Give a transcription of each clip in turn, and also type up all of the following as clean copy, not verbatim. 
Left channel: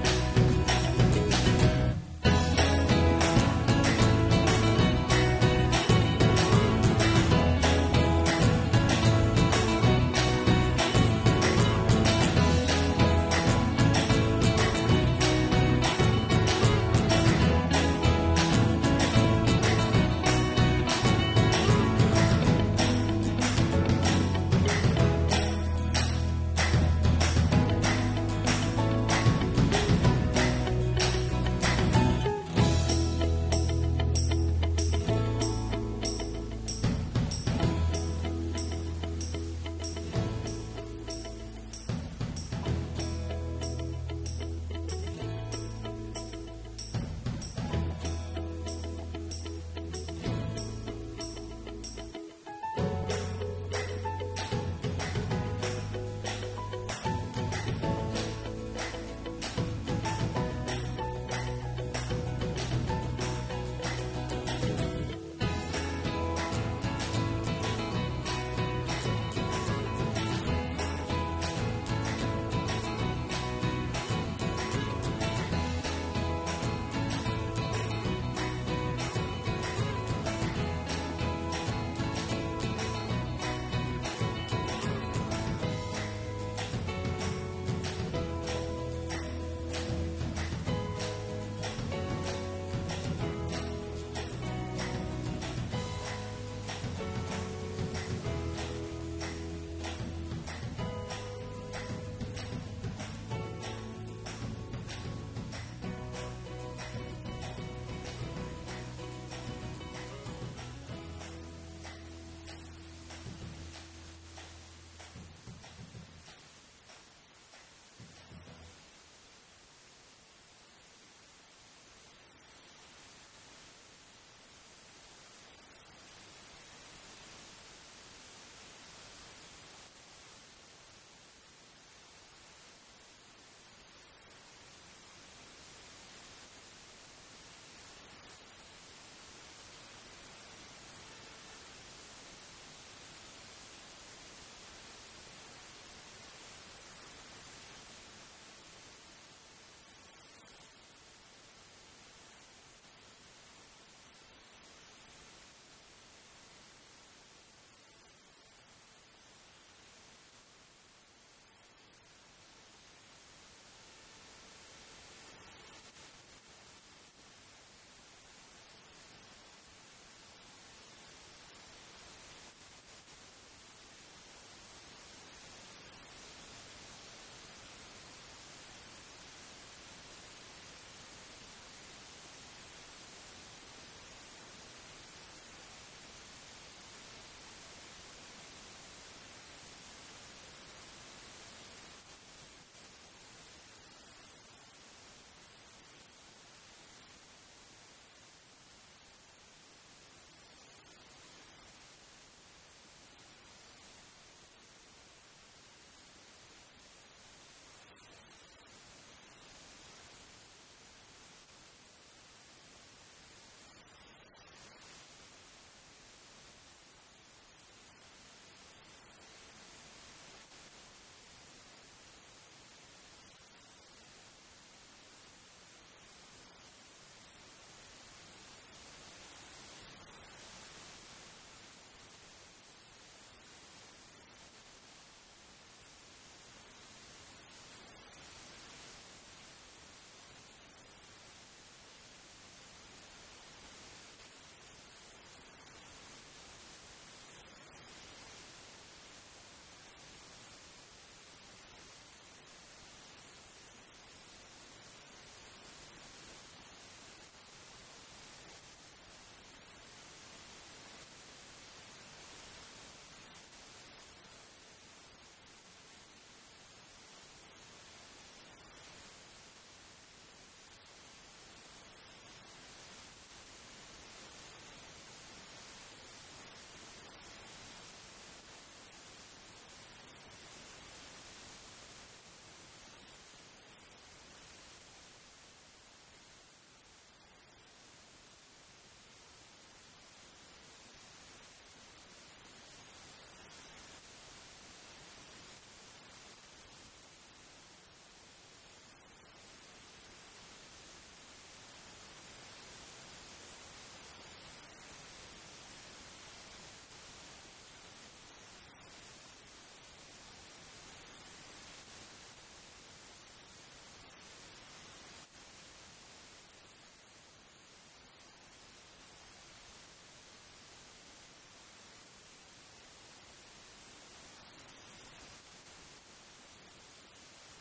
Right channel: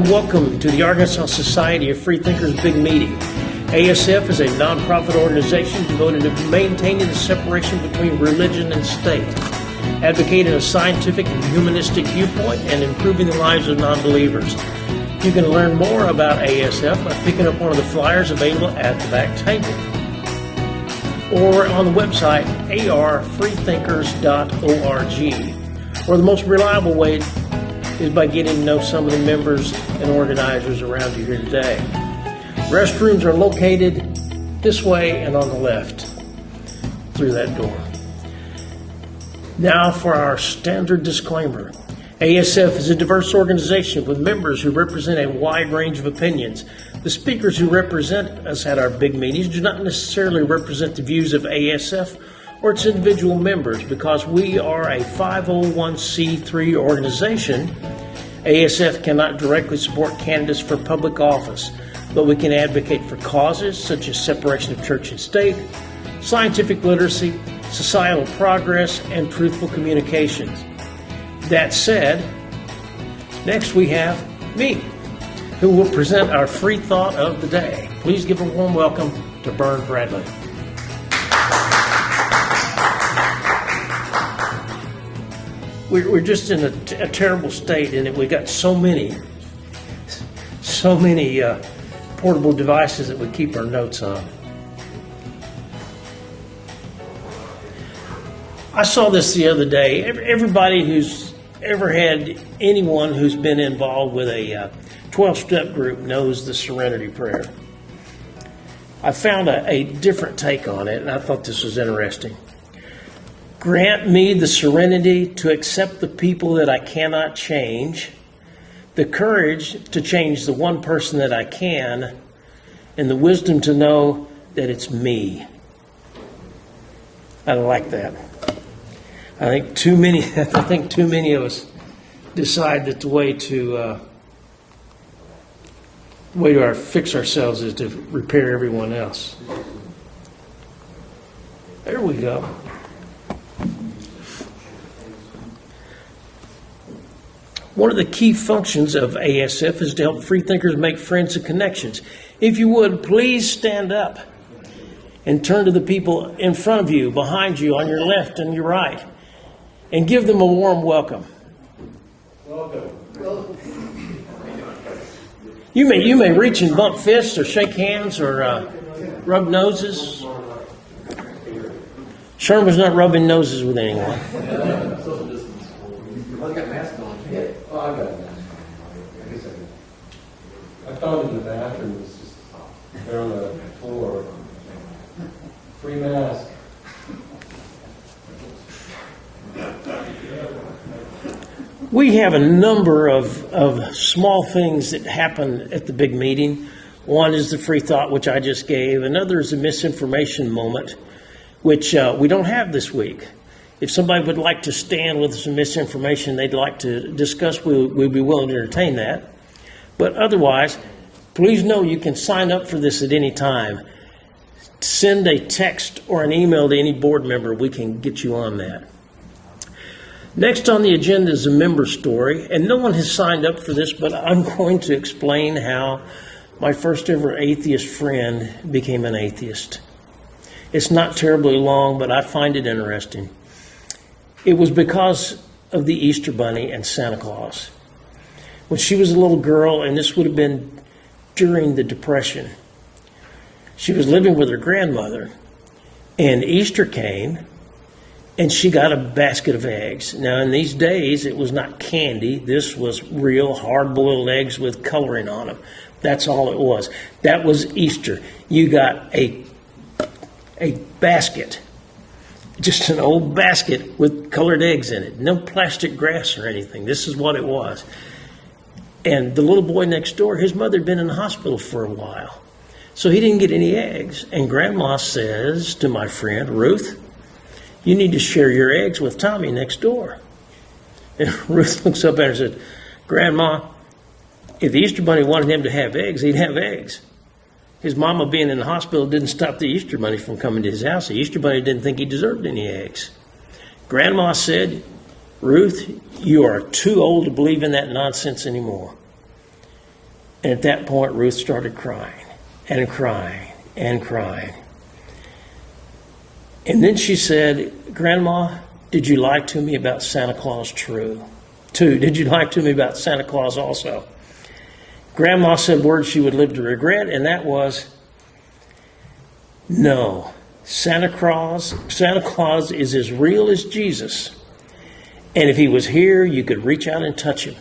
and welcome to the Arkansas Society of Freethinkers Big Meeting. ASF is a nonprofit organization devoted to maintaining the separation between religion and state, advocating a scientific and humanistic viewpoint, and improving the lives of non-believers. You can learn more about ASF by picking up one of the flyers available at the back table, or on the website arfreethinkers.org. Or the most reliable way is by getting to know some of the members and organizers around you here today. Restrooms are located this way and on the left through that door. Now for our standard disclaimer. ASF is a diverse organization with members who represent a wide range of opinions. The speakers who represent us at our big meetings do not necessarily represent the views of ASF or its individual members. Because we are a 501c3 organization, ASF cannot directly support candidates for public office, but we can advocate for causes such as separation of church and state, scientific literacy, societal progress, and truthful communications. That said, next we have me, who will present our free thought of the day. Please give a warm welcome to Bern Bradley. We're just in a terrible state in that we got so many portable devices that we keep our notes on. I saw this the other day. Everybody who's ever had anyone who's been involved with a 12-step group knows the Serenity Prayer. I found a different take on it, and I thought this was interesting. Grant me the serenity to accept the people that I cannot change, the courage to change the one person that I can, and the wisdom to know that it's me. I like that. I think too many of us decide that the way to fix ourselves is to repair everyone else. There we go. One of the key functions of ASF is to help freethinkers make friends and connections. If you would, please stand up and turn to the people in front of you, behind you, on your left and your right, and give them a warm welcome. Welcome. You may reach and bump fists or shake hands or rub noses. Sherman's not rubbing noses with anyone. I got it. I found it in the bathroom. It's just there on the floor. Free mask. We have a number of small things that happen at the big meeting. One is the free thought, which I just gave. Another is a misinformation moment, which we don't have this week. If somebody would like to stand with some misinformation they'd like to discuss, we'll be willing to entertain that. But otherwise, please know you can sign up for this at any time. Send a text or an email to any board member. We can get you on that. Next on the agenda is a member story, and no one has signed up for this, but I'm going to explain how my first ever atheist friend became an atheist. It's not terribly long, but I find it interesting. It was because of the Easter Bunny and Santa Claus. When she was a little girl, and this would have been during the Depression, she was living with her grandmother, and Easter came, and she got a basket of eggs. Now, in these days, it was not candy. This was real hard-boiled eggs with coloring on them. That's all it was. That was Easter. You got a basket. Just an old basket with colored eggs in it. No plastic grass or anything. This is what it was. And the little boy next door, his mother had been in the hospital for a while. So he didn't get any eggs. And Grandma says to my friend, Ruth, you need to share your eggs with Tommy next door. And Ruth looks up at her and said, Grandma, if the Easter Bunny wanted him to have eggs, he'd have eggs. His mama being in the hospital didn't stop the Easter Bunny from coming to his house. The Easter Bunny didn't think he deserved any eggs. Grandma said, Ruth, you are too old to believe in that nonsense anymore. And at that point, Ruth started crying and crying and crying. And then she said, Grandma, did you lie to me about Santa Claus too? Did you lie to me about Santa Claus also? Grandma said words she would live to regret, and that was, no, Santa Claus is as real as Jesus. And if he was here, you could reach out and touch him.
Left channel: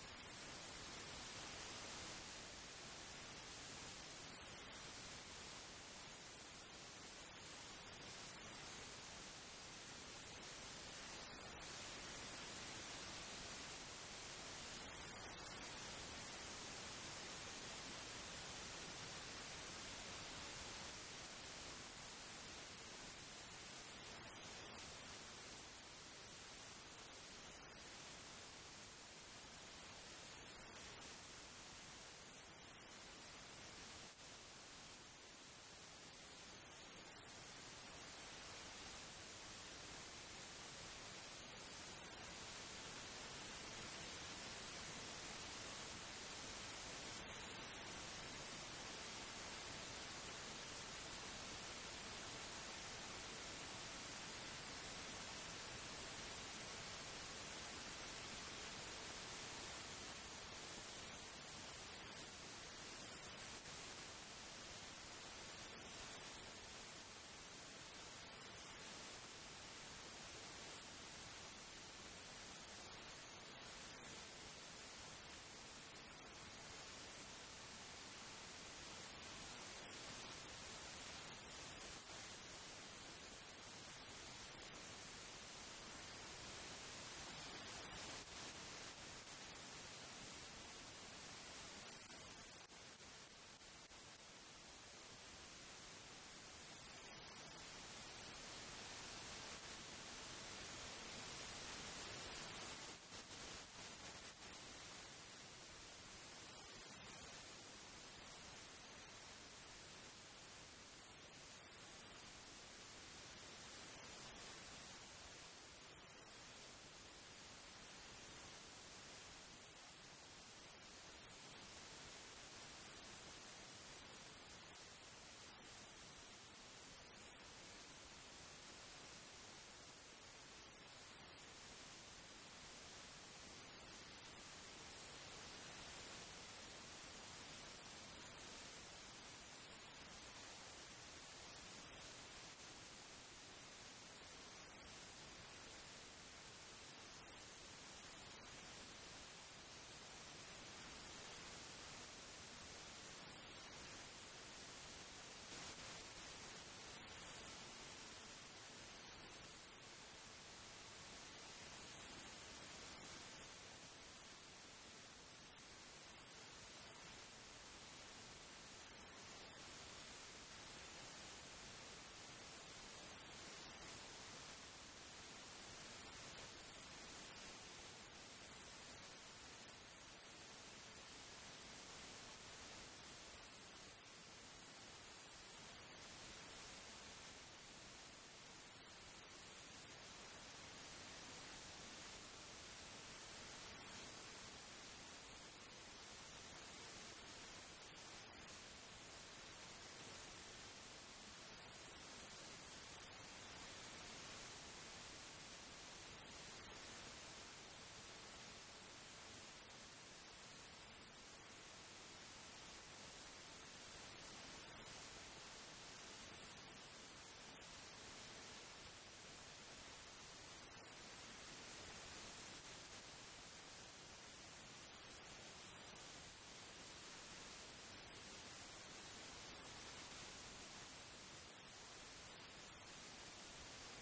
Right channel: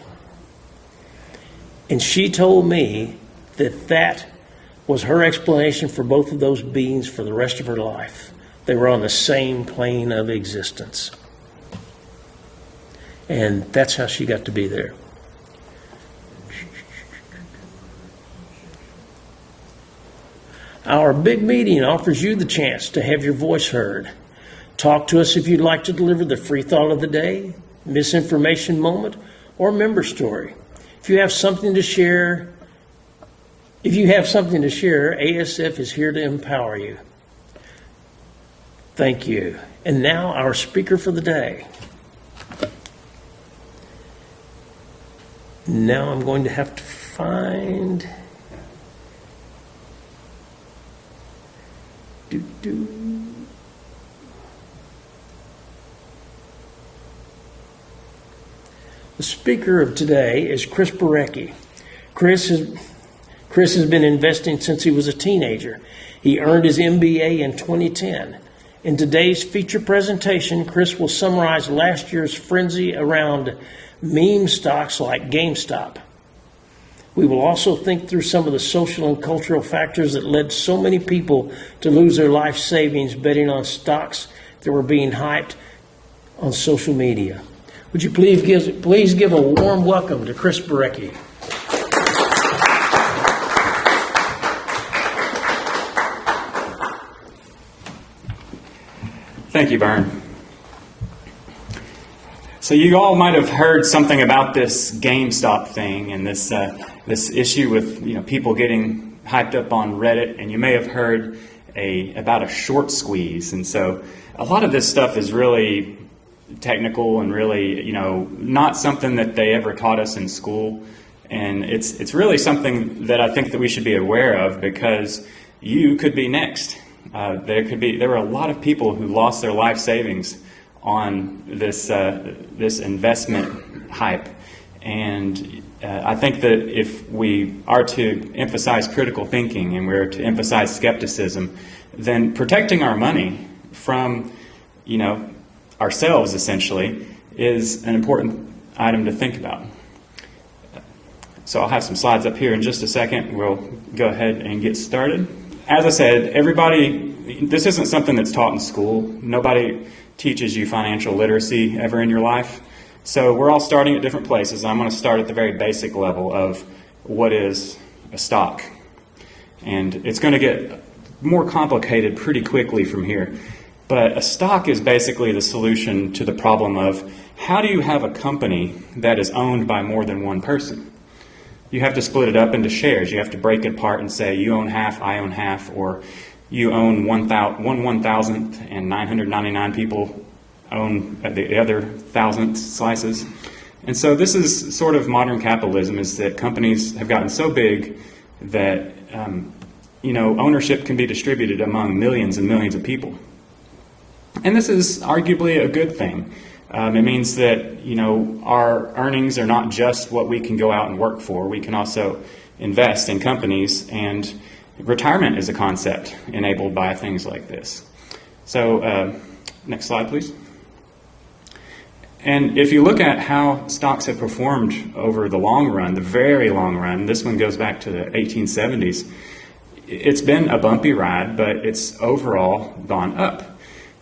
And she told me that was her explanation for both of those beings for the rest of her life. They were on the same plane of existence. And that's how she got to be there. Our big meeting offers you the chance to have your voice heard. Talk to us if you'd like to deliver the free thought of the day, misinformation moment, or member story. If you have something to share, ASF is here to empower you. Thank you. And now our speaker for the day. Now I'm going to have to find... The speaker of today is Chris Barecki. Chris has been investing since he was a teenager. He earned his MBA in 2010. In today's feature presentation, Chris will summarize last year's frenzy around meme stocks like GameStop. We will also think through some of the social and cultural factors that led so many people to lose their life savings betting on stocks that were being hyped on social media. Would you please give a warm welcome to Chris Barecki. Thank you, Vern. So you all might have heard something about this GameStop thing and this issue with people getting hyped up on Reddit, and you may have heard about a short squeeze. And so a lot of this stuff is really technical and really not something that they ever taught us in school, and it's really something that I think that we should be aware of, because you could be next. There were a lot of people who lost their life savings on this investment hype, and I think that if we are to emphasize critical thinking and we're to emphasize skepticism, then protecting our money from ourselves essentially is an important item to think about. So I'll have some slides up here in just a second. We'll go ahead and get started. As I said, this isn't something that's taught in school. Nobody teaches you financial literacy ever in your life. So we're all starting at different places. I'm going to start at the very basic level of what is a stock. And it's going to get more complicated pretty quickly from here. But a stock is basically the solution to the problem of how do you have a company that is owned by more than one person? You have to split it up into shares. You have to break it apart and say you own half, I own half, or you own 1,000th and 999 people own the other 1,000th slices. And so this is sort of modern capitalism, is that companies have gotten so big that ownership can be distributed among millions and millions of people. And this is arguably a good thing. It means that our earnings are not just what we can go out and work for. We can also invest in companies, and retirement is a concept enabled by things like this. So next slide, please. And if you look at how stocks have performed over the long run, the very long run, this one goes back to the 1870s, it's been a bumpy ride, but it's overall gone up.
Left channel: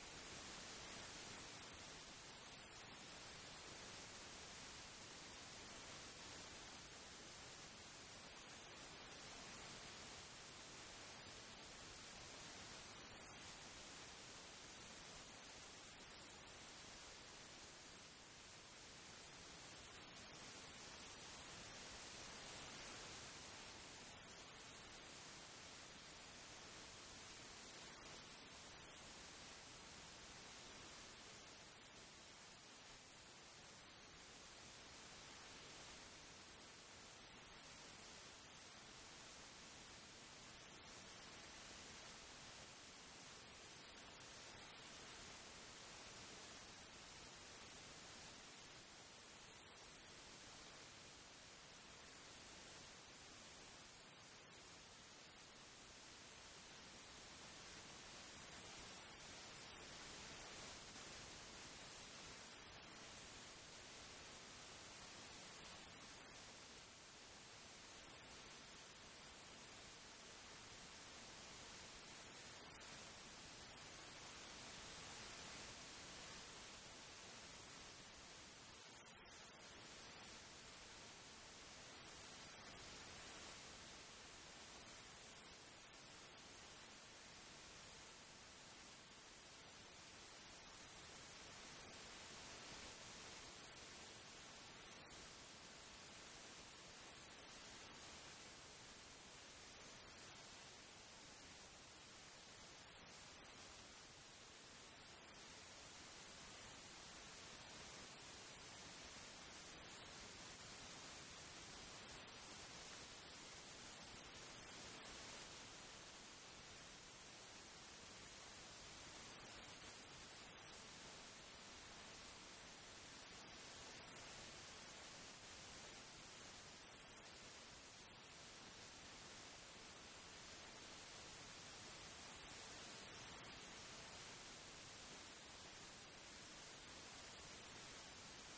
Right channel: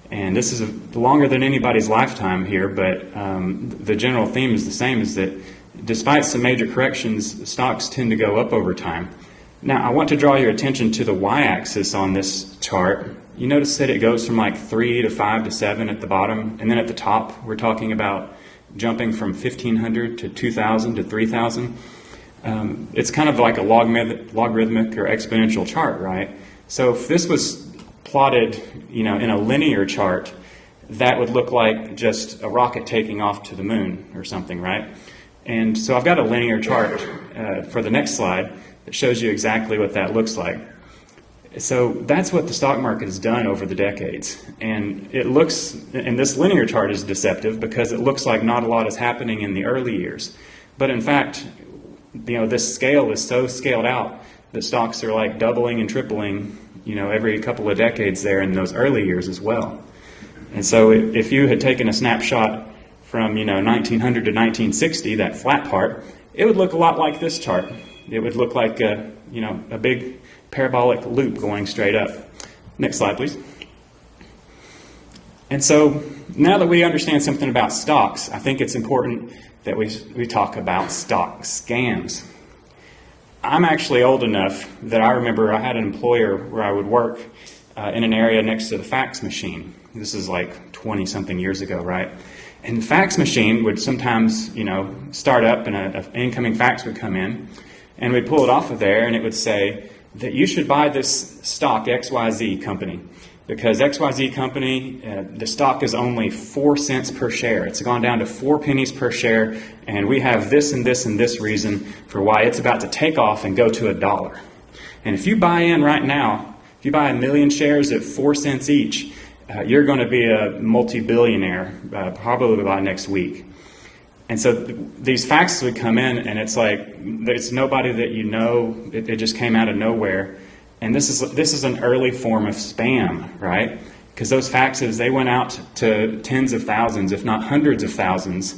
And this is longer than anybody's lifetime here, but the general theme is the same, is that despite some major corrections, stocks tend to go up over time. Now, I want to draw your attention to the y-axis on this chart. You notice that it goes from like 3 to 5 to 7 at the bottom, and then at the top, we're talking about jumping from 1,500 to 2,000 to 3,000. It's kind of like a logarithmic or exponential chart, right? So if this was plotted, in a linear chart, that would look like just a rocket taking off to the moon or something, right? And so I've got a linear chart for the next slide that shows you exactly what that looks like. So that's what the stock market has done over the decades. And it looks, and this linear chart is deceptive because it looks like not a lot is happening in the early years. But in fact, this scale is so scaled out that stocks are like doubling and tripling, every couple of decades there in those early years as well. And so if you had taken a snapshot from, 1900 to 1960, that flat part, it would look a lot like this chart. It would look like a big parabolic loop going straight up. Next slide, please. And so now that we understand something about stocks, I think it's important that we talk about stock scams. I'm actually old enough that I remember I had an employer where I would work in an area next to the fax machine. This is like 20-something years ago, right? And the fax machine would sometimes, start up and an incoming fax would come in, and we'd pull it off of there, and it would say that you should buy this stock XYZ company because XYZ company, the stock is only 4 cents per share. It's gone down to 4 pennies per share, and we have this and this and this reason for why it's about to take off and go to $1. And if you buy in right now, if you buy 1 million shares at 4 cents each, you're going to be a multi-billionaire probably by next week. And so these faxes would come in, and it's like it's nobody that you know. It just came out of nowhere. And this is an early form of spam, right? Because those faxes, they went out to tens of thousands, if not hundreds of thousands,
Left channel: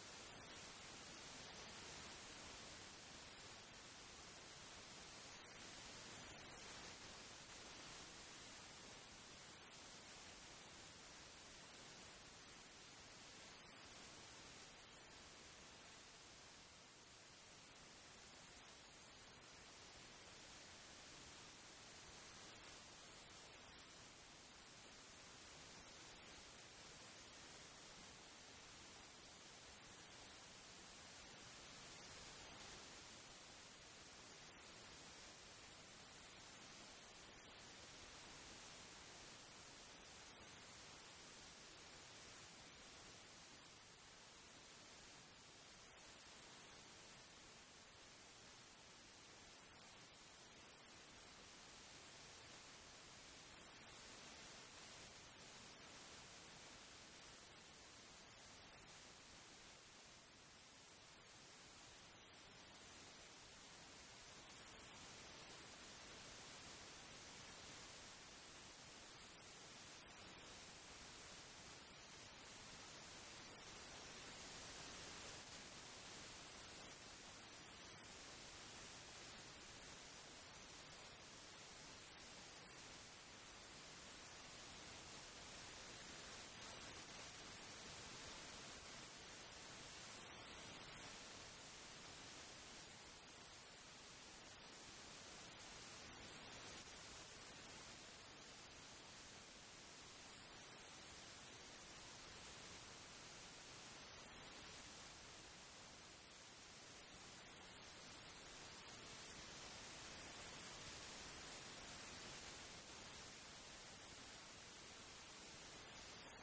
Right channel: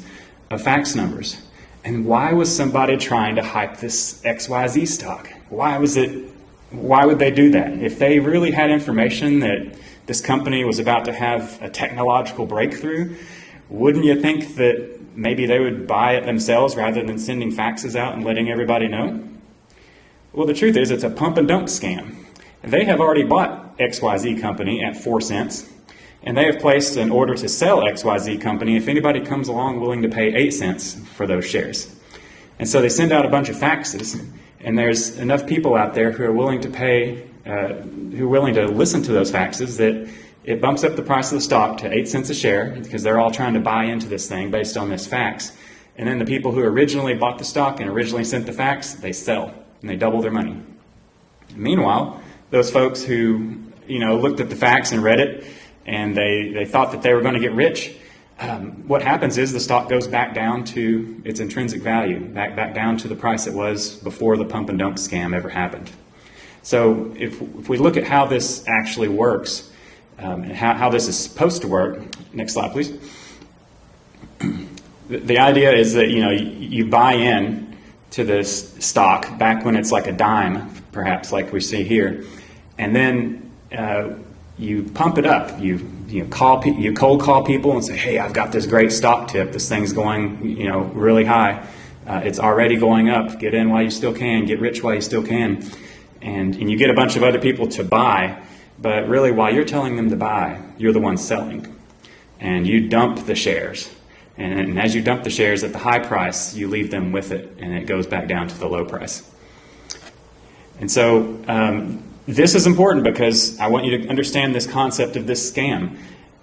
of fax numbers. And why was somebody trying to hype this XYZ stock? Why would they do that? If they really had information that this company was about to have a technological breakthrough, wouldn't you think that maybe they would buy it themselves rather than sending faxes out and letting everybody know? Well, the truth is it's a pump and dump scam. They have already bought XYZ company at 4 cents, and they have placed an order to sell XYZ company if anybody comes along willing to pay 8 cents for those shares. And so they send out a bunch of faxes, and there's enough people out there who are willing to pay, who are willing to listen to those faxes that it bumps up the price of the stock to 8 cents a share because they're all trying to buy into this thing based on this fax. And then the people who originally bought the stock and originally sent the fax, they sell and they double their money. Meanwhile, those folks who looked at the fax and read it and they thought that they were going to get rich, what happens is the stock goes back down to its intrinsic value, back down to the price it was before the pump and dump scam ever happened. So if we look at how this actually works, and how this is supposed to work. Next slide, please. The idea is that you buy in to this stock back when it's like a dime, perhaps like we see here, and then you pump it up. You cold call people and say, hey, I've got this great stock tip. This thing's going really high. It's already going up. Get in while you still can. Get rich while you still can. And you get a bunch of other people to buy. But really, while you're telling them to buy, you're the one selling. And you dump the shares. And as you dump the shares at the high price, you leave them with it, and it goes back down to the low price. And so this is important because I want you to understand this concept of this scam,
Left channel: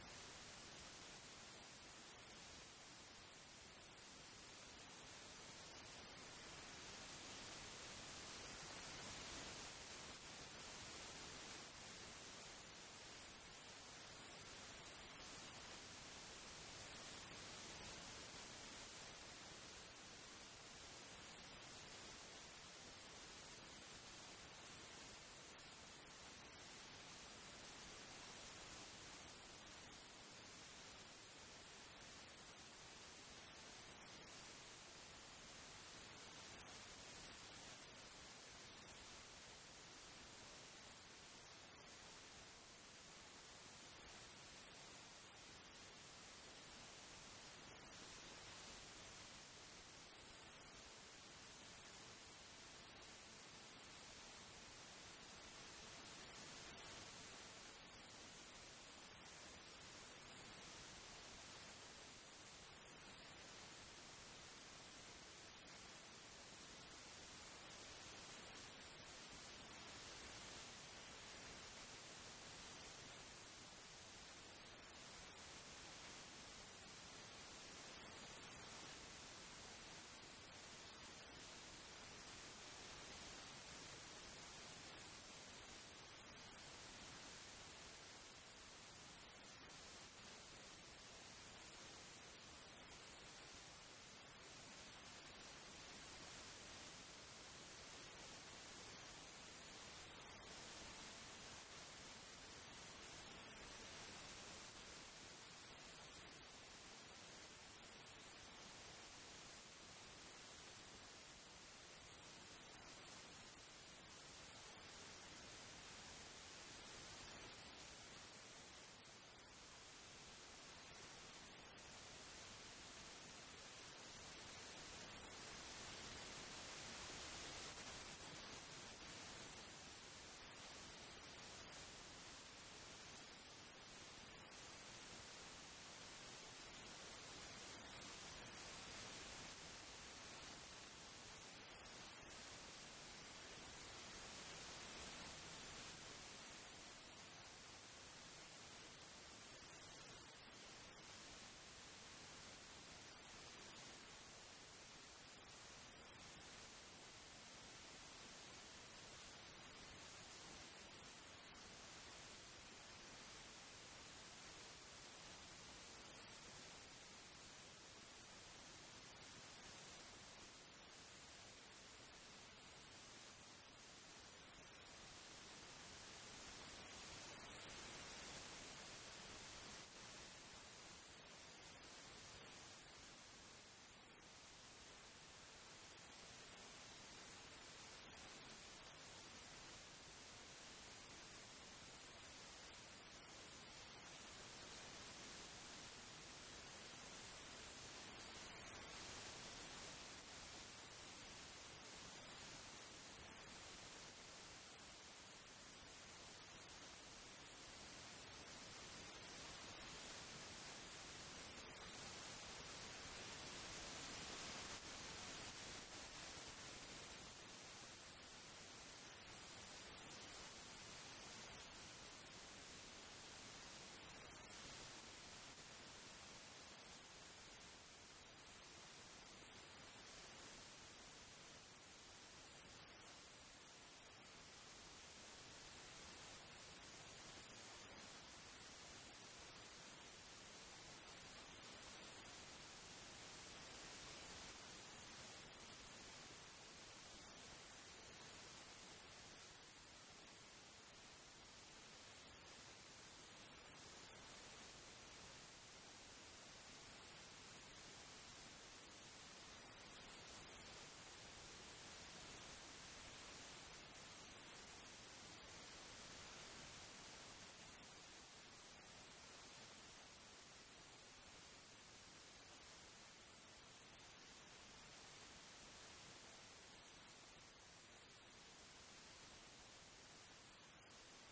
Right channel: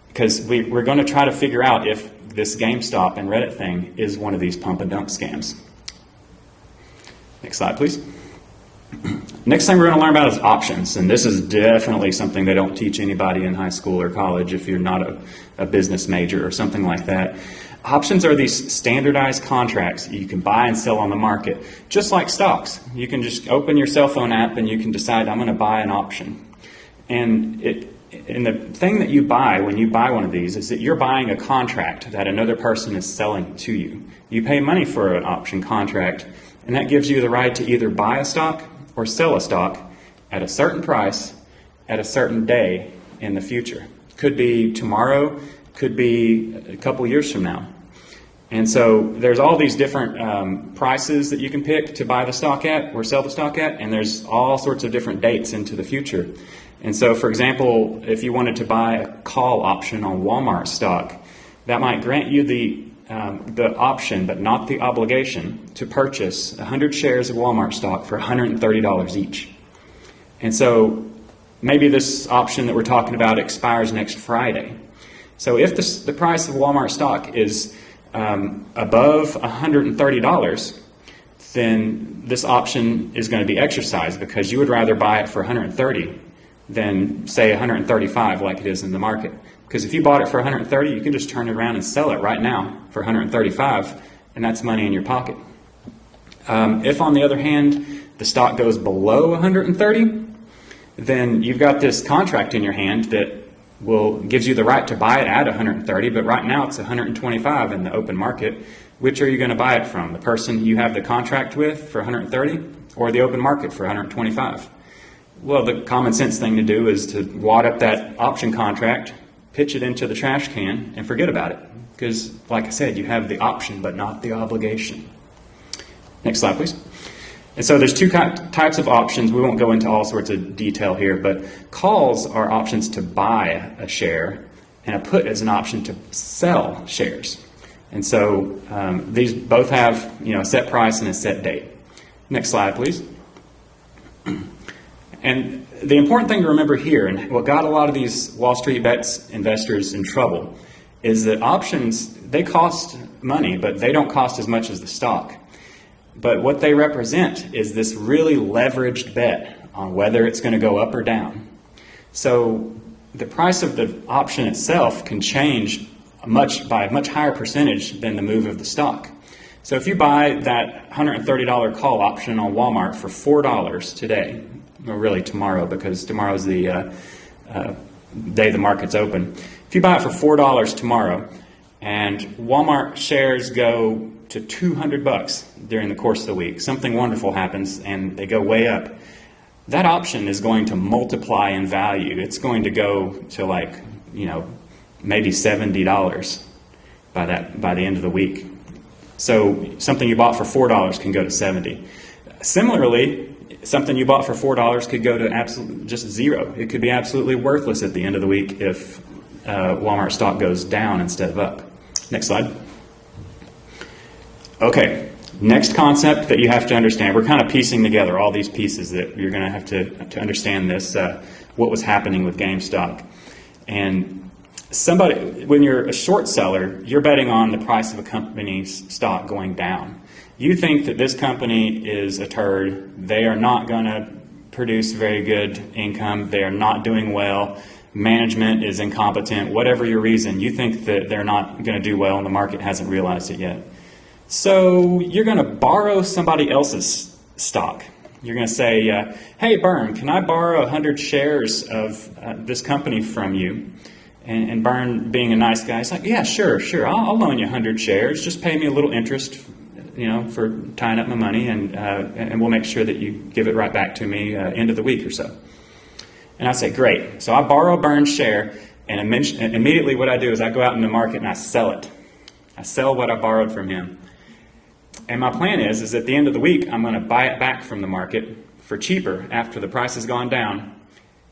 because we're going to try to figure out if this GameStop and Reddit thing is one of these pump and dump scams. Next slide, please. Next thing we're going to learn about is options, and this is definitely something they don't teach anybody in high school or college if you're not a business major or something like that. Options are these standardized contracts you can buy and sell on the market, just like stocks. You can just open your cell phone app and you can decide, I'm going to buy an option. And the thing that you buy when you buy one of these is that you're buying a contract that another person is selling to you. You pay money for an option contract, and that gives you the right to either buy a stock or sell a stock at a certain price at a certain day in the future. Could be tomorrow, could be a couple years from now. And so there's all these different prices that you can pick to buy the stock at or sell the stock at, and there's all sorts of different dates into the future. And so, for example, if you wanted to buy a call option on Walmart stock, that might grant you the option, but not the obligation, to purchase 100 shares of Walmart stock for $130 each. And so maybe this option that we're talking about expires next Friday. So if the price of Walmart stock is above $130, then this option is going to be exercised because you would rather buy it for 130 than say 135 like it is in the market. Because if you bought it for 130, you can just turn it around and sell it right now for 135, and that's money in your pocket. If, on the other hand, the stock goes below 130, then you've got this contract in your hand that gives you the right to buy it at 130, but right now it's 125 in the open market. Which are you going to buy it from? The person you have the contract with for 130 or the open market for 125? Well, the common sense thing to do is to wad up that option contract, pitch it into the trash can, and forget about it. Because, like I said, you have the option but not the obligation. Next slide, please. And so there's two types of options. We won't go into all sorts of detail here, but calls are options to buy a share, and a put is an option to sell shares. And so these both have, a set price and a set date. Next slide, please. And the important thing to remember here, and what got a lot of these Wall Street bets investors in trouble, is that options, they cost money, but they don't cost as much as the stock. But what they represent is this really leveraged bet on whether it's going to go up or down. So the price of the option itself can change by a much higher percentage than the move of the stock. So if you buy that $130 call option on Walmart for $4 today, or really tomorrow, because tomorrow's the day the market's open. If you buy it for $4 tomorrow, and Walmart shares go to $200 during the course of the week, something wonderful happens and they go way up, that option is going to multiply in value. It's going to go to maybe $70 by the end of the week. So something you bought for $4 can go to $70. Similarly, something you bought for $4 could go to just zero. It could be absolutely worthless at the end of the week if Walmart stock goes down instead of up. Next slide. Okay, next concept that you have to understand. We're kind of piecing together all these pieces that you're going to have to understand this, what was happening with GameStop. And when you're a short seller, you're betting on the price of a company's stock going down. You think that this company is a turd. They are not going to produce very good income. They are not doing well. Management is incompetent. Whatever your reason, you think that they're not going to do well and the market hasn't realized it yet. So you're going to borrow somebody else's stock. You're going to say, hey, Bern, can I borrow 100 shares of this company from you? And Bern, being a nice guy, is like, yeah, sure. I'll loan you 100 shares. Just pay me a little interest, for tying up my money, and we'll make sure that you give it right back to me end of the week or so. And I say, great. So I borrow Bern's share, and immediately what I do is I go out in the market and I sell it. I sell what I borrowed from him. And my plan is at the end of the week, I'm going to buy it back from the market for cheaper after the price has gone down,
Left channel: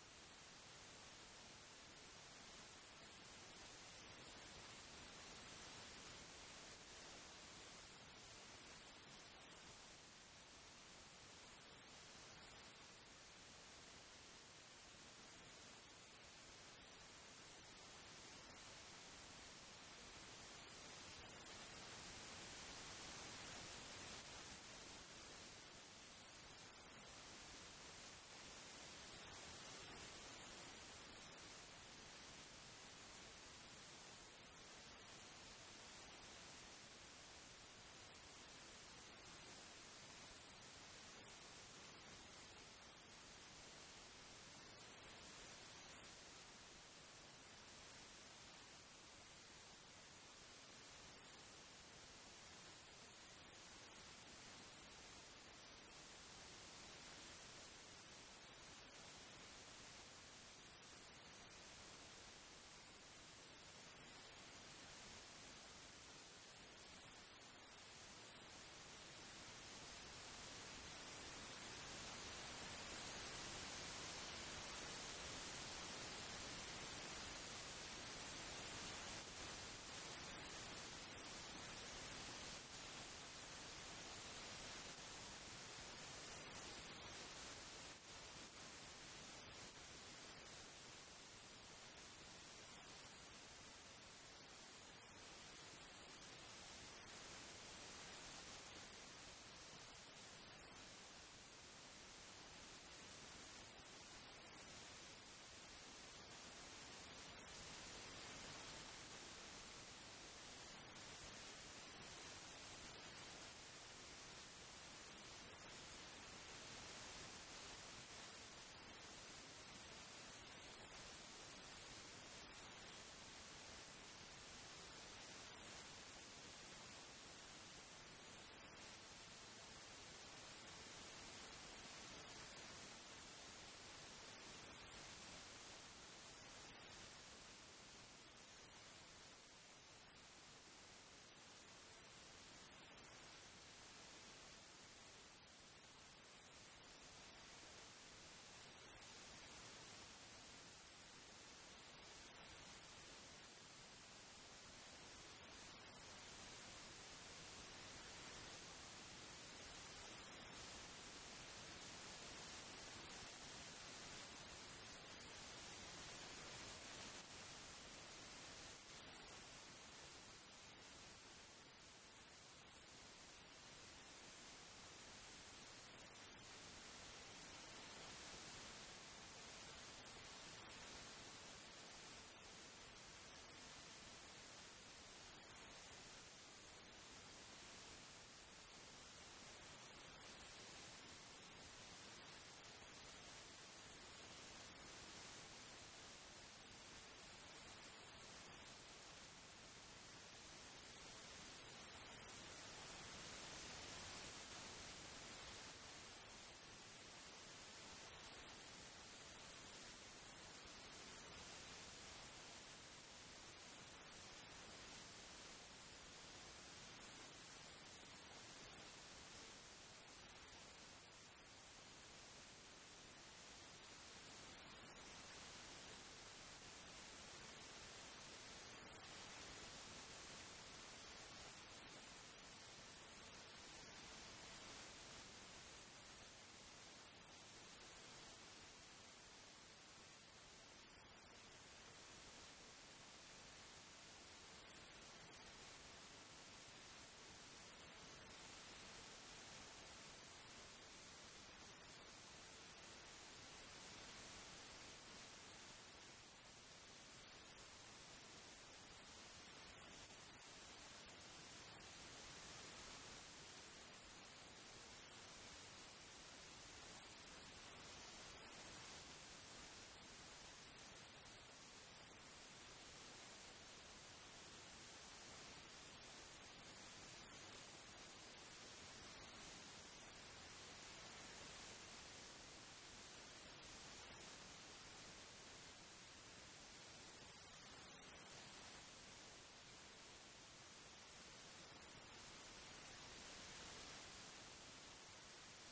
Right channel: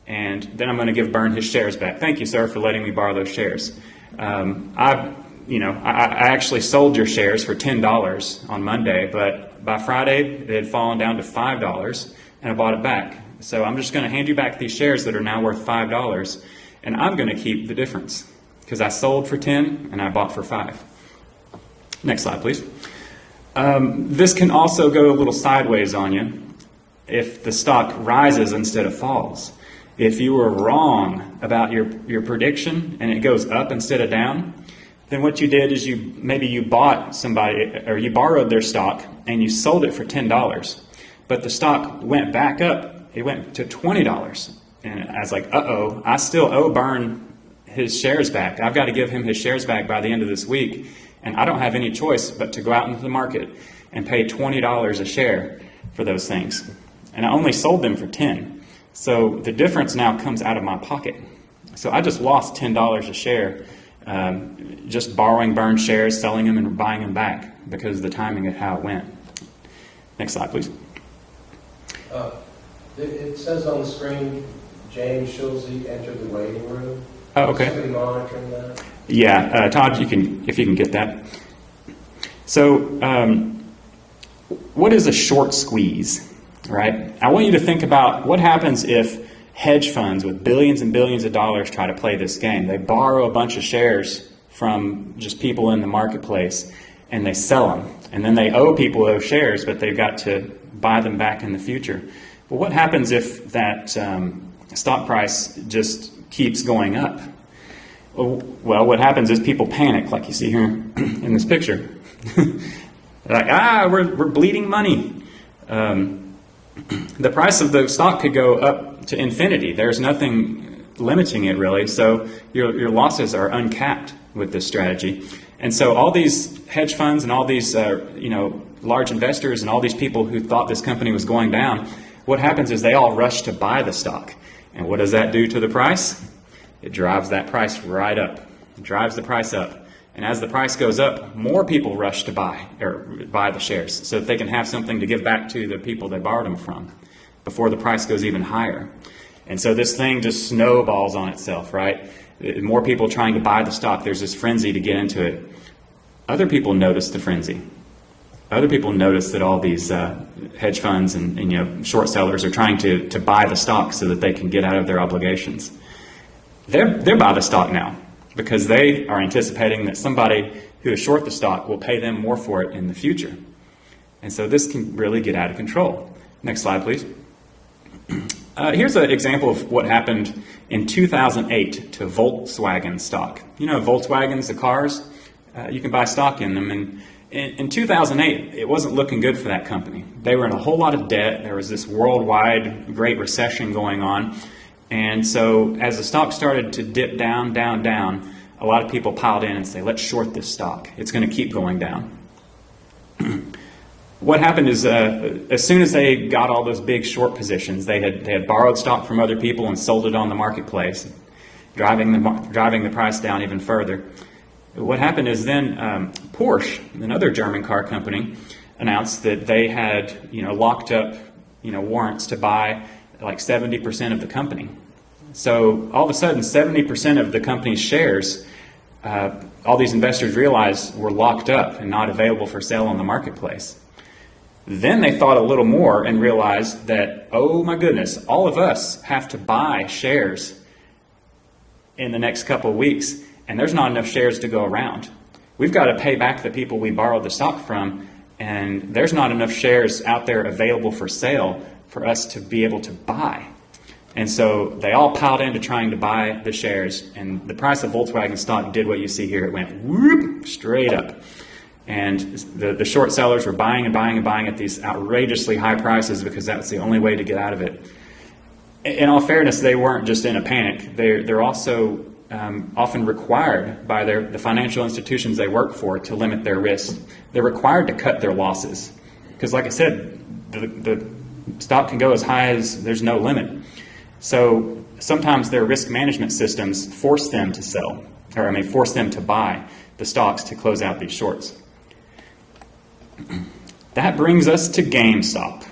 and then I'm going to give Bern his shares back. Thank you, sir, for letting me borrow those shares. I actually sold your shares for $10 on Monday, but by Friday it had fallen down to $5, and I bought it back. So I'm just going to hand you back these shares that are now worth $5, and I'm going to keep the difference because I sold for 10 and I bought for 5. Next slide, please. This can also go a little sideways on you if the stock rises instead of falls. If you were wrong about your prediction and it goes up instead of down, then what you did is you bought somebody, or you borrowed their stock and you sold it for $10, but the stock went back up. It went to $20, and I was like, uh-oh, I still owe Bern his shares back. I've got to give him his shares back by the end of this week, and I don't have any choice but to go out into the market and pay $20 a share for those things. And I only sold them for $10. So the difference now comes out of my pocket. So I just lost $10 a share just borrowing Bern's shares, selling them, and buying them back because of the timing of how it went. Next slide, please. It says on the screen, James Schulze entered the waiting room. Oh, okay. Is somebody monitoring that? Yeah, Todd, if you can get that. So, what is a short squeeze, right? I want you to think about what happens if hedge funds with billions and billions of dollars try to play this game. They borrow a bunch of shares from just people in the marketplace, and they sell them. And then they owe people those shares, but they've got to buy them back in the future. Well, what happens if that stock price just keeps going up? Well, what happens is people panic, like you see here in this picture. Like, we're bleeding money. The price of the stock could go up to infinity. There's nothing limiting it, really. So your losses are uncapped with this strategy. And so all these hedge funds and all these large investors and all these people who thought this company was going down, what happens is they all rush to buy the stock. And what does that do to the price? It drives that price right up. It drives the price up. And as the price goes up, more people rush to buy the shares so that they can have something to give back to the people they borrowed them from before the price goes even higher. And so this thing just snowballs on itself, right? More people trying to buy the stock. There's this frenzy to get into it. Other people notice the frenzy. Other people notice that all these hedge funds and short sellers are trying to buy the stock so that they can get out of their obligations. They're by the stock now because they are anticipating that somebody who is short the stock will pay them more for it in the future. And so this can really get out of control. Next slide, please. Here's an example of what happened in 2008 to Volkswagen stock. You know, Volkswagens, the cars, you can buy stock in them. And in 2008, it wasn't looking good for that company. They were in a whole lot of debt. There was this worldwide Great Recession going on. And so as the stock started to dip down, down, down, a lot of people piled in and say, let's short this stock. It's going to keep going down. What happened is as soon as they got all those big short positions, they had borrowed stock from other people and sold it on the marketplace, driving the price down even further. What happened is then Porsche, another German car company, announced that they had locked up warrants to buy like 70% of the company. So all of a sudden, 70% of the company's shares, all these investors realized were locked up and not available for sale on the marketplace. Then they thought a little more and realized that, oh my goodness, all of us have to buy shares in the next couple of weeks, and there's not enough shares to go around. We've got to pay back the people we borrowed the stock from, and there's not enough shares out there available for sale for us to be able to buy. And so they all piled into trying to buy the shares, and the price of Volkswagen stock did what you see here. It went whoop, straight up. And the short sellers were buying and buying and buying at these outrageously high prices because that's the only way to get out of it. In all fairness, they weren't just in a panic. They're also often required by the financial institutions they work for to limit their risk. They're required to cut their losses because, like I said, the stock can go as high as there's no limit. So sometimes their risk management systems force them to sell, force them to buy the stocks to close out these shorts. That brings us to GameStop.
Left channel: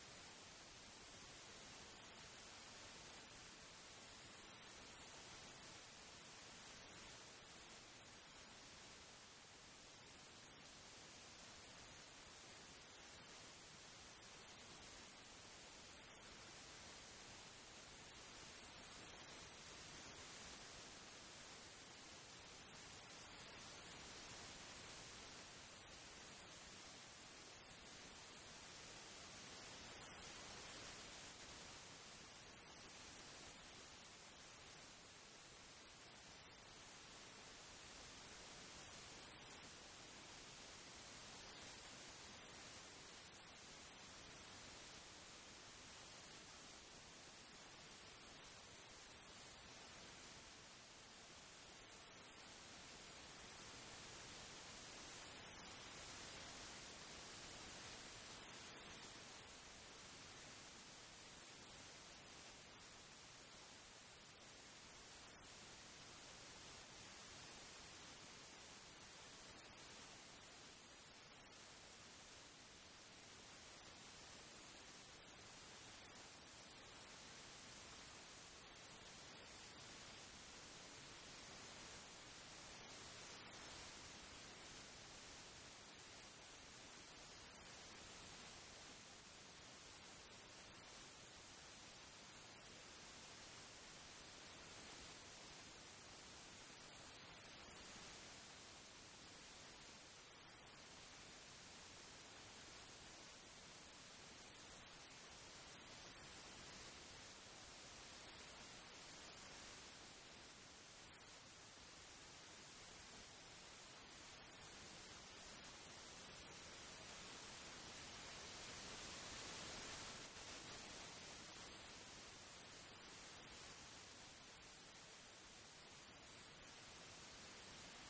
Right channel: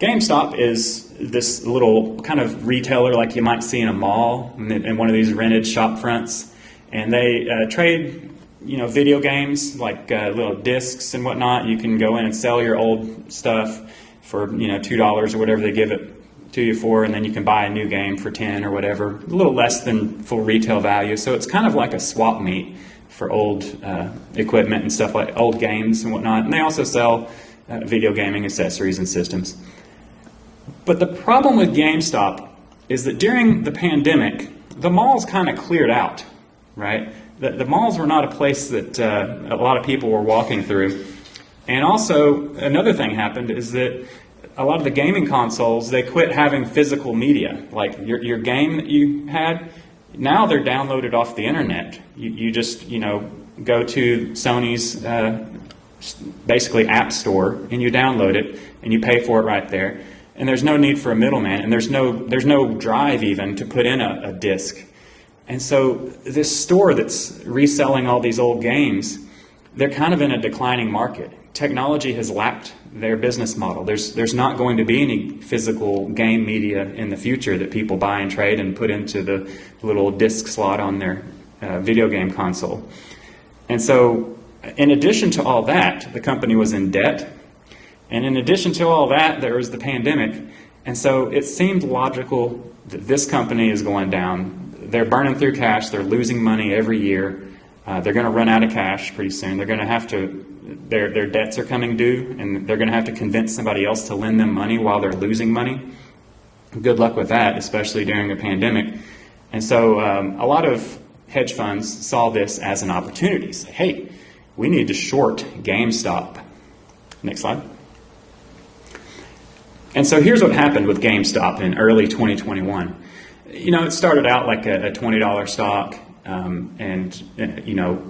GameStop is this little kind of retailer like you might see in a mall in one of these rented shop fronts. And they trade, video games like little discs and whatnot. You can go in and sell your old stuff for, $2 or whatever they give it to you for, and then you can buy a new game for $10 or whatever, a little less than full retail value. So it's kind of like a swap meet for old equipment and stuff like old games and whatnot. And they also sell video gaming accessories and systems. But the problem with GameStop is that during the pandemic, the malls kind of cleared out, right? The malls were not a place that a lot of people were walking through. And also, another thing happened is that a lot of the gaming consoles, they quit having physical media. Like your game that you had, now they're downloaded off the internet. You just, go to Sony's basically app store and you download it and you pay for it right there. And there's no need for a middleman, and there's no drive even to put in a disc. And so this store that's reselling all these old games, they're kind of in a declining market. Technology has lapped their business model. There's not going to be any physical game media in the future that people buy and trade and put into the little disc slot on their video game console. And so in addition to all that, the company was in debt. And in addition to all that, there was the pandemic. And so it seemed logical that this company is going down. They're burning through cash. They're losing money every year. They're going to run out of cash pretty soon. They're going to have to, their debts are coming due, and they're going to have to convince somebody else to lend them money while they're losing money. Good luck with that, especially during a pandemic. And so a lot of hedge funds saw this as an opportunity. Say, hey, we need to short GameStop. Next slide. And so here's what happened with GameStop in early 2021. You know, it started out like a $20 stock, and you know,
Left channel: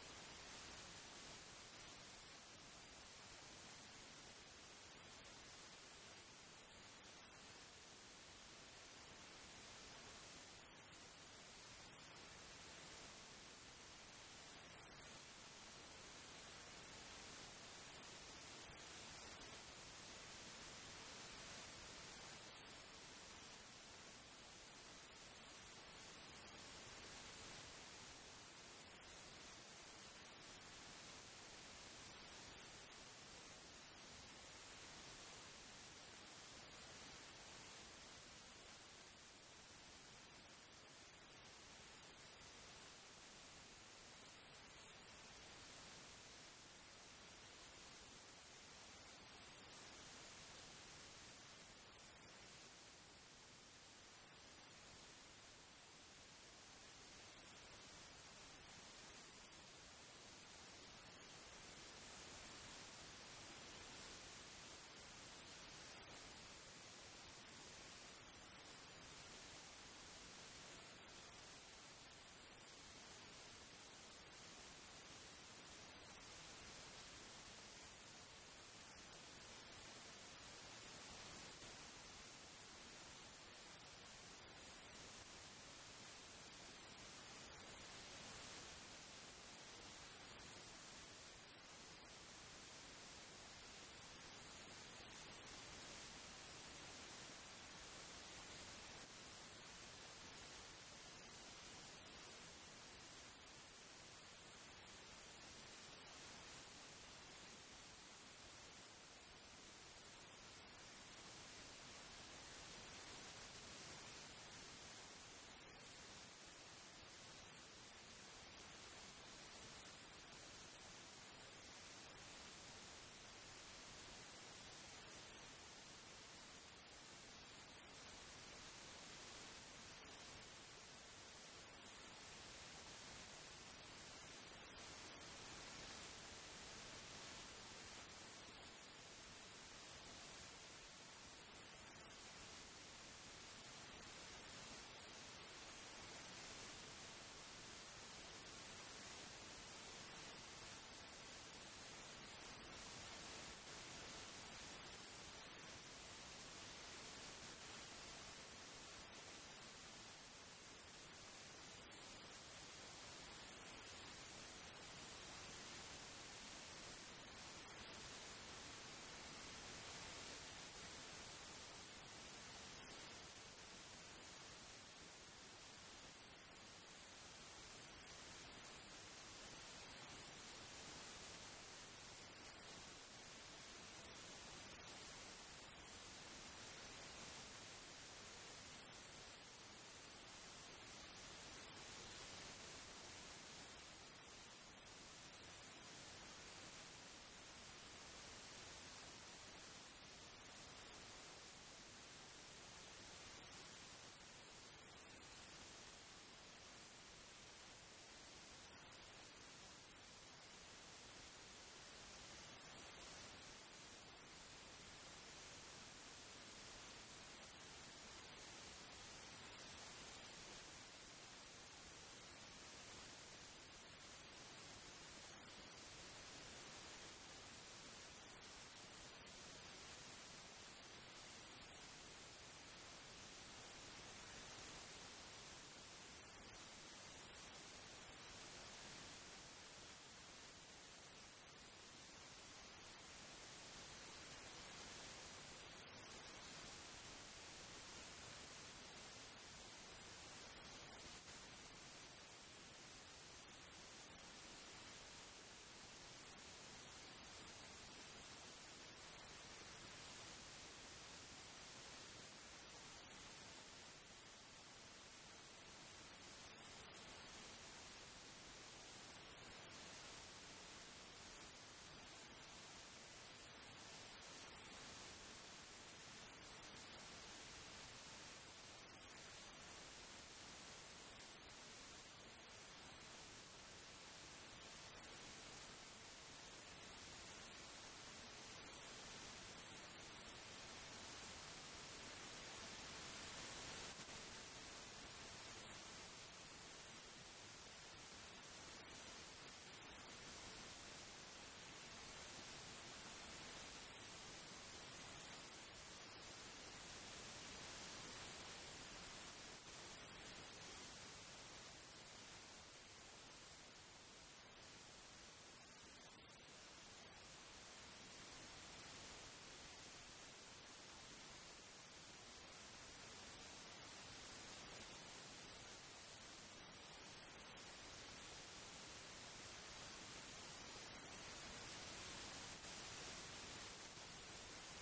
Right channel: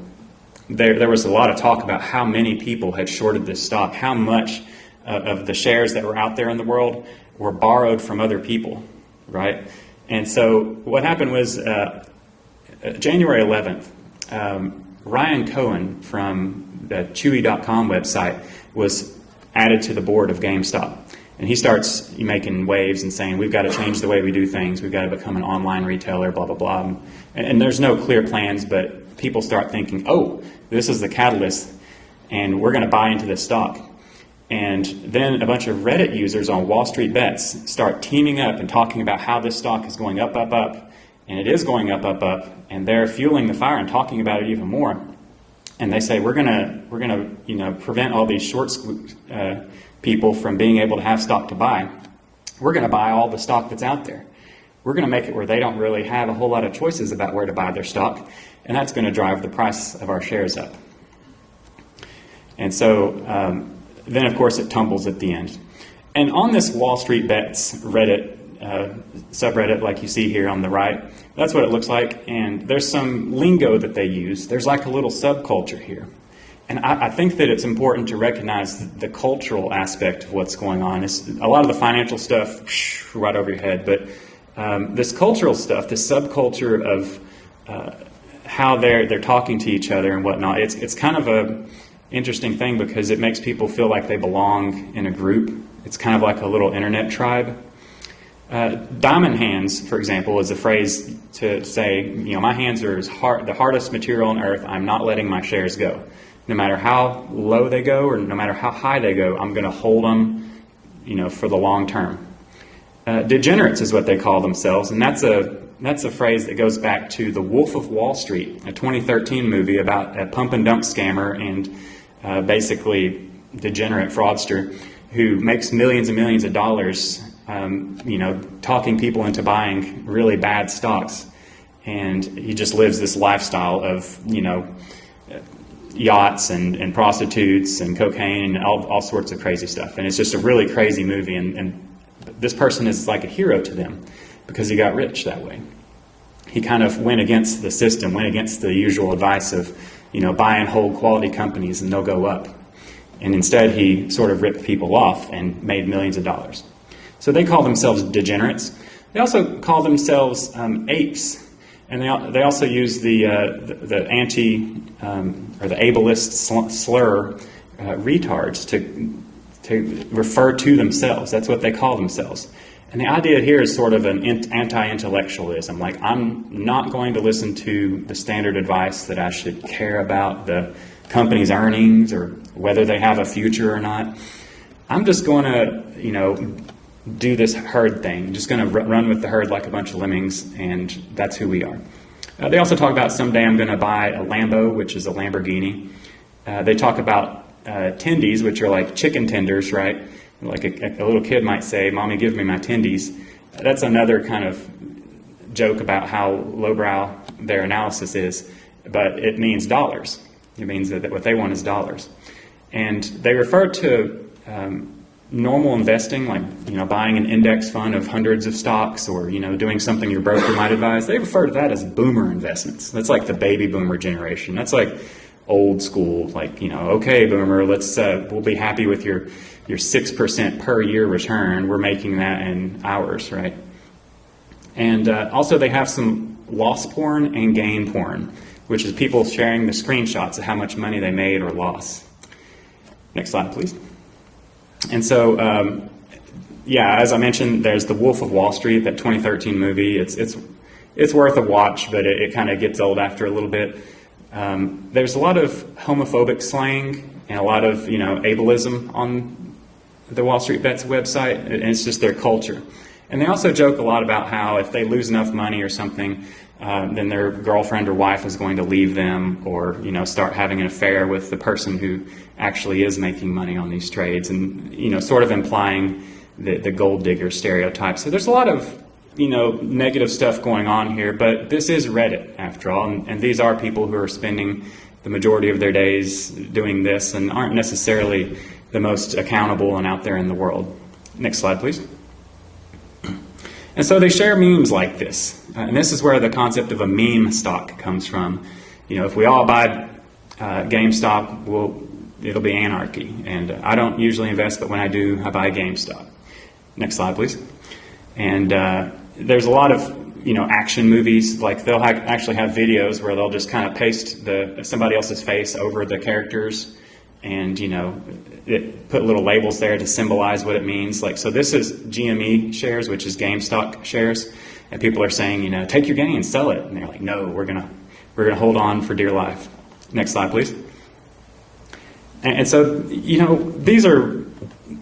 there was a lot of talk about how many people had shorted this stock, how much of the shares that were out there in the world were borrowed from other people, right? And so what happened was January 11th, Ryan Cohen from the Chewy.com website was added to the board of GameStop. And he starts making waves and saying, we've got to change the way we do things. We've got to become an online retailer, blah, blah, blah. And there's no clear plans, but people start thinking, oh, this is the catalyst, and we're going to buy into this stock. And then a bunch of Reddit users on Wall Street Bets start teaming up and talking about how this stock is going up, up, up. And it is going up, up, up. And they're fueling the fire and talking about it even more. And they say, we're gonna prevent all these short people from being able to have stock to buy. We're going to buy all the stock that's out there. We're going to make it where they don't really have a whole lot of choices about where to buy their stock, and that's going to drive the price of our shares up. And so then, of course, it tumbles at the end. And on this Wall Street Bets Reddit subreddit, like you see here on the right, that's what it looks like. And there's some lingo that they use. There's like a little subculture here. And I think that it's important to recognize the cultural aspect of what's going on. It's a lot of the financial stuff, right over your head, but this cultural stuff, this subculture of how they're talking to each other and whatnot, it's kind of a interesting thing because it makes people feel like they belong in a group. It's kind of like a little internet tribe. Diamond hands, for example, is a phrase to say, you know, my hands are the hardest material on earth. I'm not letting my shares go. No matter how low they go or no matter how high they go, I'm going to hold them, you know, for the long term. Degenerates is what they call themselves, and that's a phrase that goes back to The Wolf of Wall Street, a 2013 movie about a pump and dump scammer and basically degenerate fraudster who makes millions and millions of dollars, you know, talking people into buying really bad stocks, and he just lives this lifestyle of, you know, yachts and prostitutes and cocaine and all sorts of crazy stuff. And it's just a really crazy movie. And this person is like a hero to them because he got rich that way. He kind of went against the system, went against the usual advice of, you know, buy and hold quality companies and they'll go up. And instead he sort of ripped people off and made millions of dollars. So they call themselves degenerates. They also call themselves apes. And they also use the anti or the ableist slur retards to refer to themselves. That's what they call themselves. And the idea here is sort of an anti-intellectualism. Like, I'm not going to listen to the standard advice that I should care about the company's earnings or whether they have a future or not. I'm just going to, you know, do this herd thing. I'm just going to run with the herd like a bunch of lemmings, and that's who we are. They also talk about someday I'm going to buy a Lambo, which is a Lamborghini. They talk about tendies, which are like chicken tenders, right? Like a little kid might say, "Mommy, give me my tendies." That's another kind of joke about how lowbrow their analysis is, but it means dollars. It means that what they want is dollars. And they refer to normal investing, like, you know, buying an index fund of hundreds of stocks or, you know, doing something your broker might advise. They refer to that as boomer investments. That's like the baby boomer generation. That's like old school, like, you know, okay, boomer, we'll be happy with your 6% per year return. We're making that in hours, right? And also they have some loss porn and gain porn, which is people sharing the screenshots of how much money they made or lost. Next slide, please. And so, yeah, as I mentioned, there's The Wolf of Wall Street, that 2013 movie. It's worth a watch, but it kind of gets old after a little bit. There's a lot of homophobic slang and a lot of, you know, ableism on the Wall Street Bets website, and it's just their culture. And they also joke a lot about how if they lose enough money or something, then their girlfriend or wife is going to leave them, or start having an affair with the person who actually is making money on these trades, and sort of implying the gold digger stereotype. So there's a lot of negative stuff going on here, but this is Reddit after all, and these are people who are spending the majority of their days doing this and aren't necessarily the most accountable and out there in the world. Next slide, please. And so they share memes like this. And this is where the concept of a meme stock comes from. If we all buy GameStop, it'll be anarchy. And I don't usually invest, but when I do, I buy GameStop. Next slide, please. And there's a lot of action movies. Like they'll actually have videos where they'll just kind of paste somebody else's face over the characters, and put little labels there to symbolize what it means. Like, so this is GME shares, which is GameStop shares, and people are saying, take your gains, sell it, and they're like, no, we're gonna hold on for dear life. Next slide, please. And so these are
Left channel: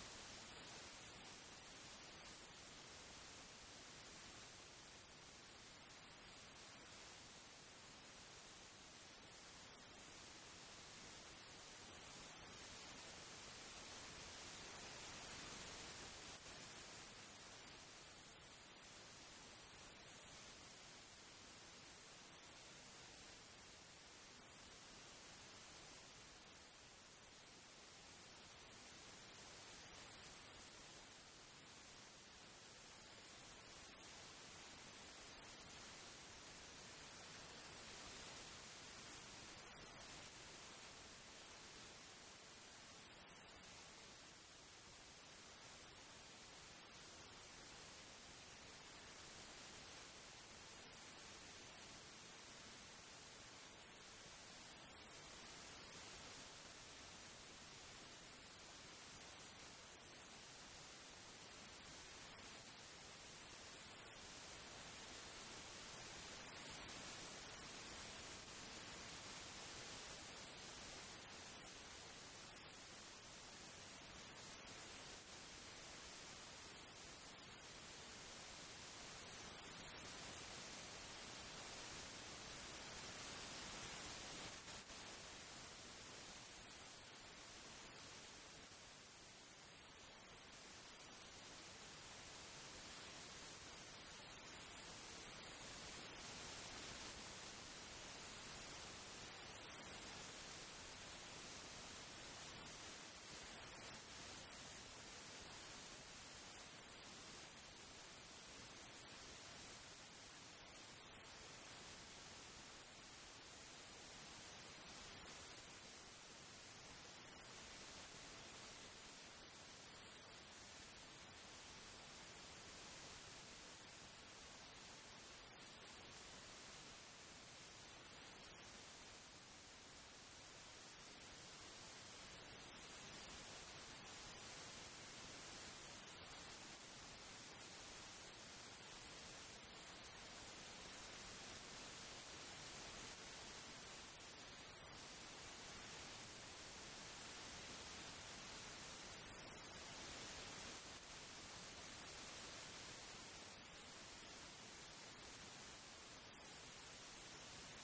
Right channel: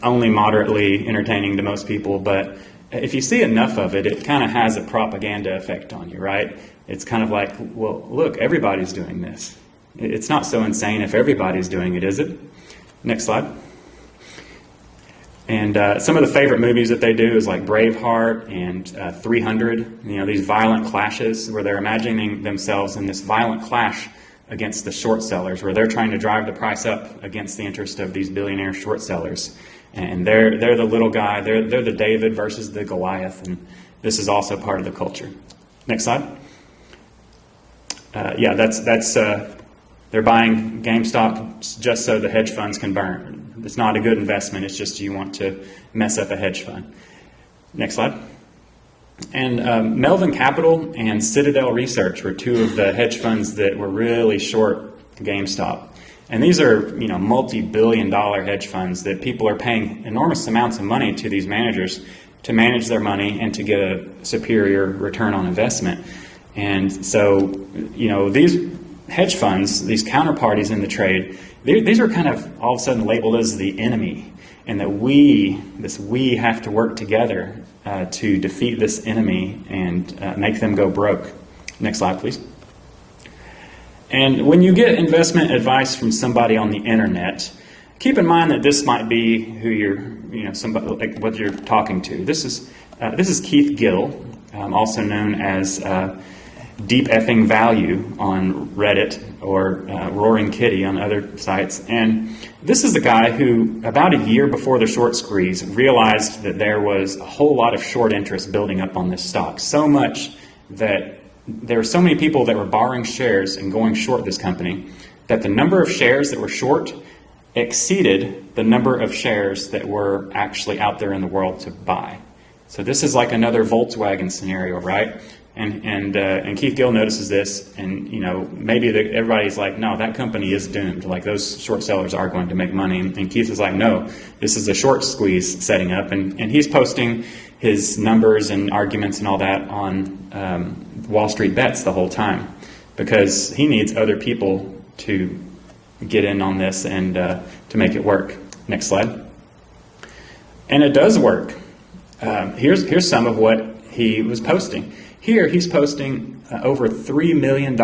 only moderately entertaining to most people, but if you see enough of it, it kind of has a propaganda effect on you, right? It's kind of like, well, look, everybody's doing this. It's not so insane if everybody's doing it, is it? Next slide. And some of the favorite movies that they do is like Braveheart and 300, these violent clashes where they're imagining themselves in this violent clash against the short sellers, where they're trying to drive the price up against the interest of these billionaire short sellers. And they're the little guy, they're the David versus the Goliath, and this is also part of the culture. Next slide. Yeah, that's they're buying GameStop just so the hedge funds can burn. It's not a good investment, it's just you want to mess up a hedge fund. Next slide. And Melvin Capital and Citadel Research were two of the hedge funds that were really short GameStop. And these are, multi-billion-dollar hedge funds that people are paying enormous amounts of money to these managers to manage their money and to get a superior return on investment. And so, these hedge funds, these counterparties in the trade, these are kind of all of a sudden labeled as the enemy, and that we have to work together to defeat this enemy and make them go broke. Next slide, please. And when you get investment advice from somebody on the internet, keep in mind that this might be who you're, somebody like what you're talking to. This is Keith Gill, also known as Deep Effing Value on Reddit, or Roaring Kitty on other sites. And this is the guy who, about a year before the short squeeze, realized that there was a whole lot of short interest building up on this stock. So much that there were so many people that were borrowing shares and going short this company that the number of shares that were short exceeded the number of shares that were actually out there in the world to buy. So this is like another Volkswagen scenario, right? And Keith Gill notices this, and maybe everybody's like, no, that company is doomed. Like, those short sellers are going to make money. And Keith is like, no, this is a short squeeze setting up, and he's posting his numbers and arguments and all that on Wall Street Bets the whole time, because he needs other people to get in on this and to make it work. Next slide. And it does work. Here's some of what he was posting. Here he's posting over $3 million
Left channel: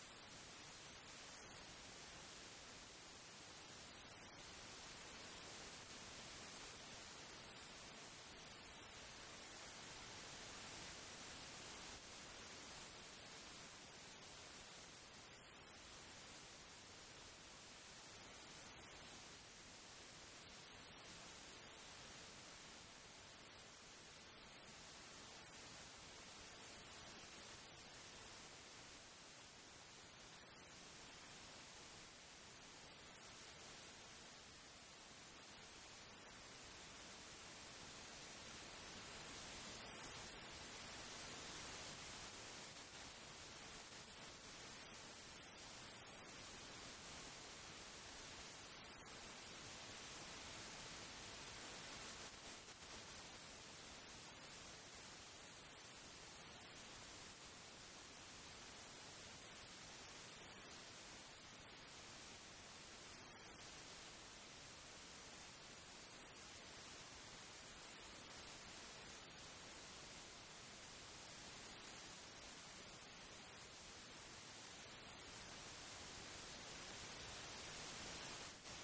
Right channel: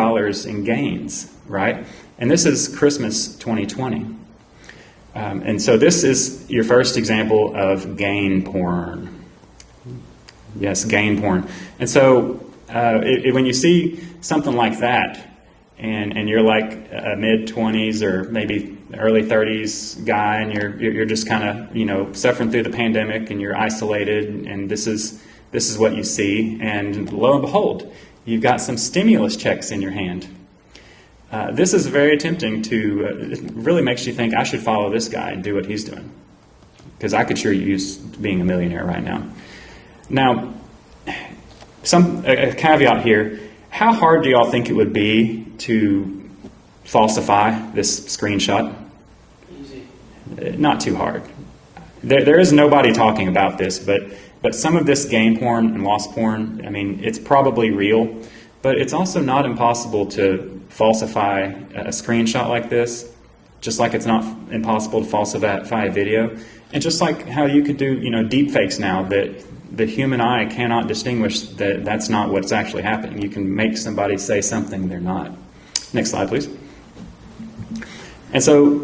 in gains, right? And this is Christmas 2020. And so this is your first example of gain porn. Yes, gain porn. And so when you see something like that, and you're like a mid-20s or maybe early 30s guy, and you're just kind of suffering through the pandemic, and you're isolated, and this is what you see, and lo and behold, you've got some stimulus checks in your hand. This is very tempting to, it really makes you think, I should follow this guy and do what he's doing, because I could sure use being a millionaire right now. Now, a caveat here, how hard do y'all think it would be to falsify this screenshot? Easy. Not too hard. There is nobody talking about this, but some of this gain porn and loss porn, I mean, it's probably real, but it's also not impossible to falsify a screenshot like this, just like it's not impossible to falsify a video, and just like how you could do, deep fakes now that the human eye cannot distinguish that that's not what's actually happening. You can make somebody say something they're not. Next slide, please. And so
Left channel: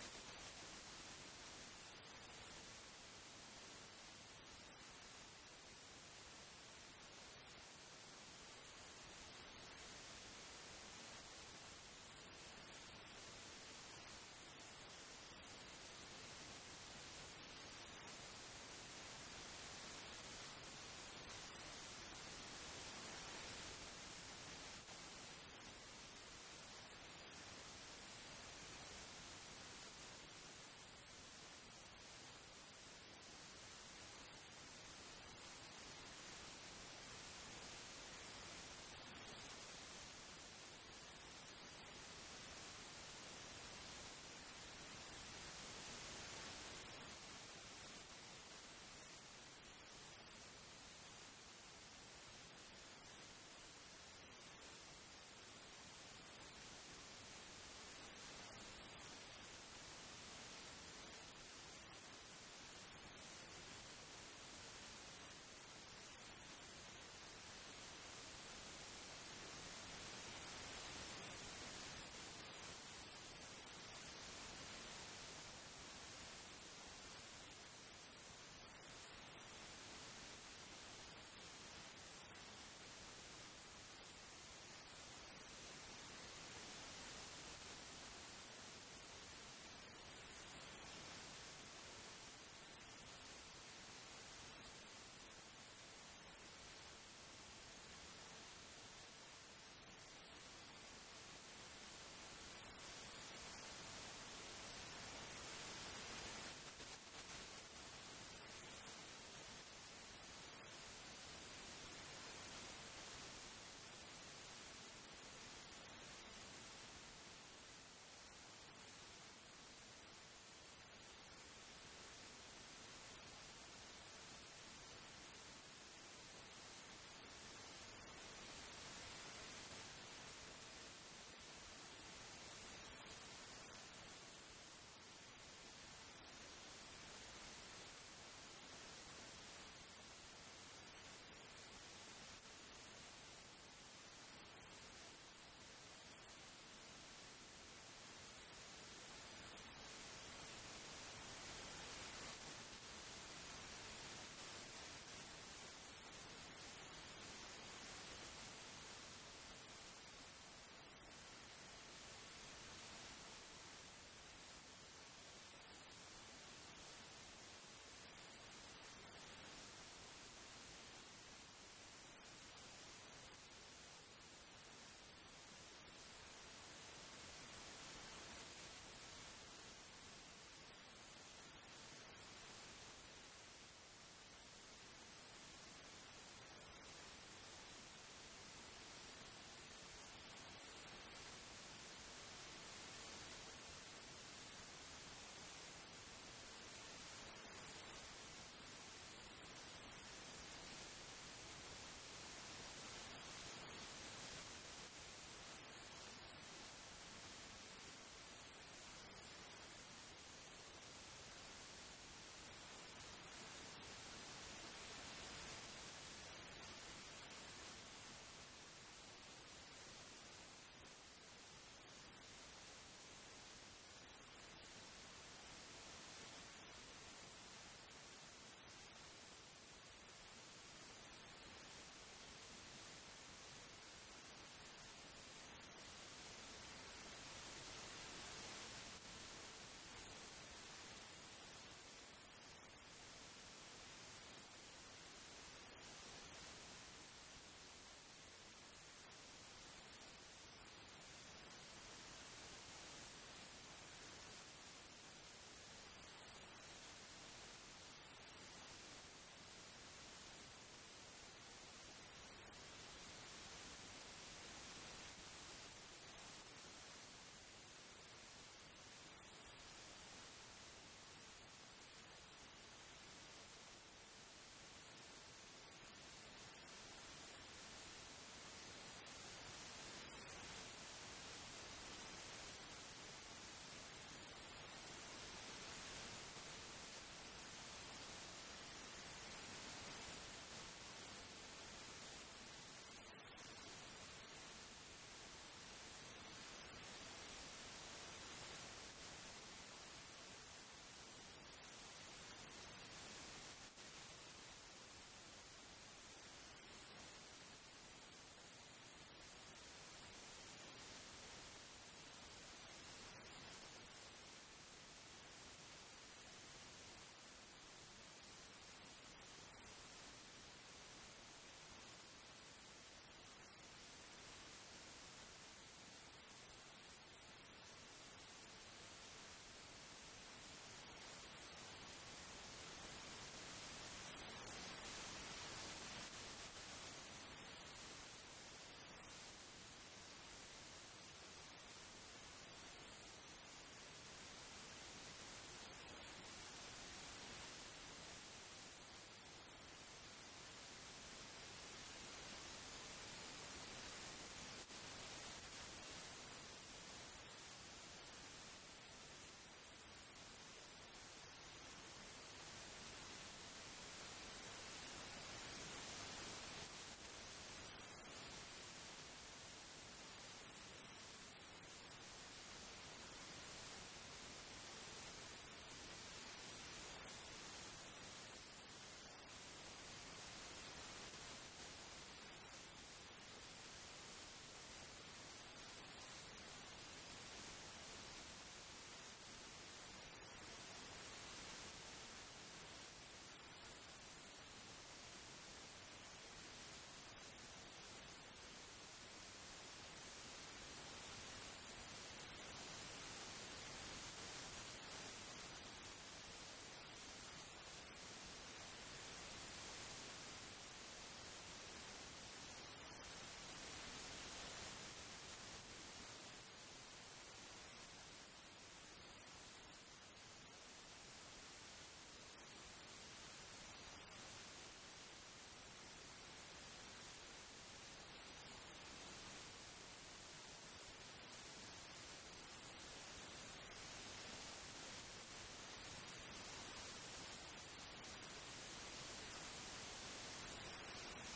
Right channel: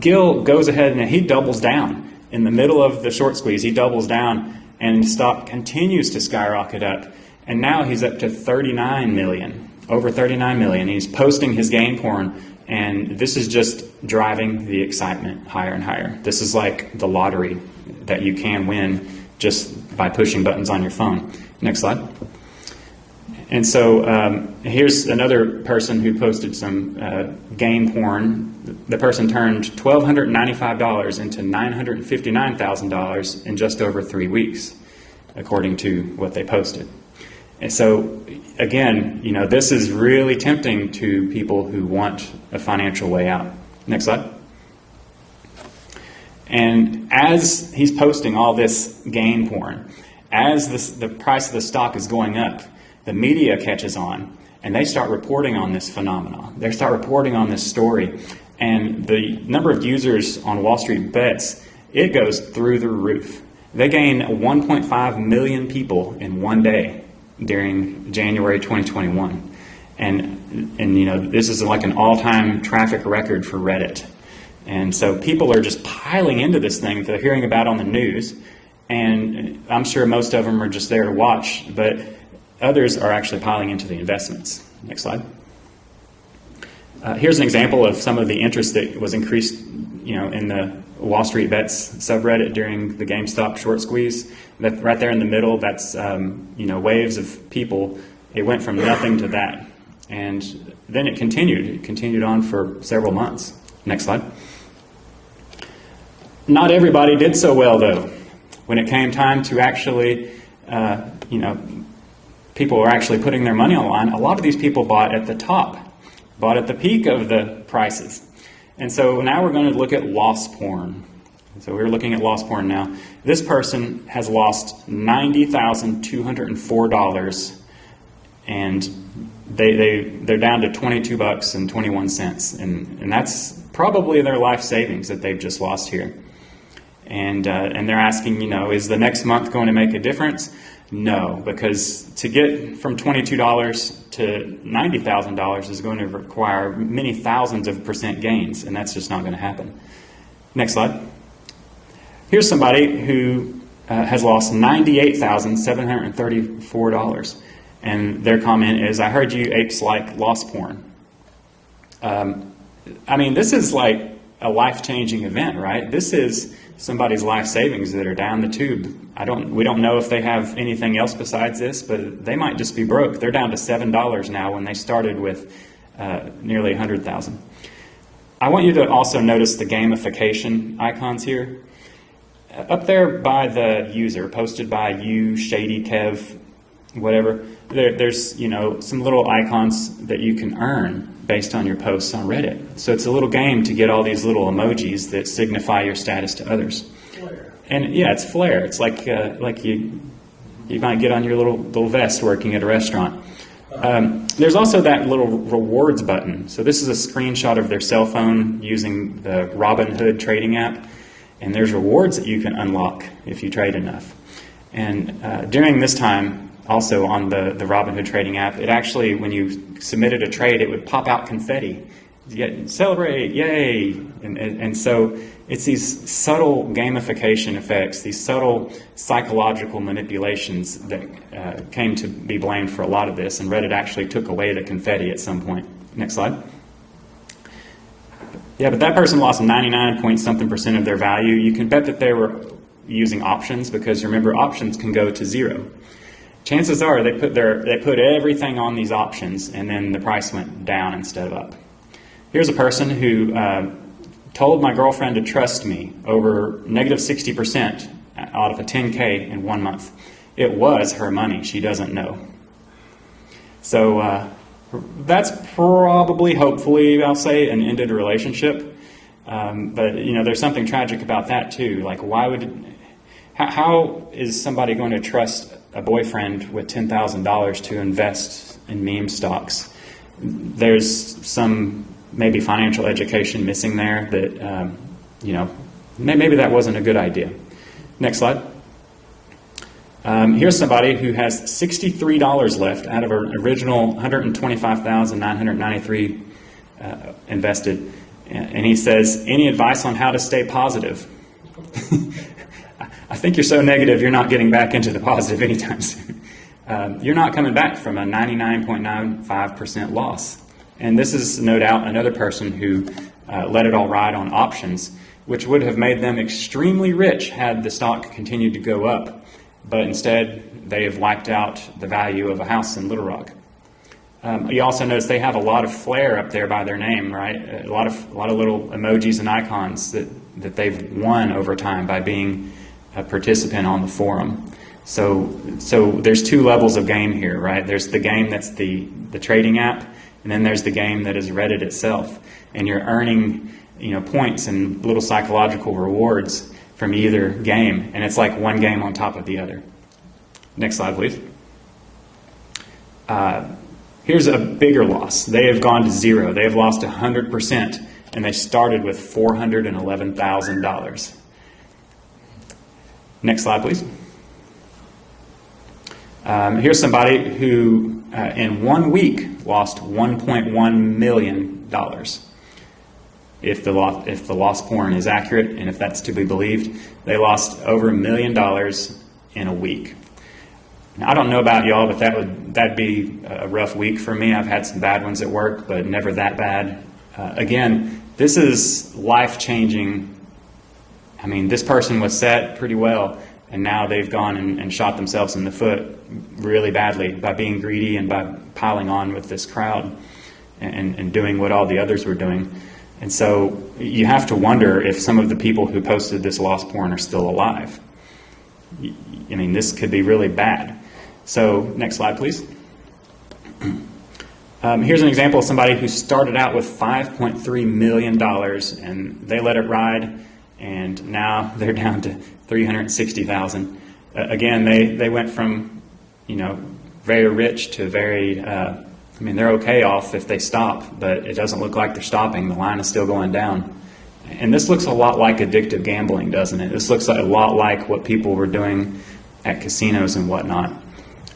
Gil goes ahead and he doubles down. In the middle of the short squeeze, he doubles down, and stock continues to skyrocket up. And now he's up to 39 million, over 39 million. He's posting his game porn, and this is just driving the excitement higher and higher. This is like the lottery that you can win just by pushing buttons on your phone. Next slide. And so here's another person who posted some game porn. The person turned $1,295 into $959,000 in just over 3 weeks, according to what they posted. And so, again, you know, this is really tempting to people who want a financial way out. Next slide. And as he's posting all this game porn, as the price of the stock is going up, the media catches on, and they start reporting on this phenomenon. They start reporting on this story, and the number of users on Wall Street Bets, it goes through the roof. They gain 1.5 million people in one day during January 2021. And you know, this is like an all-time traffic record for Reddit. And so people are just piling into this thing that they're hearing about on the news, and I'm sure most of them are just there to watch, but others are actually piling into the investments. Next slide. Here's an example of some of the interest that was increased, you know, in the Wall Street Bets subreddit during the GameStop short squeeze. That right there in the middle, that's you know, waves of people. It went from nothing to that, and then it continued. It continued on for several months. Next slide. Not everybody did so well, though. When it came time to actually, you know, people were actually putting their money on the line, a lot of these people bought at the top, bought at the peak of the prices. And so now we're going to look at loss porn. So we're looking at loss porn now. This person has lost $90,204, and they're down to $22.21, and that's probably their life savings that they've just lost here. And they're asking, you know, is the next month going to make a difference? No, because to get from $22 to $90,000 is going to require many thousands of percent gains, and that's just not going to happen. Next slide. Here's somebody who has lost $98,734, and their comment is, I heard you apes like loss porn. I mean, this is like a life-changing event, right? This is somebody's life savings that are down the tube. We don't know if they have anything else besides this, but they might just be broke. They're down to $7 now when they started with nearly 100,000. I want you to also notice the gamification icons here. Up there by the user, posted by you, Shady Kev, whatever, there's, you know, some little icons that you can earn based on your posts on Reddit. So it's a little game to get all these little emojis that signify your status to others. Flare. And yeah, it's flair. It's like you might get on your little vest working at a restaurant. There's also that little rewards button. So this is a screenshot of their cell phone using the Robinhood trading app. And there's rewards that you can unlock if you trade enough. And during this time, also on the Robinhood trading app, it actually, when you submitted a trade, it would pop out confetti. Celebrate, yay! And so it's these subtle gamification effects, these subtle psychological manipulations that came to be blamed for a lot of this, and Reddit actually took away the confetti at some point. Next slide. Yeah, but that person lost 99-point-something% of their value. You can bet that they were using options, because remember, options can go to zero. Chances are they put everything on these options, and then the price went down instead of up. Here's a person who told my girlfriend to trust me over negative 60% out of a 10K in 1 month. It was her money. She doesn't know. So that's probably, hopefully, I'll say, an ended relationship. But you know, there's something tragic about that too. Like, how is somebody going to trust a boyfriend with $10,000 to invest in meme stocks? There's some maybe financial education missing there that, you know, maybe that wasn't a good idea. Next slide. Here's somebody who has $63 left out of an original $125,993 invested. And he says, any advice on how to stay positive? I think you're so negative you're not getting back into the positive anytime soon. You're not coming back from a 99.95% loss. And this is no doubt another person who let it all ride on options, which would have made them extremely rich had the stock continued to go up. But instead, they have wiped out the value of a house in Little Rock. You also notice they have a lot of flair up there by their name, right? A lot of little emojis and icons that they've won over time by being a participant on the forum. So there's two levels of game here, right? There's the game that's the trading app, and then there's the game that is Reddit itself. And you're earning, points and little psychological rewards from either game, and it's like one game on top of the other. Next slide, please. Here's a bigger loss. They have gone to zero. They have lost 100%, and they started with $411,000. Next slide, please. Here's somebody who, in 1 week, lost $1.1 million. If the loss porn is accurate, and if that's to be believed, they lost over $1 million in a week. Now, I don't know about y'all, but that'd be a rough week for me. I've had some bad ones at work, but never that bad. Again, this is life-changing. I mean, this person was set pretty well, and now they've gone and shot themselves in the foot really badly by being greedy and by piling on with this crowd and doing what all the others were doing. And so you have to wonder if some of the people who posted this loss porn are still alive. I mean, this could be really bad. So next slide, please. Here's an example of somebody who started out with $5.3 million, and they let it ride, and now they're down to $360,000. Again, they went from, very rich to very... they're okay off if they stop, but it doesn't look like they're stopping. The line is still going down. And this looks a lot like addictive gambling, doesn't it? This looks a lot like what people were doing at casinos and whatnot.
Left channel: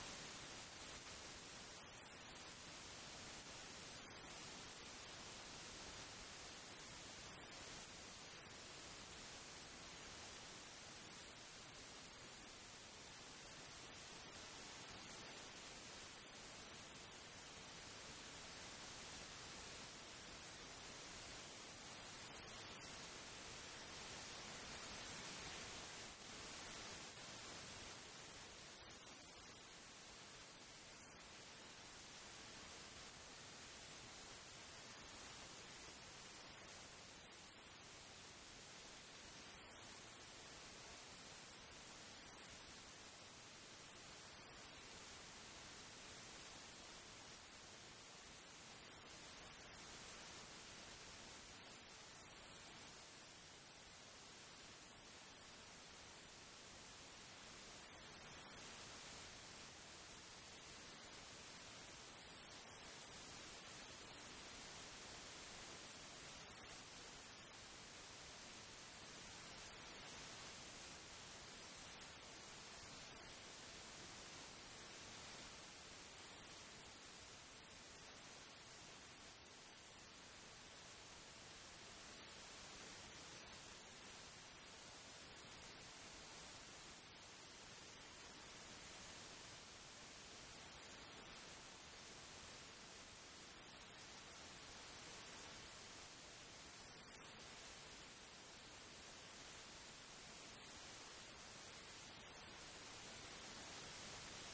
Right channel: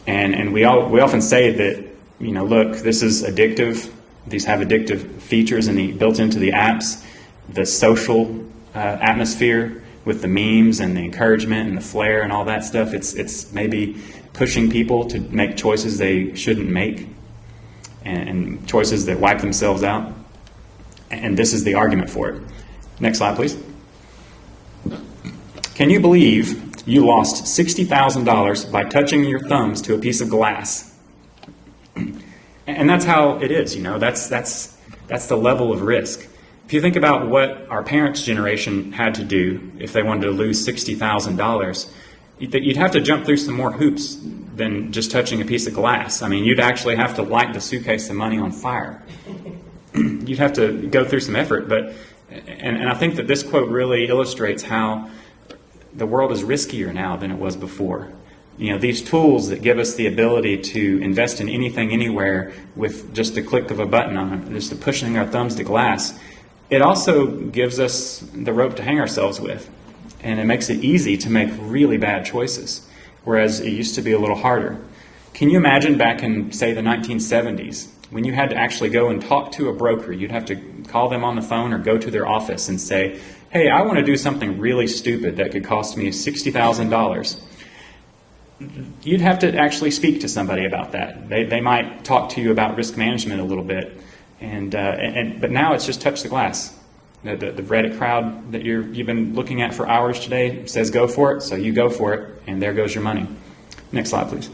And we often say that, look, this is addictive. These have addictive features built into the apps. The social atmosphere with the memes and the encouragement and the flair and all that stuff, it's maybe pushing people to make choices they shouldn't make. And choices that wipe themselves out. And this is the argument for it. Next slide, please. Can you believe you lost $60,000 by touching your thumbs to a piece of glass? And that's how it is, that's the level of risk. If you think about what our parents' generation had to do if they wanted to lose $60,000, you'd have to jump through some more hoops than just touching a piece of glass. I mean, you'd actually have to light the suitcase of money on fire. You'd have to go through some effort. And I think that this quote really illustrates how the world is riskier now than it was before. These tools that give us the ability to invest in anything, anywhere, with just the click of a button on it, just pushing our thumbs to glass, it also gives us the rope to hang ourselves with. And it makes it easy to make really bad choices, whereas it used to be a little harder. Can you imagine back in, say, the 1970s, when you had to actually go and talk to a broker? You'd have to call them on the phone or go to their office and say, hey, I want to do something really stupid that could cost me $60,000. You'd have to actually speak to somebody about that. They might talk to you about risk management a little bit, but now it's just touch the glass. The Reddit crowd that you've been looking at for hours today says go for it, so you go for it, and there goes your money. Next slide, please.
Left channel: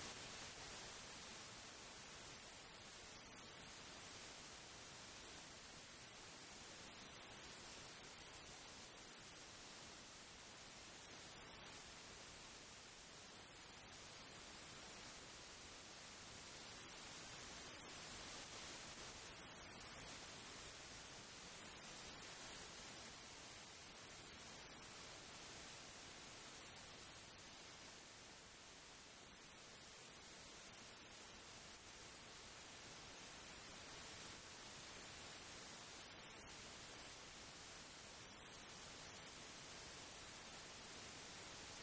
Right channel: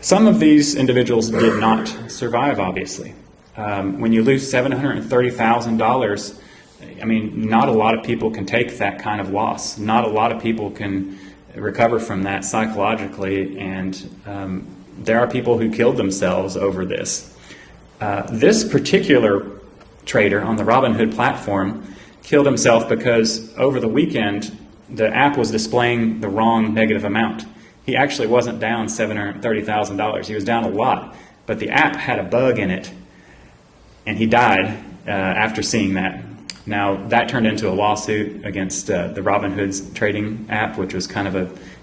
Some of these individuals did not survive, obviously. When you lose $730,000, not a lot of people can take that kind of loss. Not a lot of people can recover from that psychologically, and there are people who killed themselves over this. This particular trader on the Robinhood platform killed himself because over the weekend the app was displaying the wrong negative amount. He actually wasn't down $730,000. He was down a lot, but the app had a bug in it, and he died after seeing that. Now that turned into a lawsuit against the Robinhood's trading app, which was kind of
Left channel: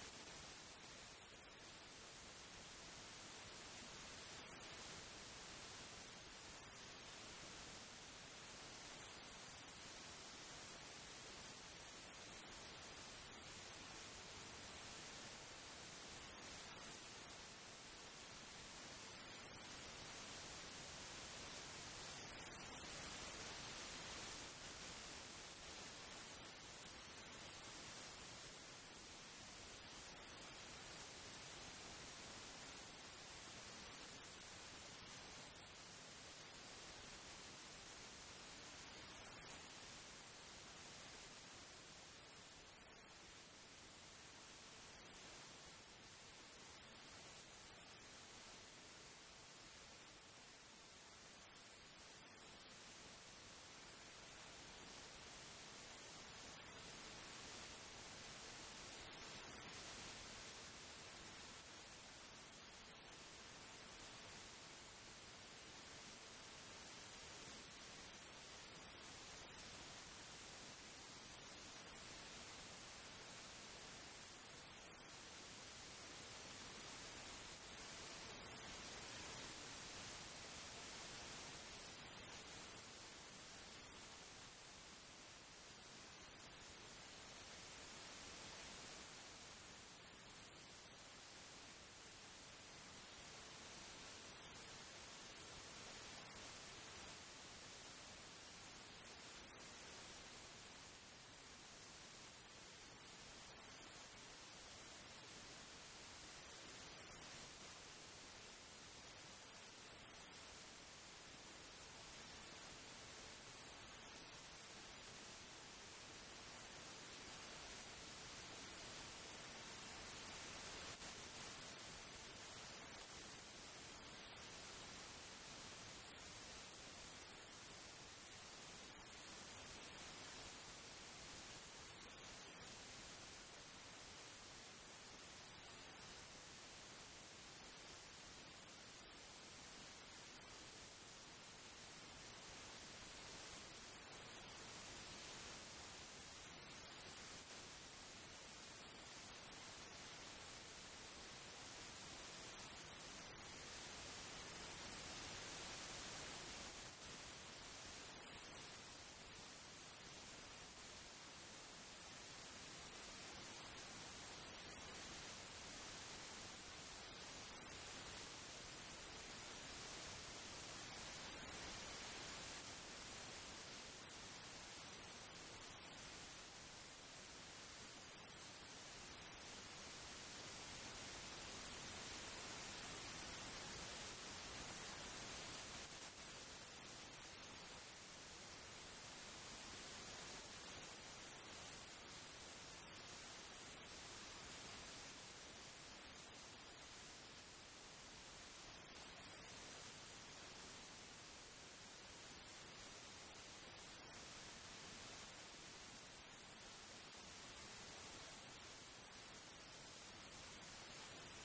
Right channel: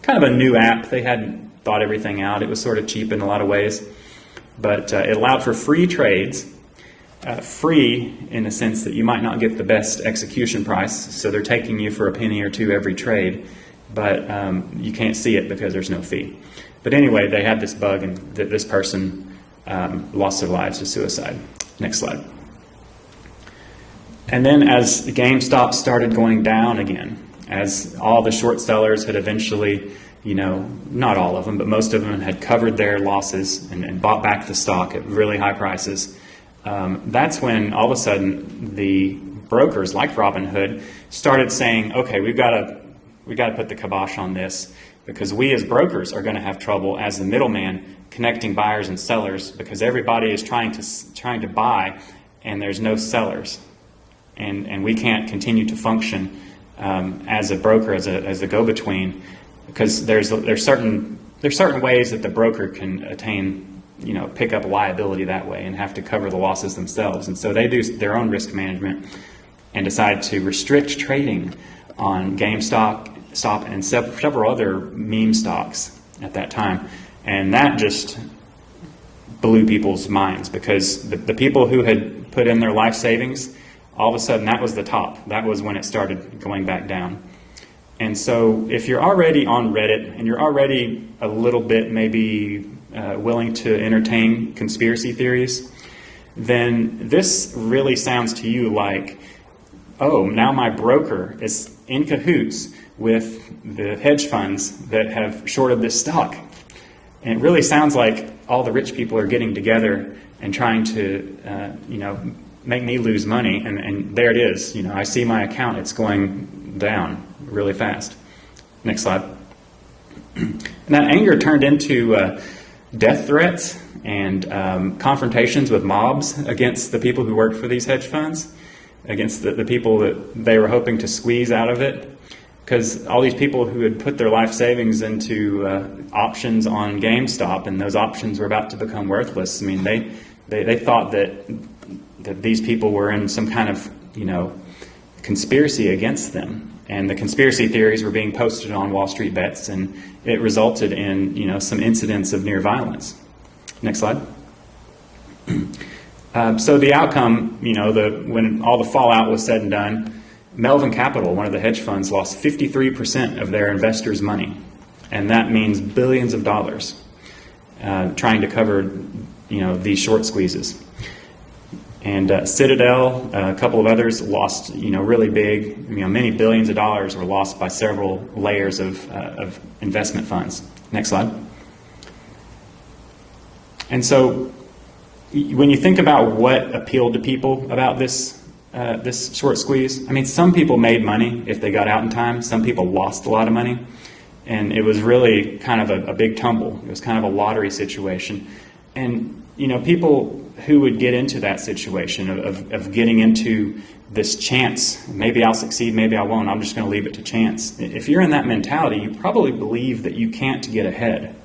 a new app. They hadn't thought everything out. It was sort of cheap in a lot of ways, but it allowed for free trades. Free in the sense that you might not get the best execution price, so they're taking you for a penny or two every trade, but you can't see it because there's no fee. But anyway, they had this bug, and this person lost their lives to suicide. Next slide. And then as GameStop started going down again, as all the short sellers had eventually, not all of them, but most of them had covered their losses and bought back the stock at really high prices, that's when all of a sudden the brokers like Robinhood started saying, okay, we've got to put the kibosh on this, because we as brokers are going to have trouble as the middleman connecting buyers and sellers, because everybody is trying to buy and there's no sellers, and we can't continue to function as a broker, as a go-between, because there's certain ways that the broker can attain, pick up liability that way and have to cover the losses themselves. And so they do their own risk management and decide to restrict trading on GameStop and several other meme stocks at that time. And that just blew people's minds, because the people who had put in their life savings, all of a sudden that was the top. That was when it started going back down. And so if you're already on Reddit and you're already a little bit maybe willing to entertain conspiracy theories, then this really sounds to you like, oh, now my broker is in cahoots with the hedge funds that have shorted this stock. And it really sounds like all the rich people are getting together and trying to, make me lose money. And there it is. I see my account, it's going down really fast. Next slide. And that anger turned into death threats and confrontations with mobs against the people who worked for these hedge funds, against the people that they were hoping to squeeze out of it. Because all these people who had put their life savings into options on GameStop, and those options were about to become worthless. I mean, they thought that these people were in some kind of, conspiracy against them. And the conspiracy theories were being posted on Wall Street Bets, and it resulted in, some incidents of near violence. Next slide. So the outcome, when all the fallout was said and done, Melvin Capital, one of the hedge funds, lost 53% of their investors' money. And that means billions of dollars trying to cover, these short squeezes. And Citadel, a couple of others lost, really big, many billions of dollars were lost by several layers of investment funds. Next slide. And so when you think about what appealed to people about this short squeeze, I mean, some people made money if they got out in time. Some people lost a lot of money. And it was really kind of a big tumble. It was kind of a lottery situation. And, people who would get into that situation of getting into this chance, maybe I'll succeed, maybe I won't, I'm just going to leave it to chance. If you're in that mentality, you probably believe that you can't get ahead.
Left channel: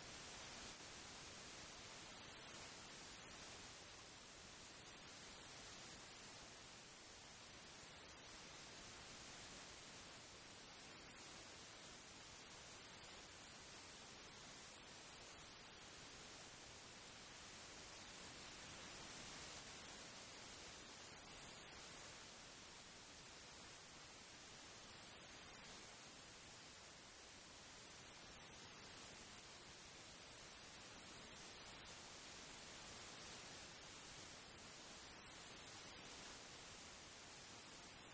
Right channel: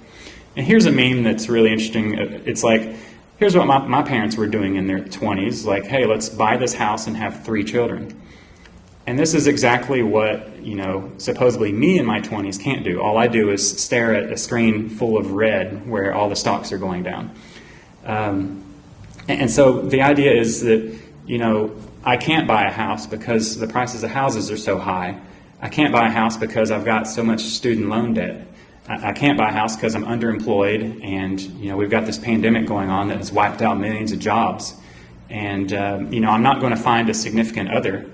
And here's a meme that's really interesting. It's like, here's what my parents were doing in their 20s. Like, hey, let's buy this house and have 3 children. And this is exactly what, supposedly me in my 20s can't do. All I do is stare at a screen full of red where all the stocks are going down. And so the idea is that, I can't buy a house because the prices of houses are so high. I can't buy a house because I've got so much student loan debt. I can't buy a house because I'm underemployed, and we've got this pandemic going on that has wiped out millions of jobs. And I'm not going to find a significant other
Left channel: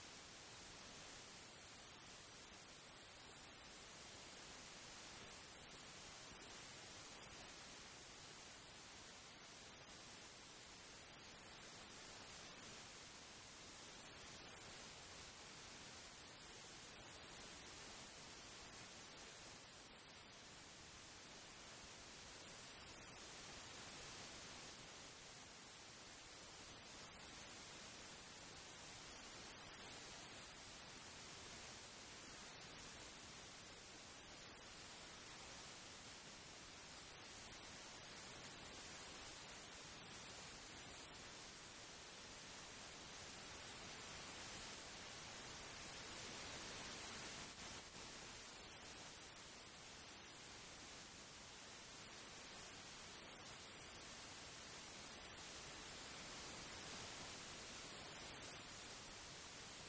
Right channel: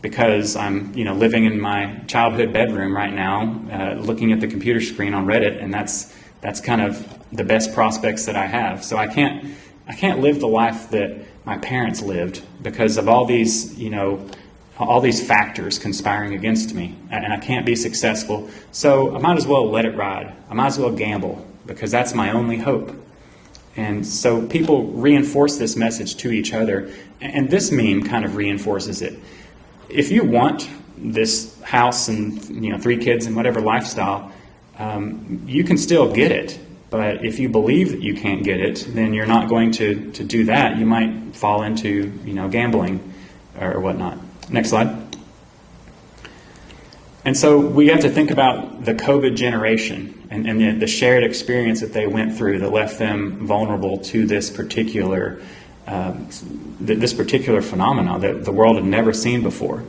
because I'm living in my childhood bedroom right now, looking at the computer screen on Reddit, and that's kind of the best prospects that I have. So I can't live the life that my parents lived because of all these factors conspiring against me, and I can't be successful. So I might as well let it ride. I might as well gamble because that's my only hope. And so people reinforce this message to each other, and this meme kind of reinforces it. If you want this house and 3 kids and whatever lifestyle, you can still get it. But if you believe that you can't get it, then you're not going to do that. You might fall into gambling or whatnot. Next slide. And so we have to think about the COVID generation and the shared experience that they went through that left them vulnerable to this particular phenomenon that the world had never seen before.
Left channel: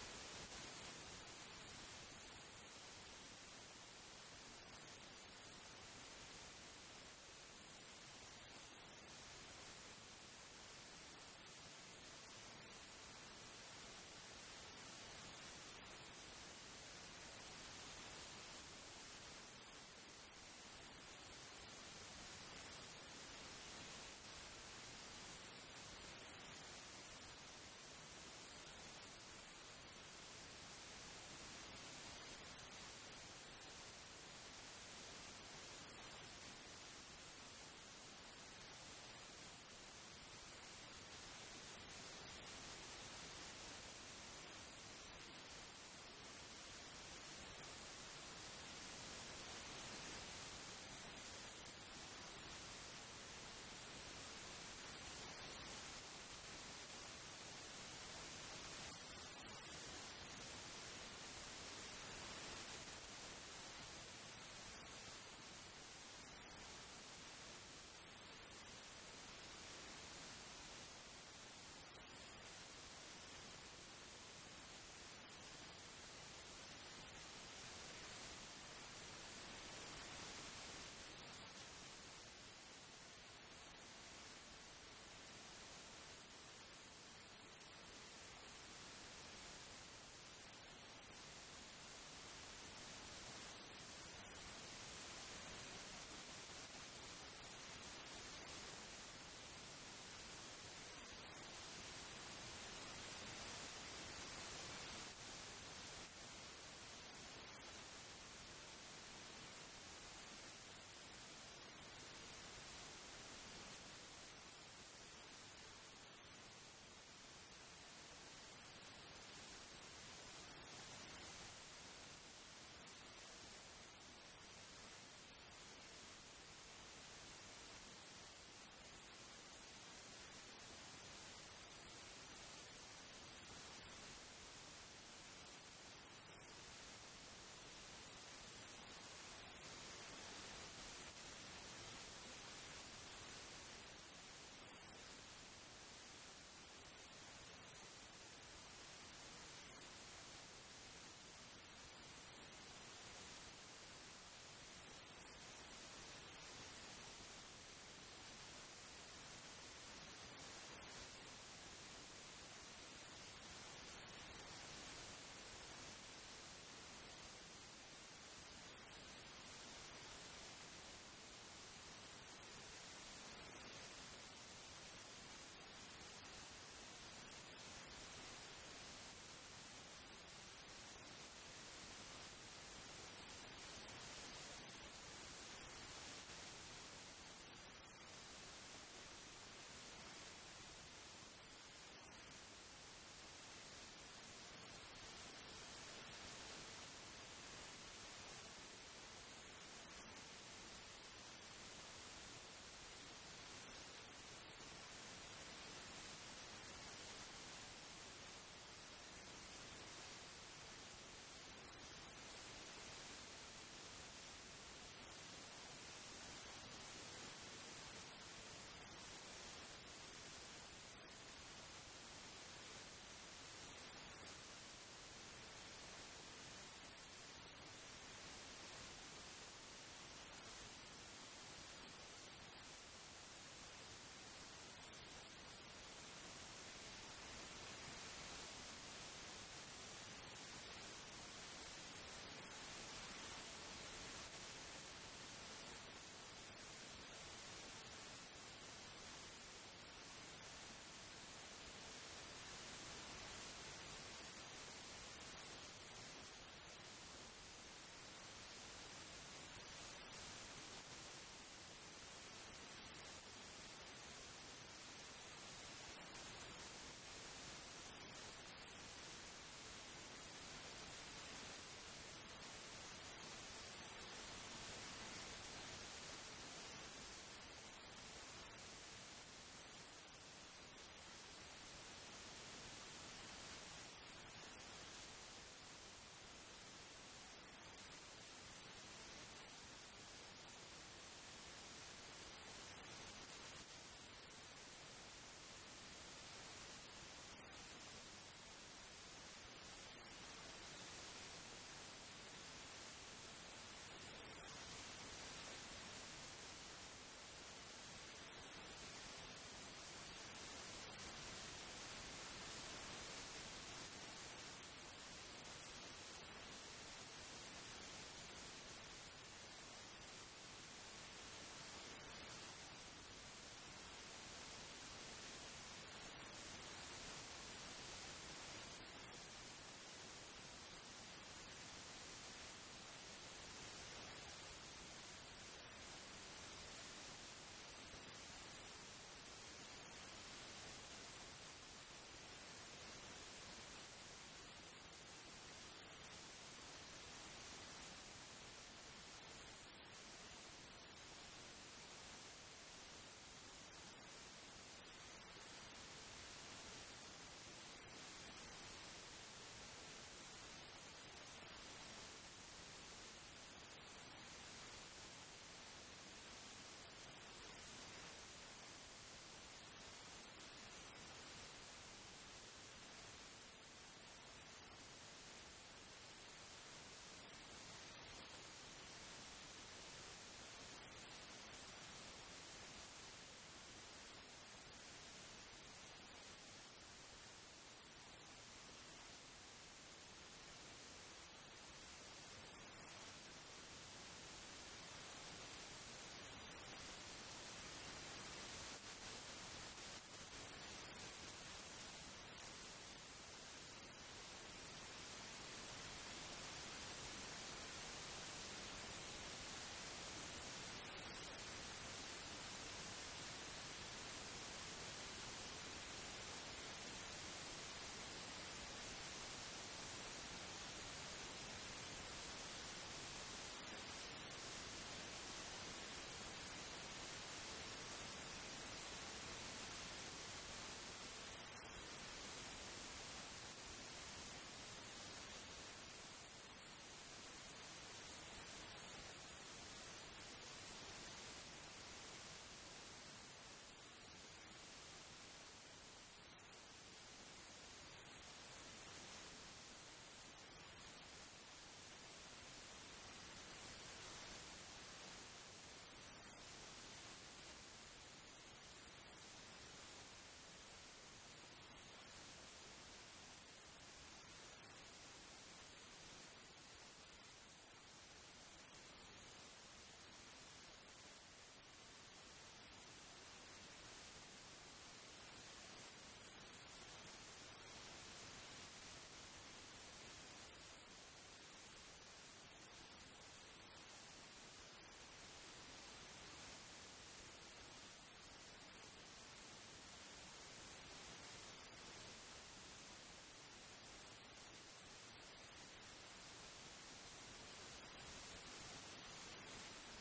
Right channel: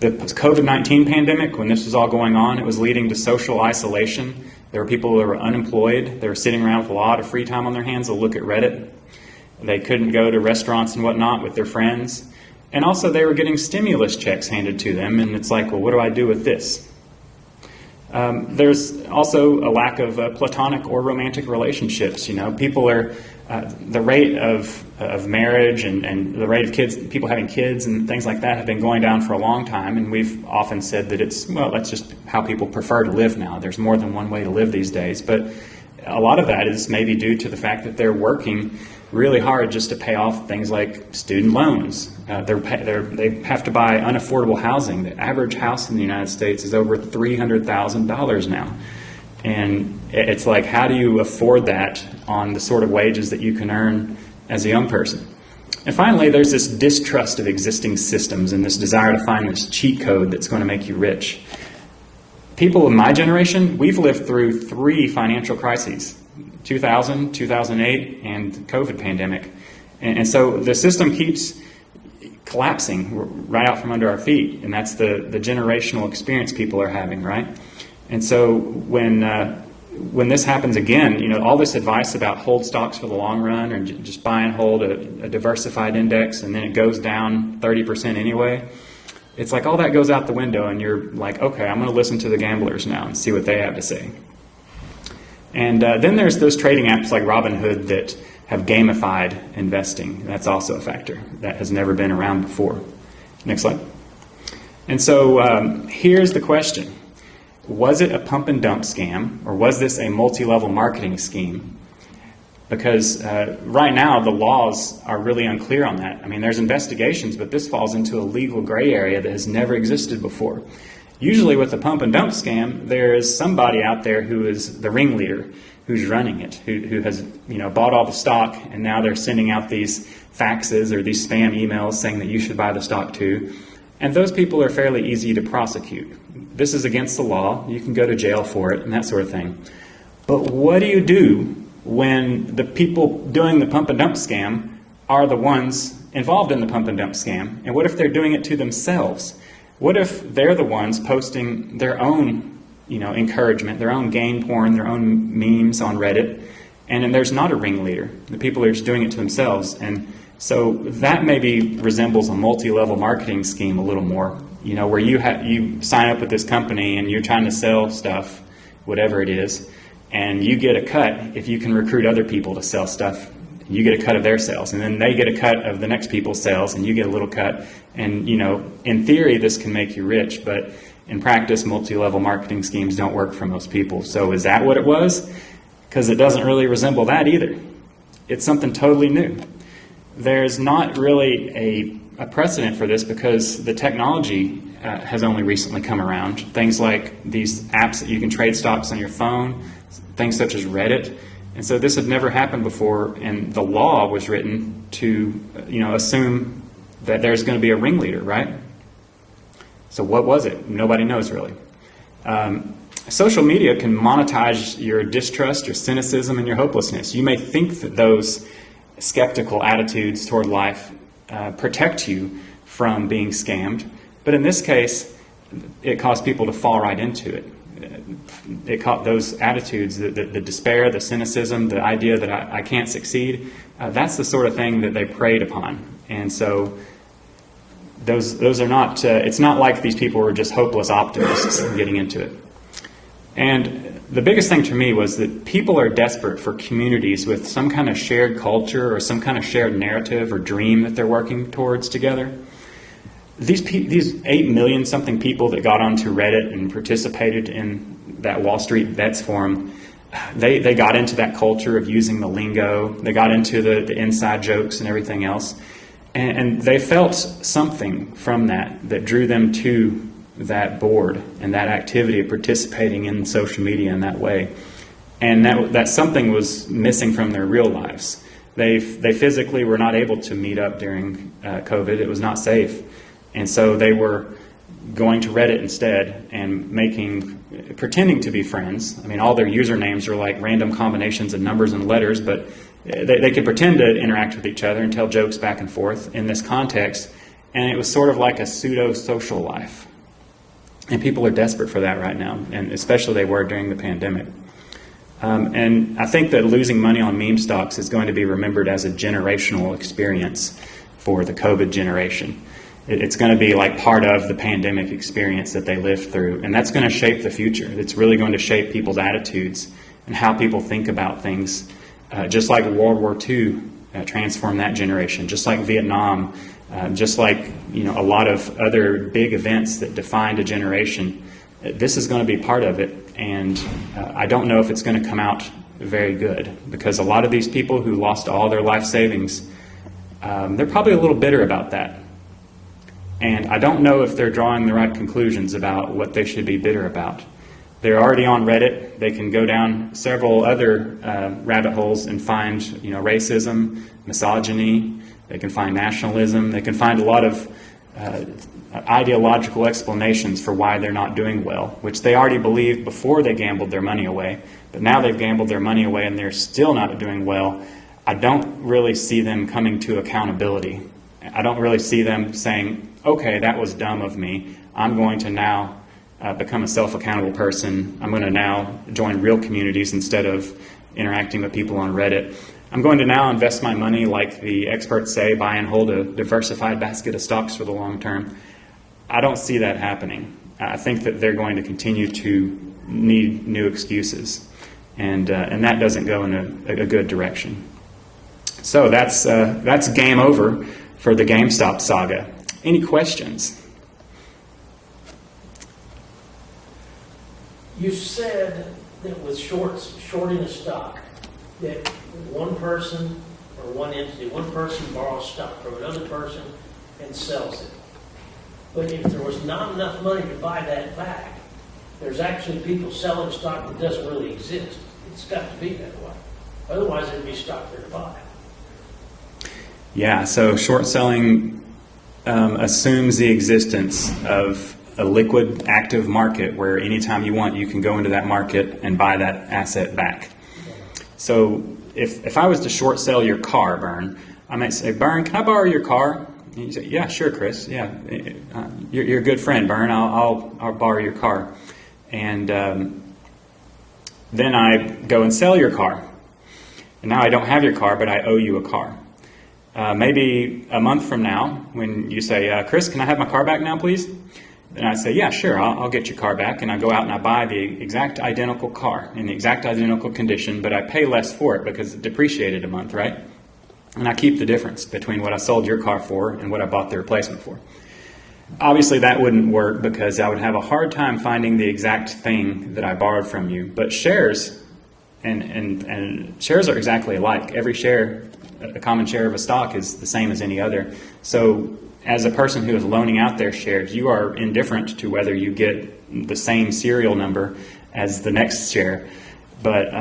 The COVID-19 pandemic, when this was all going on, it was leading to social isolation. There were people that were unemployed. They were sitting around with a lot of free time on their hands to look at Reddit. They couldn't go to restaurants and whatnot with their friends. And also they were getting stimulus checks handed to them, and it's like, well, what do I do with this? There's also a lack of platonic or romantic relationships. You know, people are, the rate of marriage and the rate of people having kids and things like that have been going down for a long time, and we've often said that that's just how people prefer to live now. There's more than one way to live these days, but a lot of that is maybe due to the fact that they're working really hard just to pay off things like student loans. They have to buy unaffordable housing. The average house in the United States is over $300,000 now. And it's like, how do you afford that on the sort of wages that you can earn as a young person? And finally, there's this distrust of existing systems and this desire to find this cheat code that's going to make you rich. People in my generation, we've lived through 3 financial crises, 2000, 2008, and the COVID pandemic. And so the system keeps collapsing right out from under our feet, and that's the generational experience people are having, right? And so when this happens again, you know, all this advice about hold stocks for the long run or just buy and hold a diversified index and then it goes down 30% anyway, it's like all that goes out the window and you're like, okay, I'm going to listen to the gamblers now and see what they have to say. And then there's those trading apps like Robinhood that have gamified investing. That's also a factor that has never been around before. Next slide. And so here's the question. Was it a pump and dump scam, or was this a multi-level marketing scheme? Because right now the laws are really unclear on that. I mean, there's investigations, but this falls into a legal gray area that has never existed before. Usually with a pump and dump scam, there is somebody out there who is the ringleader, who's running it, who has, you know, bought all the stock, and now they're sending out these faxes or these spam emails saying that you should buy the stock too. And those people are fairly easy to prosecute. This is against the law. You can go to jail for it and that sort of thing. But what do you do when the people doing the pump and dump scam are the ones involved in the pump and dump scam? And what if they're doing it to themselves? What if they're the ones posting their own, you know, encouragement, their own game porn, their own memes on Reddit, and then there's not a ringleader? The people are just doing it to themselves. And so that maybe resembles a multi-level marketing scheme a little more, you know, where you sign up with this company and you're trying to sell stuff, whatever it is, and you get a cut if you can recruit other people to sell stuff. You get a cut of their sales, and then they get a cut of the next people's sales, and you get a little cut. And, you know, in theory, this can make you rich, but in practice, multi-level marketing schemes don't work for most people. So is that what it was? Because it doesn't really resemble that either. It's something totally new. There's not really a precedent for this because the technology has only recently come around. Things like these apps that you can trade stocks on your phone, things such as Reddit. And so this had never happened before, and the law was written to, you know, assume that there's going to be a ringleader, right? So what was it? Nobody knows really. Social media can monetize your distrust, your cynicism, and your hopelessness. You may think that those skeptical attitudes toward life protect you from being scammed, but in this case, it caused people to fall right into it. It caught those attitudes, the despair, the cynicism, the idea that I can't succeed. That's the sort of thing that they preyed upon. And so those are not, it's not like these people were just hopeless optimists getting into it. And the biggest thing to me was that people are desperate for communities with some kind of shared culture or some kind of shared narrative or dream that they're working towards together. These 8 million something people that got onto Reddit and participated in that Wall Street Bets forum, they got into that culture of using the lingo. They got into the inside jokes and everything else. And they felt something from that drew them to that board and that activity of participating in social media in that way. And that something was missing from their real lives. They physically were not able to meet up during COVID. It was not safe. And so they were going to Reddit instead and pretending to be friends. I mean, all their usernames are like random combinations of numbers and letters, but they could pretend to interact with each other and tell jokes back and forth in this context. And it was sort of like a pseudo-social life. And people are desperate for that right now, and especially they were during the pandemic. And I think that losing money on meme stocks is going to be remembered as a generational experience for the COVID generation. It's going to be like part of the pandemic experience that they lived through, and that's going to shape the future. It's really going to shape people's attitudes and how people think about things, just like World War II transformed that generation, just like Vietnam, just like a lot of other big events that defined a generation. This is going to be part of it, and I don't know if it's going to come out very good, because a lot of these people who lost all their life savings, they're probably a little bitter about that. And I don't know if they're drawing the right conclusions about what they should be bitter about. They're already on Reddit. They can go down several other rabbit holes and find, racism, misogyny. They can find nationalism. They can find a lot of ideological explanations for why they're not doing well, which they already believed before they gambled their money away. But now they've gambled their money away and they're still not doing well. I don't really see them coming to accountability. I don't really see them saying, okay, that was dumb of me. I'm going to now become a self-accountable person. I'm going to now join real communities instead of interacting with people on Reddit. I'm going to now invest my money like the experts say, buy and hold a diversified basket of stocks for the long term. I don't see that happening. I think that they're going to continue to need new excuses, and that doesn't go in a good direction. So that's game over for the GameStop saga. Any questions? You said that with shorting a stock, that one person or one entity, one person borrows stock from another person and sells it. But if there was not enough money to buy that back, there's actually people selling stock that doesn't really exist. It's got to be that way. Otherwise, there'd be stock there to buy. Yeah, so short selling assumes the existence of a liquid, active market where anytime you want, you can go into that market and buy that asset back. So if I was to short sell your car, Bern, I might say, Bern, can I borrow your car? And you say, yeah, sure, Chris. Yeah, you're a good friend, Bern. I'll borrow your car. And then I go and sell your car. And now I don't have your car, but I owe you a car. Maybe a month from now, when you say, Chris, can I have my car back now, please? And I say, yeah, sure, I'll get your car back. And I go out and I buy the exact identical car in the exact identical condition, but I pay less for it because it depreciated a month, right? And I keep the difference between what I sold your car for and what I bought the replacement for. Obviously, that wouldn't work because I would have a hard time finding the exact thing that I borrowed from you. But shares and shares are exactly alike. Every share, a common share of a stock, is the same as any other. So as a person who is loaning out their shares, you are indifferent to whether you get the same serial number as the next share. But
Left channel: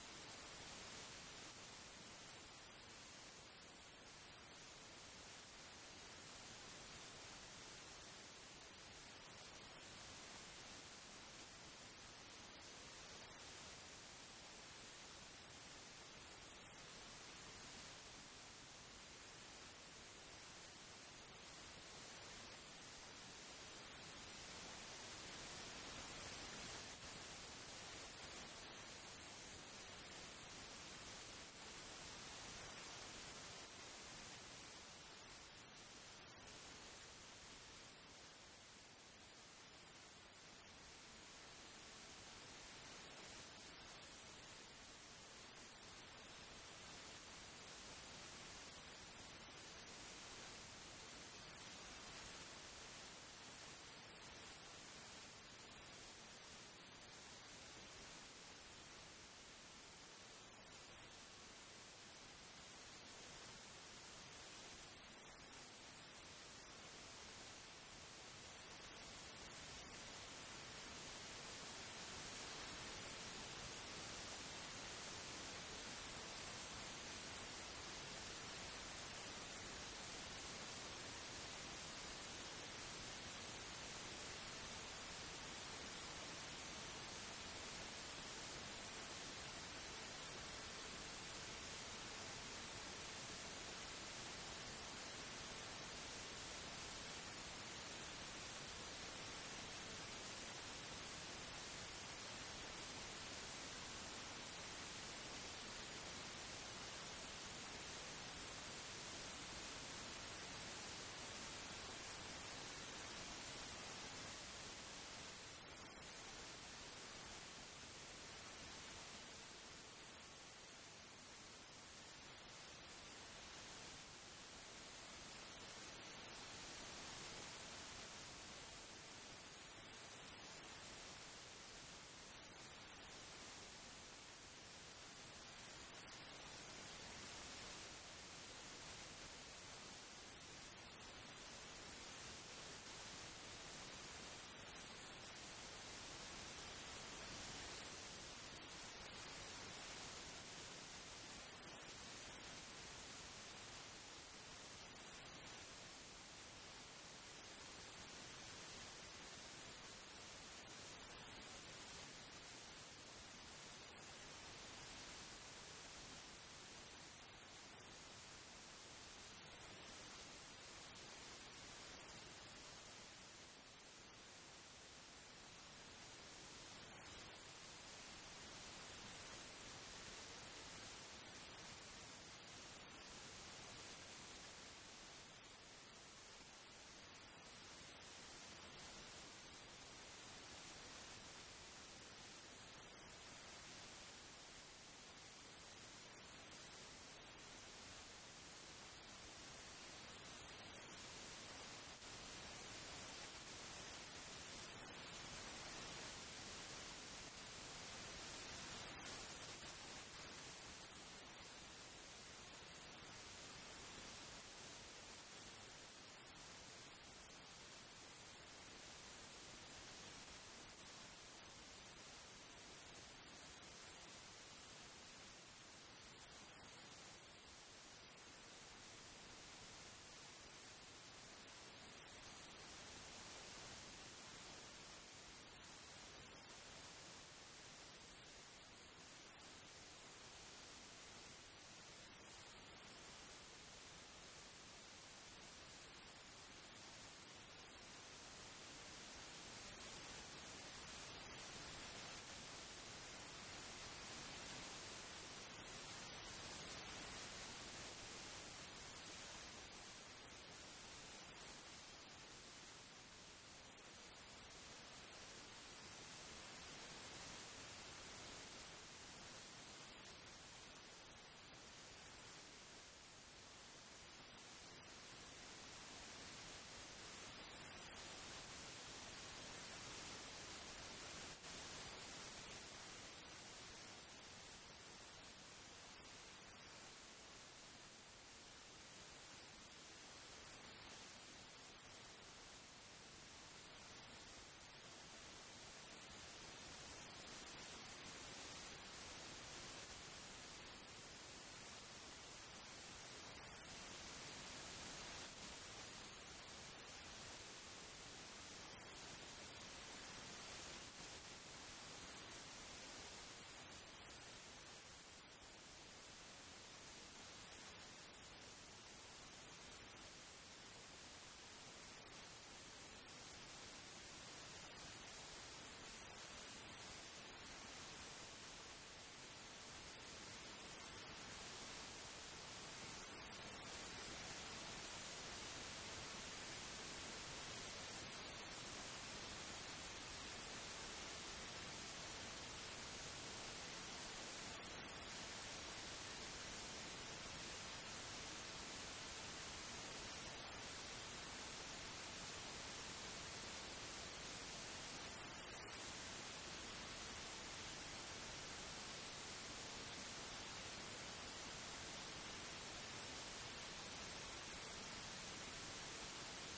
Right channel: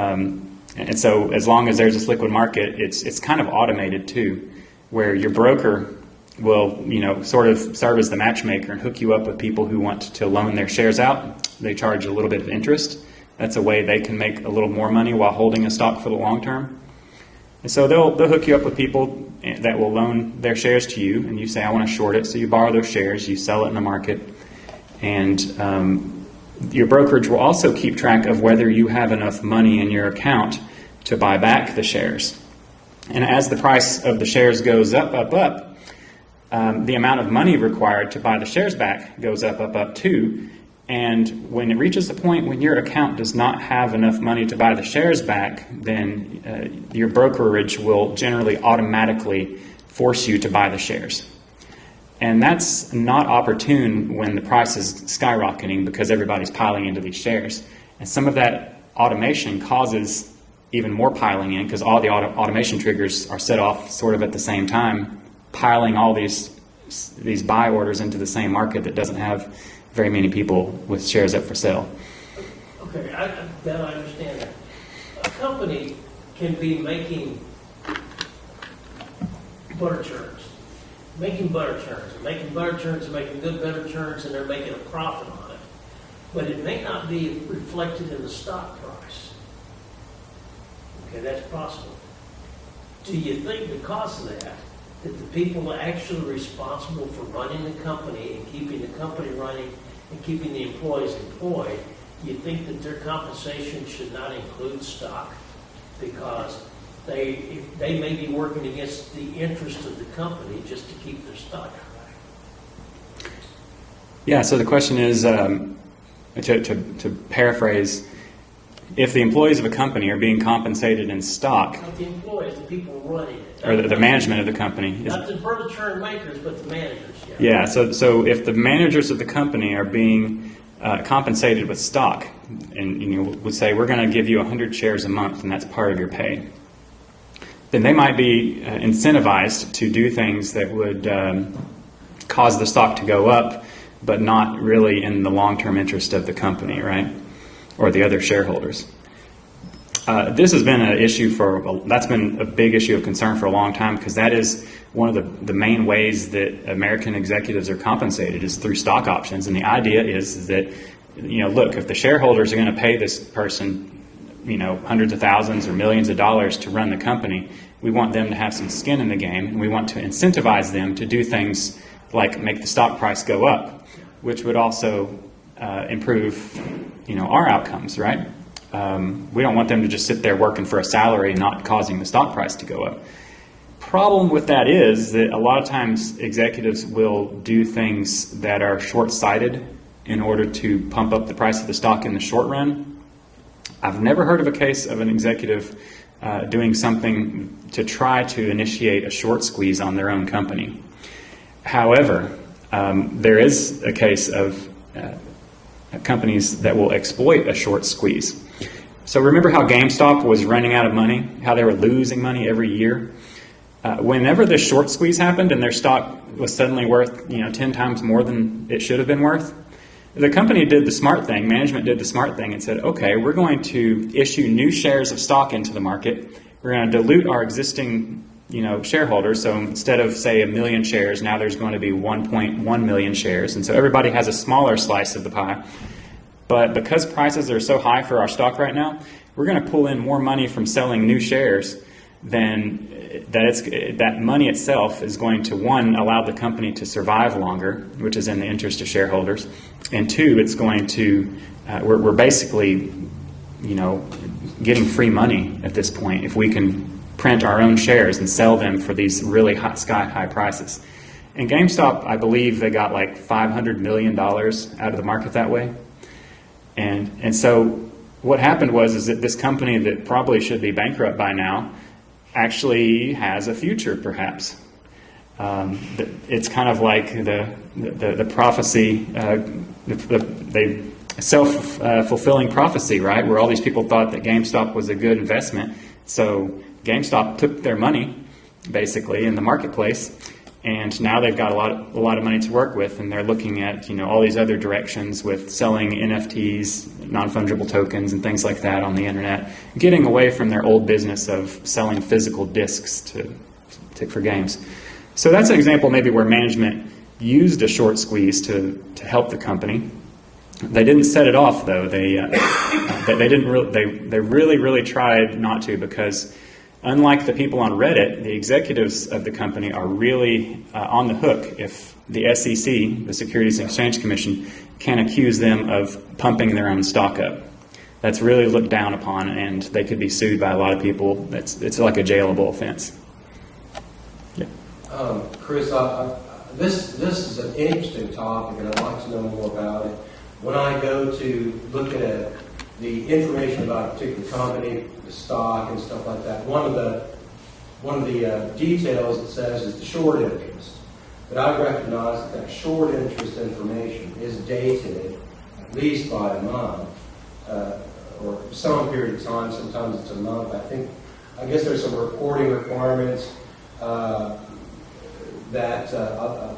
and so as long as there's this liquid market, it's kind of automated too, where your broker will sort of serve as the matchmaker and hook you up with people who want to loan their shares out. They charge a little bit of interest. That's a way they can make a little more money while holding a stock for the long term. And so they'll hook you up with people that will loan their shares to you, and you say, I want to short it. So you borrow those shares, you sell it in the market, and your brokerage will also keep track of whether you have enough money in your account to buy back the shares. And as the price of the shares goes up, the amount of money required to buy the shares back goes up too. And when it reaches the point when your account does not have enough money to buy the shares back, then your brokerage will generally automatically force you to buy the shares. And that's not opportune when the price is skyrocketing because everybody's piling into these shares. And some of that automation causes even more piling in because all the automation triggers are set off sort of at the same time, piling all these buy orders into the same market that doesn't have very many people with shares up for sale. Okay, I understand that. A company can be making flood insurance, making butter churns, and making butter churns, and making good butter churns, and they're making a profit on it. But it may not be reflected in the stock price. Okay, that's possible. Do you think because of that the people actually responsible for running the company and keeping the company running and keeping the employees employed, you think that their compensation should not include stock? Because they may be working against the interest of the company just to keep their stock high. Yeah, so the question is, to paraphrase, if the employees of a company are being compensated in stock, Not the employees, the people running it. or the management of the company, Not the butter churn makers, but the managers. yeah, so if the managers of the company are being compensated with stock, and you would say, we're going to give you 100 shares a month, and that's part of your pay, then they might be incentivized to do things that would cause the stock to go up, but not really in the long-term interest of the company, right? Or the other shareholders. This has been an issue that's been a big issue of concern for a long time, because that is one of the main ways that American executives are compensated is through stock options. And the idea is that, look, if the shareholders are going to pay this person, hundreds of thousands or millions of dollars to run the company, we want them to have some skin in the game, and we want to incentivize them to do things like make the stock price go up, which would also improve, our outcomes, right? We don't want them to just sit there working for a salary and not causing the stock price to go up. Problem with that is that a lot of times executives will do things that are short-sighted in order to pump up the price of the stock in the short run. I've never heard of a case of an executive doing something to try to initiate a short squeeze on their own company. However, there is a case of companies that will exploit a short squeeze. So remember how GameStop was running out of money, how they were losing money every year? Whenever this short squeeze happened and their stock was suddenly worth 10 times more than it should have been worth, the company did the smart thing, management did the smart thing and said, okay, we're going to issue new shares of stock into the market. We're going to dilute our existing shareholders. So instead of, say, 1 million shares, now there's going to be 1.1 million shares. And so everybody has a smaller slice of the pie. But because prices are so high for our stock right now, we're going to pull in more money from selling new shares than that money itself is going to, one, allow the company to survive longer, which is in the interest of shareholders, and two, it's going to, we're basically, getting free money at this point if we can print our own shares and sell them for these really sky-high prices. And GameStop, I believe they got like $500 million out of the market that way. And so what happened is that this company that probably should be bankrupt by now actually has a future, perhaps. It's kind of like the prophecy, the self-fulfilling prophecy, right? Where all these people thought that GameStop was a good investment. So GameStop took their money, basically, in the marketplace, and now they've got a lot of money to work with, and they're looking at all these other directions with selling NFTs, non-fungible tokens, and things like that on the internet, getting away from their old business of selling physical discs for games. So that's an example maybe where management used a short squeeze to help the company. They didn't set it off though. They really tried not to, because unlike the people on Reddit, the executives of the company are really on the hook if the SEC, the Securities and Exchange Commission, can accuse them of pumping their own stock up. That's really looked down upon, and they could be sued by a lot of people. It's like a jailable offense. Yeah. Chris, this is an interesting topic, and I'd like to know more about it. When I go to look at the information about a particular company, the stock and stuff like that, one of the details it says is the short interest. But I recognize that short interest information is dated at least by a month or some period of time. Sometimes it's a month. I guess there's some reporting requirements that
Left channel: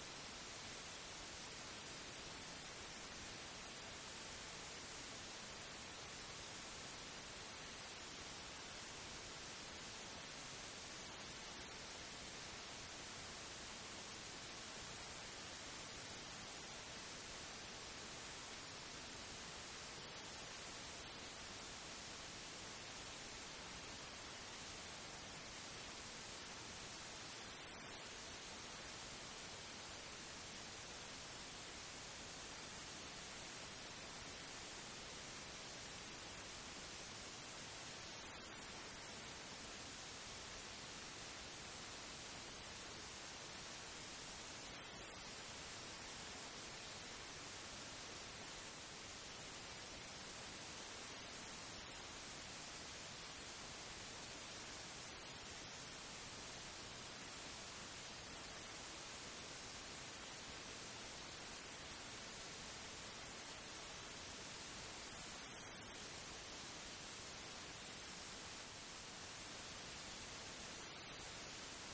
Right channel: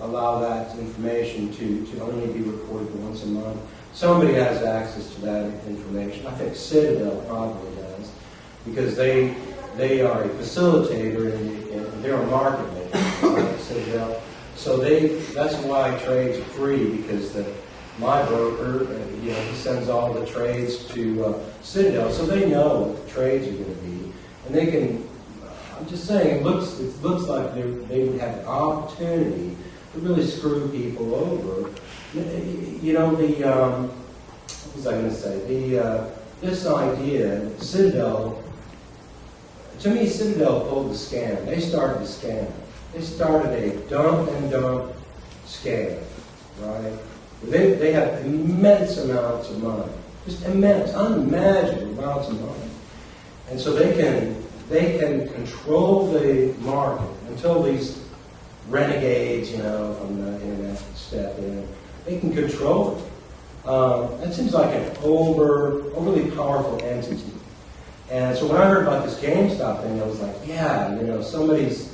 allow that information to only be reported once a month. Somebody has access to that information. I think Citadel probably does, because they are a facilitator and they're a market maker, Citadel. So that's why trades are free, because my broker, he sends all the trades to Citadel, so they know what the trades are going to be, and they can. I'm just saying, it looks like they would have an opportunity to really screw people over. What was I going to say? This idea, Citadel. To me, Citadel pulled the scam. They started the scam. They started a dump and dump scam, right? They have immense amounts of money, just immense, unimaginable amounts of money, and so they can control the market until these renegades, from the internet step in. They can control it. That seems like an overly powerful entity. And so when I heard about this GameStop thing, I was like, yeah, somebody's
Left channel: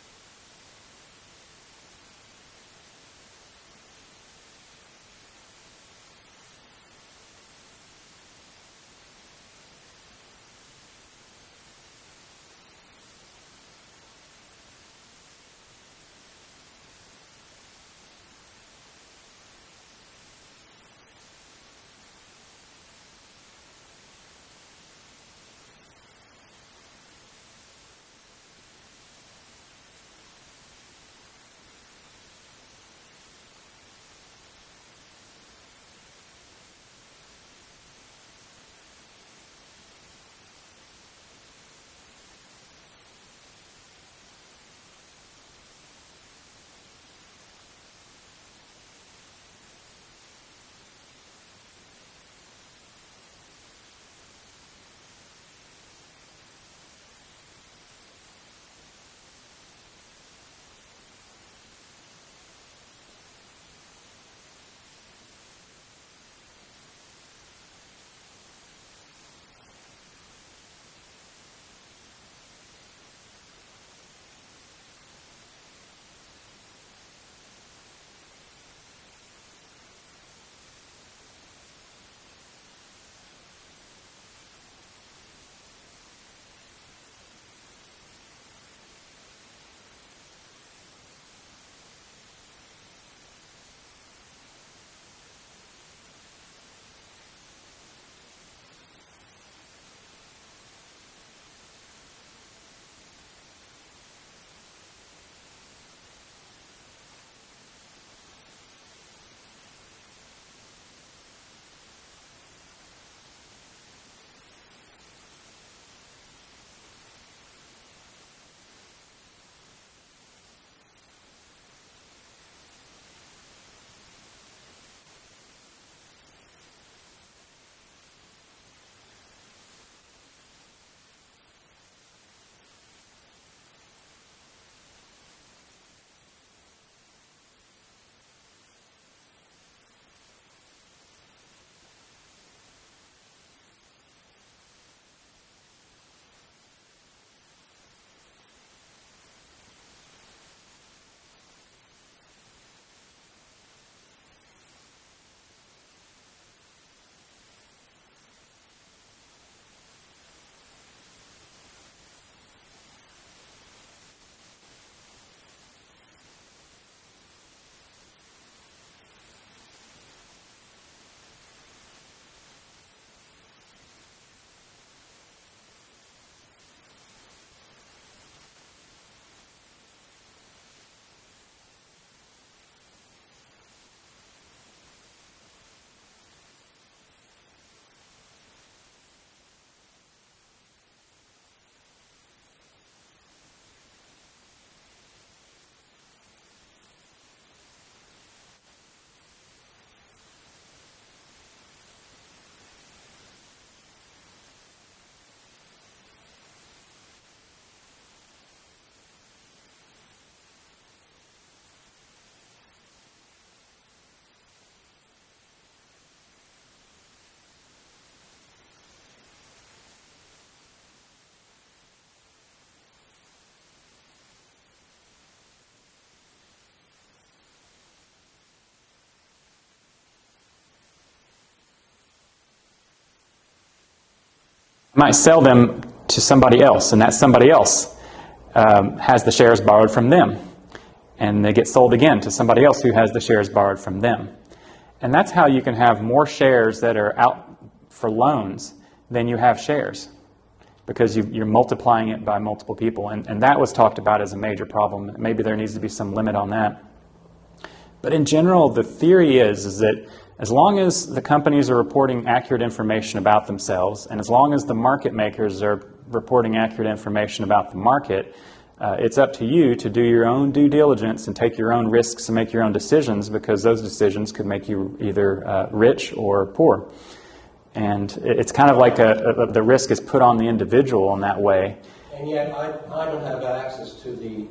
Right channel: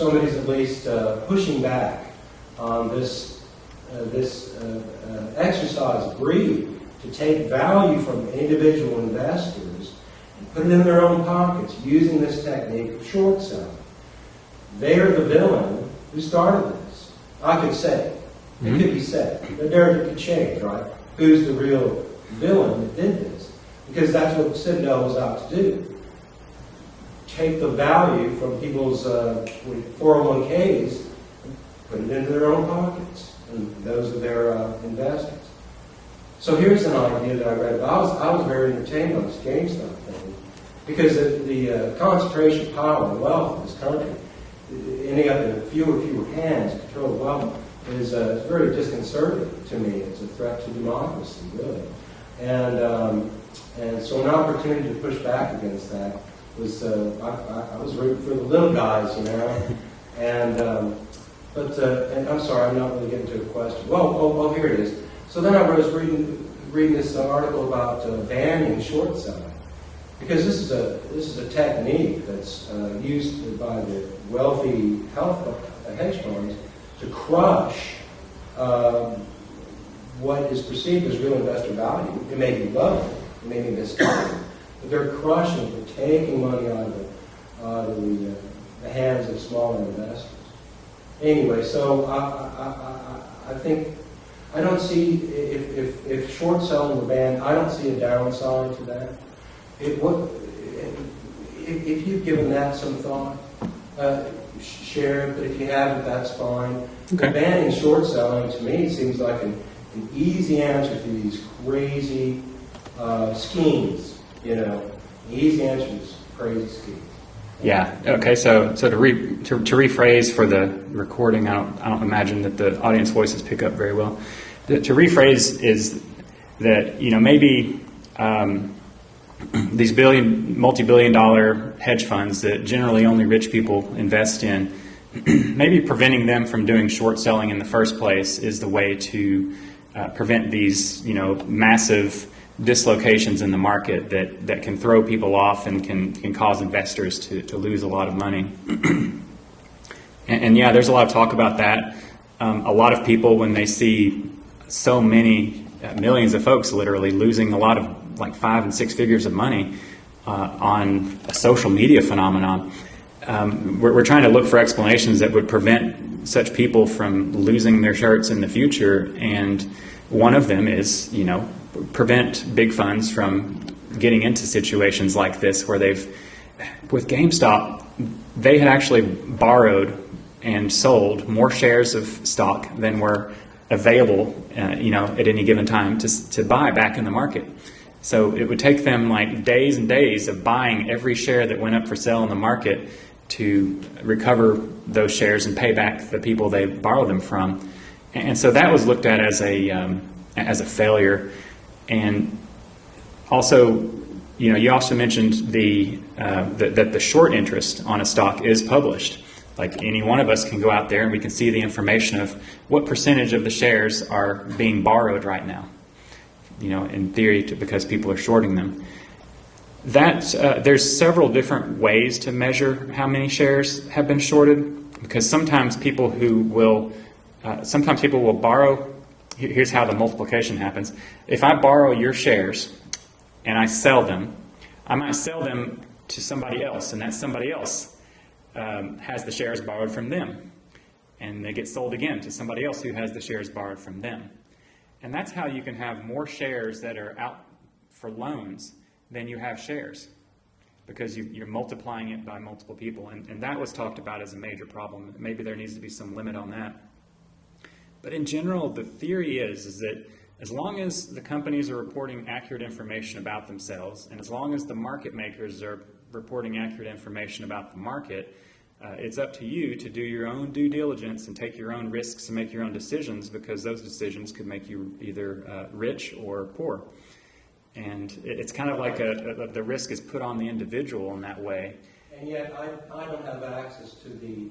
at least pushing back on this exercise of greed to take value from individual investors and put it in their own pockets using this technique of short selling. They're the villain who started this. I could say, it could be said, the narrative could change, right? Who's the real villain that did this? Because that's what Citadel was out to do. Take the value from people's 401ks and put it into their own pockets, and those are their investors. So here's an idea that I read about. I was very entertained by this GameStop thing, because the concentration of power and wealth in this country, ending up in fewer and fewer hands to control wealth, is very disconcerting to me. It's a threat to democracy, really. And so an opportunity to push back against that was, I was rooting for the little guys, and I'm sorry, I'm not really getting to the question. Well, here it is. So then I was reading this article about banning short selling, because this is a technique that's used by the wealthy hedge funds to crush what is perceived as real investor value. It may be low, it may be misguided, but they're crushing, they're taking money out of the hands of smaller investors. Anyway, so I think I don't see, if short selling were banned, I don't see a downside to that. If you've given that some thought, share it, but if you haven't, that's fine. Okay. Banning short selling, to me, seems like an easy answer to these crazy schemes, an easy answer to these crazy schemes. Yeah. Okay. So to rephrase for the recording, I don't imagine that the audience voices pick up very well. To rephrase is that maybe these multi-billion-dollar hedge funds that generally only rich people invest in, maybe preventing them from doing short selling in the first place is the way to prevent these massive dislocations in the market that can throw people off and can cause investors to lose a lot of money. and yeah, there's a lot of talk about that. A lot of people, when they see so many millions of folks literally losing a lot of like 5 and 6 figures of money on a social media phenomenon, we're trying to look for explanations that would prevent such people from losing their shirts in the future. And one of them is, prevent big funds from getting into situations like this where with GameStop, they had actually borrowed and sold more shares of stock than were available, at any given time to buy back in the market. So it would take them like days and days of buying every share that went up for sale in the market to recover those shares and pay back the people they borrowed them from. And so that was looked at as a failure. And also, you also mentioned that the short interest on a stock is published. Like any one of us can go out there and we can see the information of what percentage of the shares are being borrowed right now, in theory, because people are shorting them. There's several different ways to measure how many shares have been shorted, because sometimes people will borrow. Here's how the multiplication happens. If I borrow your shares and I sell them, I might sell them to somebody else, and that somebody else has the shares borrowed from them. and they get sold again to somebody else who has the shares borrowed from them. And that's how you can have more shares that are out for loans than you have shares, because you're multiplying it by multiple people. And that was talked about as a major problem. Maybe there needs to be some limit on that. But in general, the theory is that as long as the companies are reporting accurate information about themselves, and as long as the market makers are reporting accurate information about the market, it's up to you to do your own due diligence and take your own risks and make your own decisions, because those decisions could make you either rich or poor. And it's kind of like the risk is put on the individual in that way. And yet I don't have access to the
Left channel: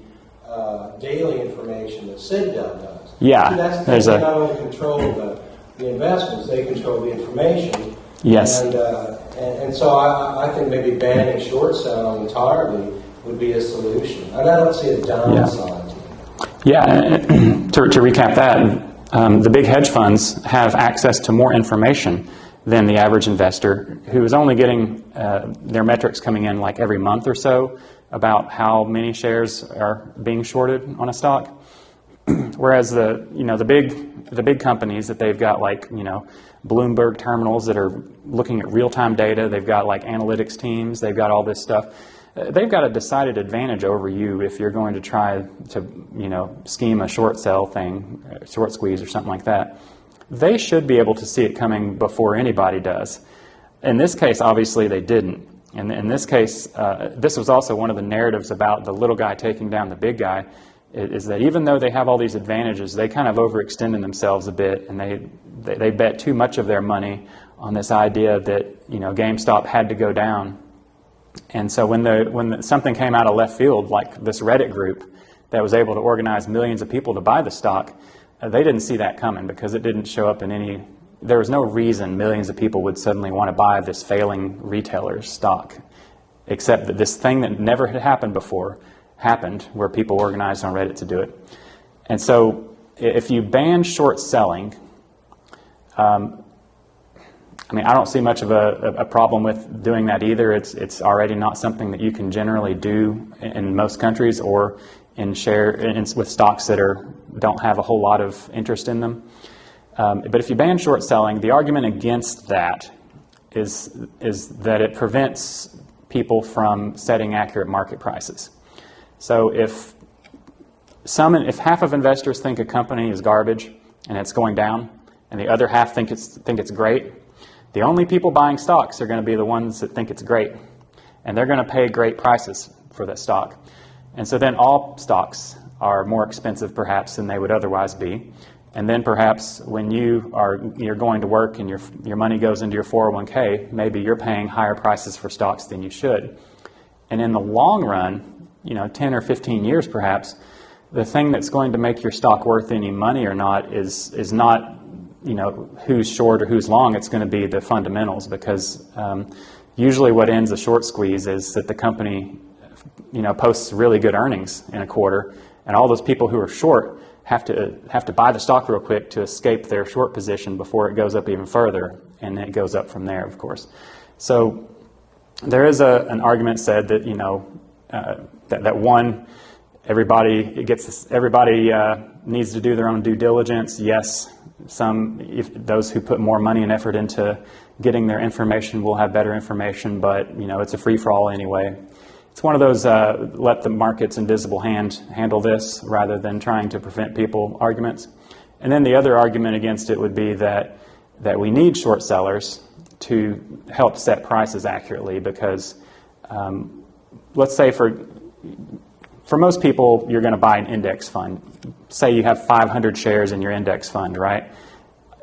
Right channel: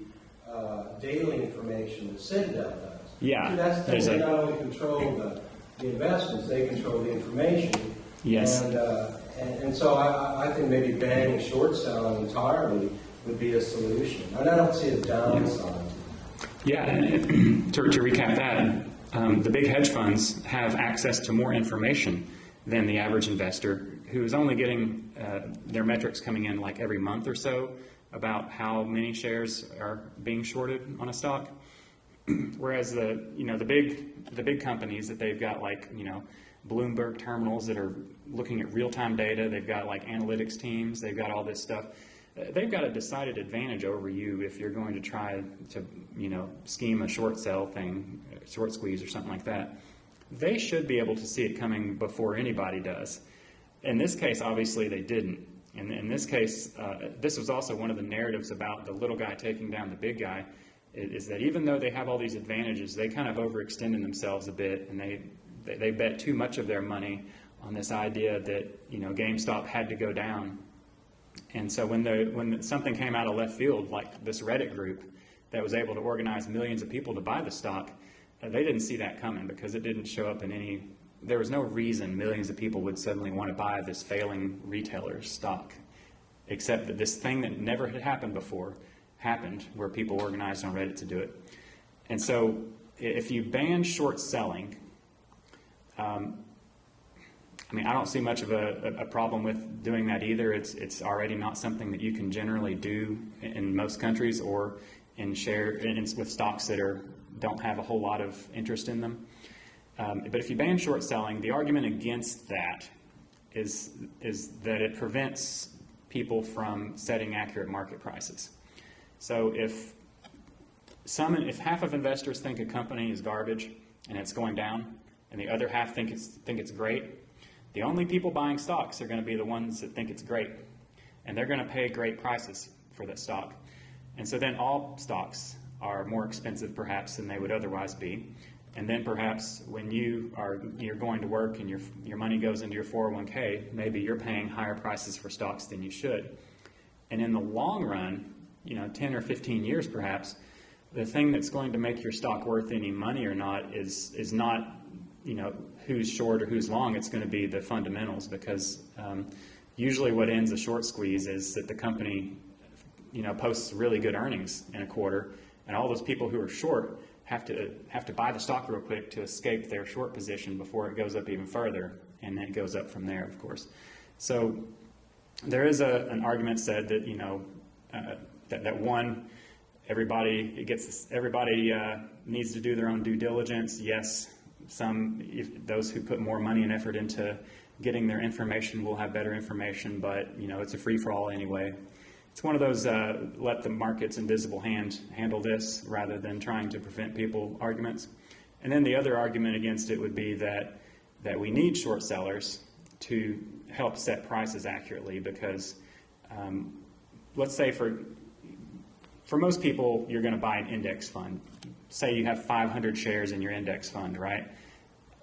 daily information that Citadel does. Yeah. See, that's the thing, they not only control the investments, they control the information. Yes. And so I think maybe banning short selling entirely would be a solution. And I don't see a downside. Yeah, to recap that, the big hedge funds have access to more information than the average investor, who is only getting their metrics coming in like every month or so about how many shares are being shorted on a stock. Whereas the big companies that they've got, like, Bloomberg terminals that are looking at real-time data, they've got like analytics teams, they've got all this stuff. They've got a decided advantage over you if you're going to try to, scheme a short sell thing, short squeeze or something like that. They should be able to see it coming before anybody does. In this case, obviously they didn't. And in this case, this was also one of the narratives about the little guy taking down the big guy, is that even though they have all these advantages, they kind of overextended themselves a bit, and they bet too much of their money on this idea that GameStop had to go down. And so when something came out of left field, like this Reddit group that was able to organize millions of people to buy the stock, they didn't see that coming, because it didn't show up in any. There was no reason millions of people would suddenly want to buy this failing retailer's stock, except that this thing that never had happened before happened, where people organized on Reddit to do it. And so if you ban short selling, I don't see much of a problem with doing that either. It's already not something that you can generally do in most countries, or with stocks that don't have a whole lot of interest in them. But if you ban short selling, the argument against that is that it prevents people from setting accurate market prices. So if half of investors think a company is garbage and it's going down, and the other half think it's great, the only people buying stocks are going to be the ones that think it's great, and they're going to pay great prices for that stock. And so then all stocks are more expensive perhaps than they would otherwise be. And then perhaps when you're going to work and your money goes into your 401k, maybe you're paying higher prices for stocks than you should. And in the long run, 10 or 15 years perhaps, the thing that's going to make your stock worth any money or not is not who's short or who's long. It's going to be the fundamentals, because usually what ends a short squeeze is that the company posts really good earnings in a quarter, and all those people who are short have to buy the stock real quick to escape their short position before it goes up even further, and it goes up from there, of course. So there is an argument said that everybody needs to do their own due diligence. Yes, those who put more money and effort into getting their information will have better information, but it's a free-for-all anyway. It's one of those let the market's invisible hand handle this rather than trying to prevent people arguments. And then the other argument against it would be that we need short sellers to help set prices accurately, because let's say for most people, you're going to buy an index fund. Say you have 500 shares in your index fund, right?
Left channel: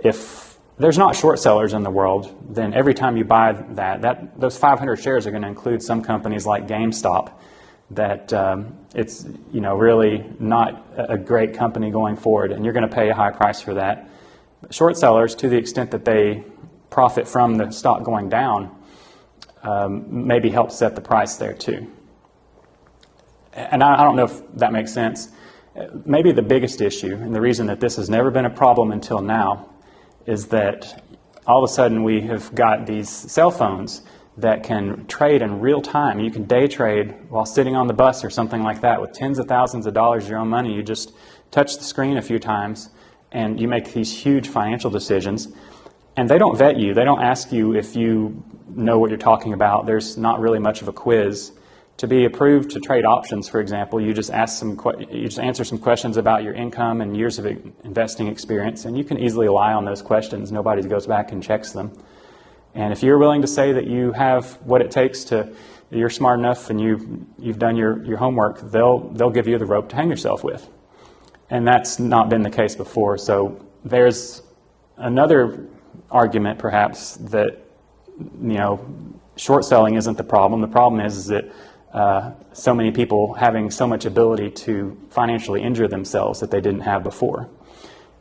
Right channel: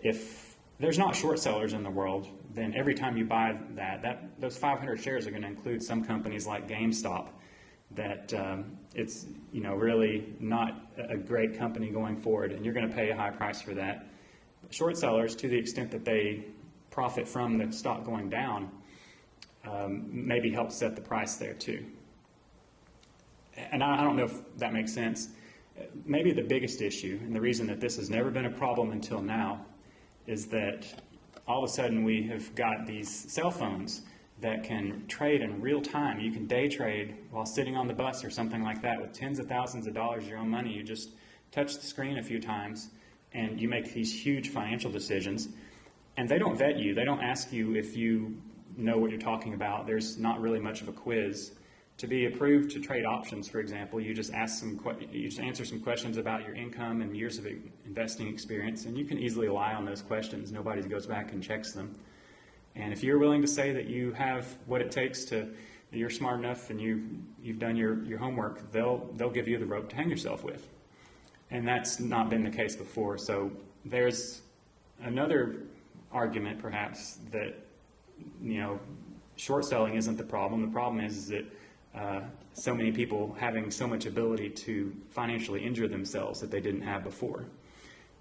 If there's not short sellers in the world, then every time you buy those 500 shares are going to include some companies like GameStop that it's really not a great company going forward, and you're going to pay a high price for that. Short sellers, to the extent that they profit from the stock going down, maybe help set the price there too. And I don't know if that makes sense. Maybe the biggest issue, and the reason that this has never been a problem until now, is that all of a sudden we have got these cell phones that can trade in real time. You can day trade while sitting on the bus or something like that with tens of thousands of dollars of your own money. You just touch the screen a few times, and you make these huge financial decisions, and they don't vet you. They don't ask you if you know what you're talking about. There's not really much of a quiz. To be approved to trade options, for example, you just answer some questions about your income and years of investing experience, and you can easily lie on those questions. Nobody goes back and checks them. And if you're willing to say that you have what it takes to, you're smart enough and you've done your homework, they'll give you the rope to hang yourself with. And that's not been the case before. So there's another argument, perhaps, that short selling isn't the problem. The problem is that so many people having so much ability to financially injure themselves that they didn't have before.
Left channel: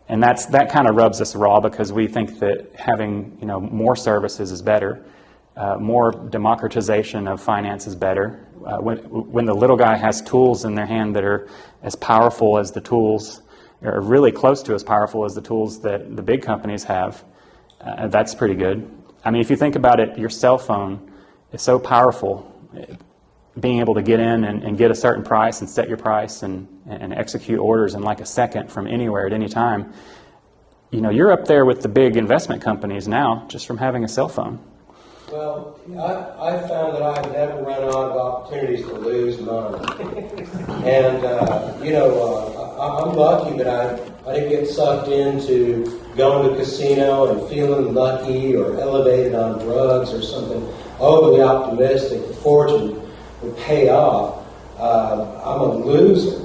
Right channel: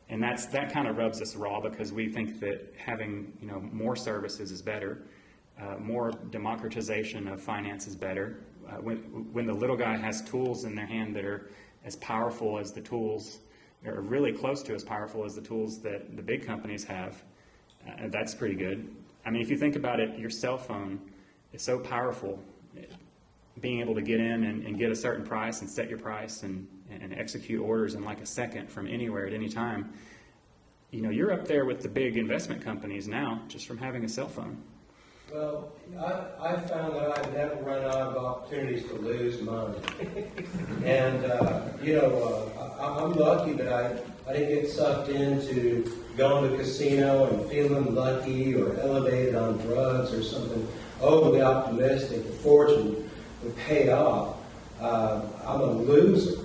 And that kind of rubs us raw, because we think that having more services is better, more democratization of finance is better. When the little guy has tools in their hand that are as powerful as the tools, or really close to as powerful as the tools that the big companies have, that's pretty good. I mean, if you think about it, your cell phone is so powerful. Being able to get in and get a certain price and set your price and execute orders in like a second from anywhere at any time, you're up there with the big investment companies now just from having a cell phone. Well, I found that I've never run out of opportunities to lose money. And, I'm lucky that I didn't get sucked into going to a casino and feeling lucky or elevated on drugs or something overly optimistic. The fortune would pay off. I'm a loser.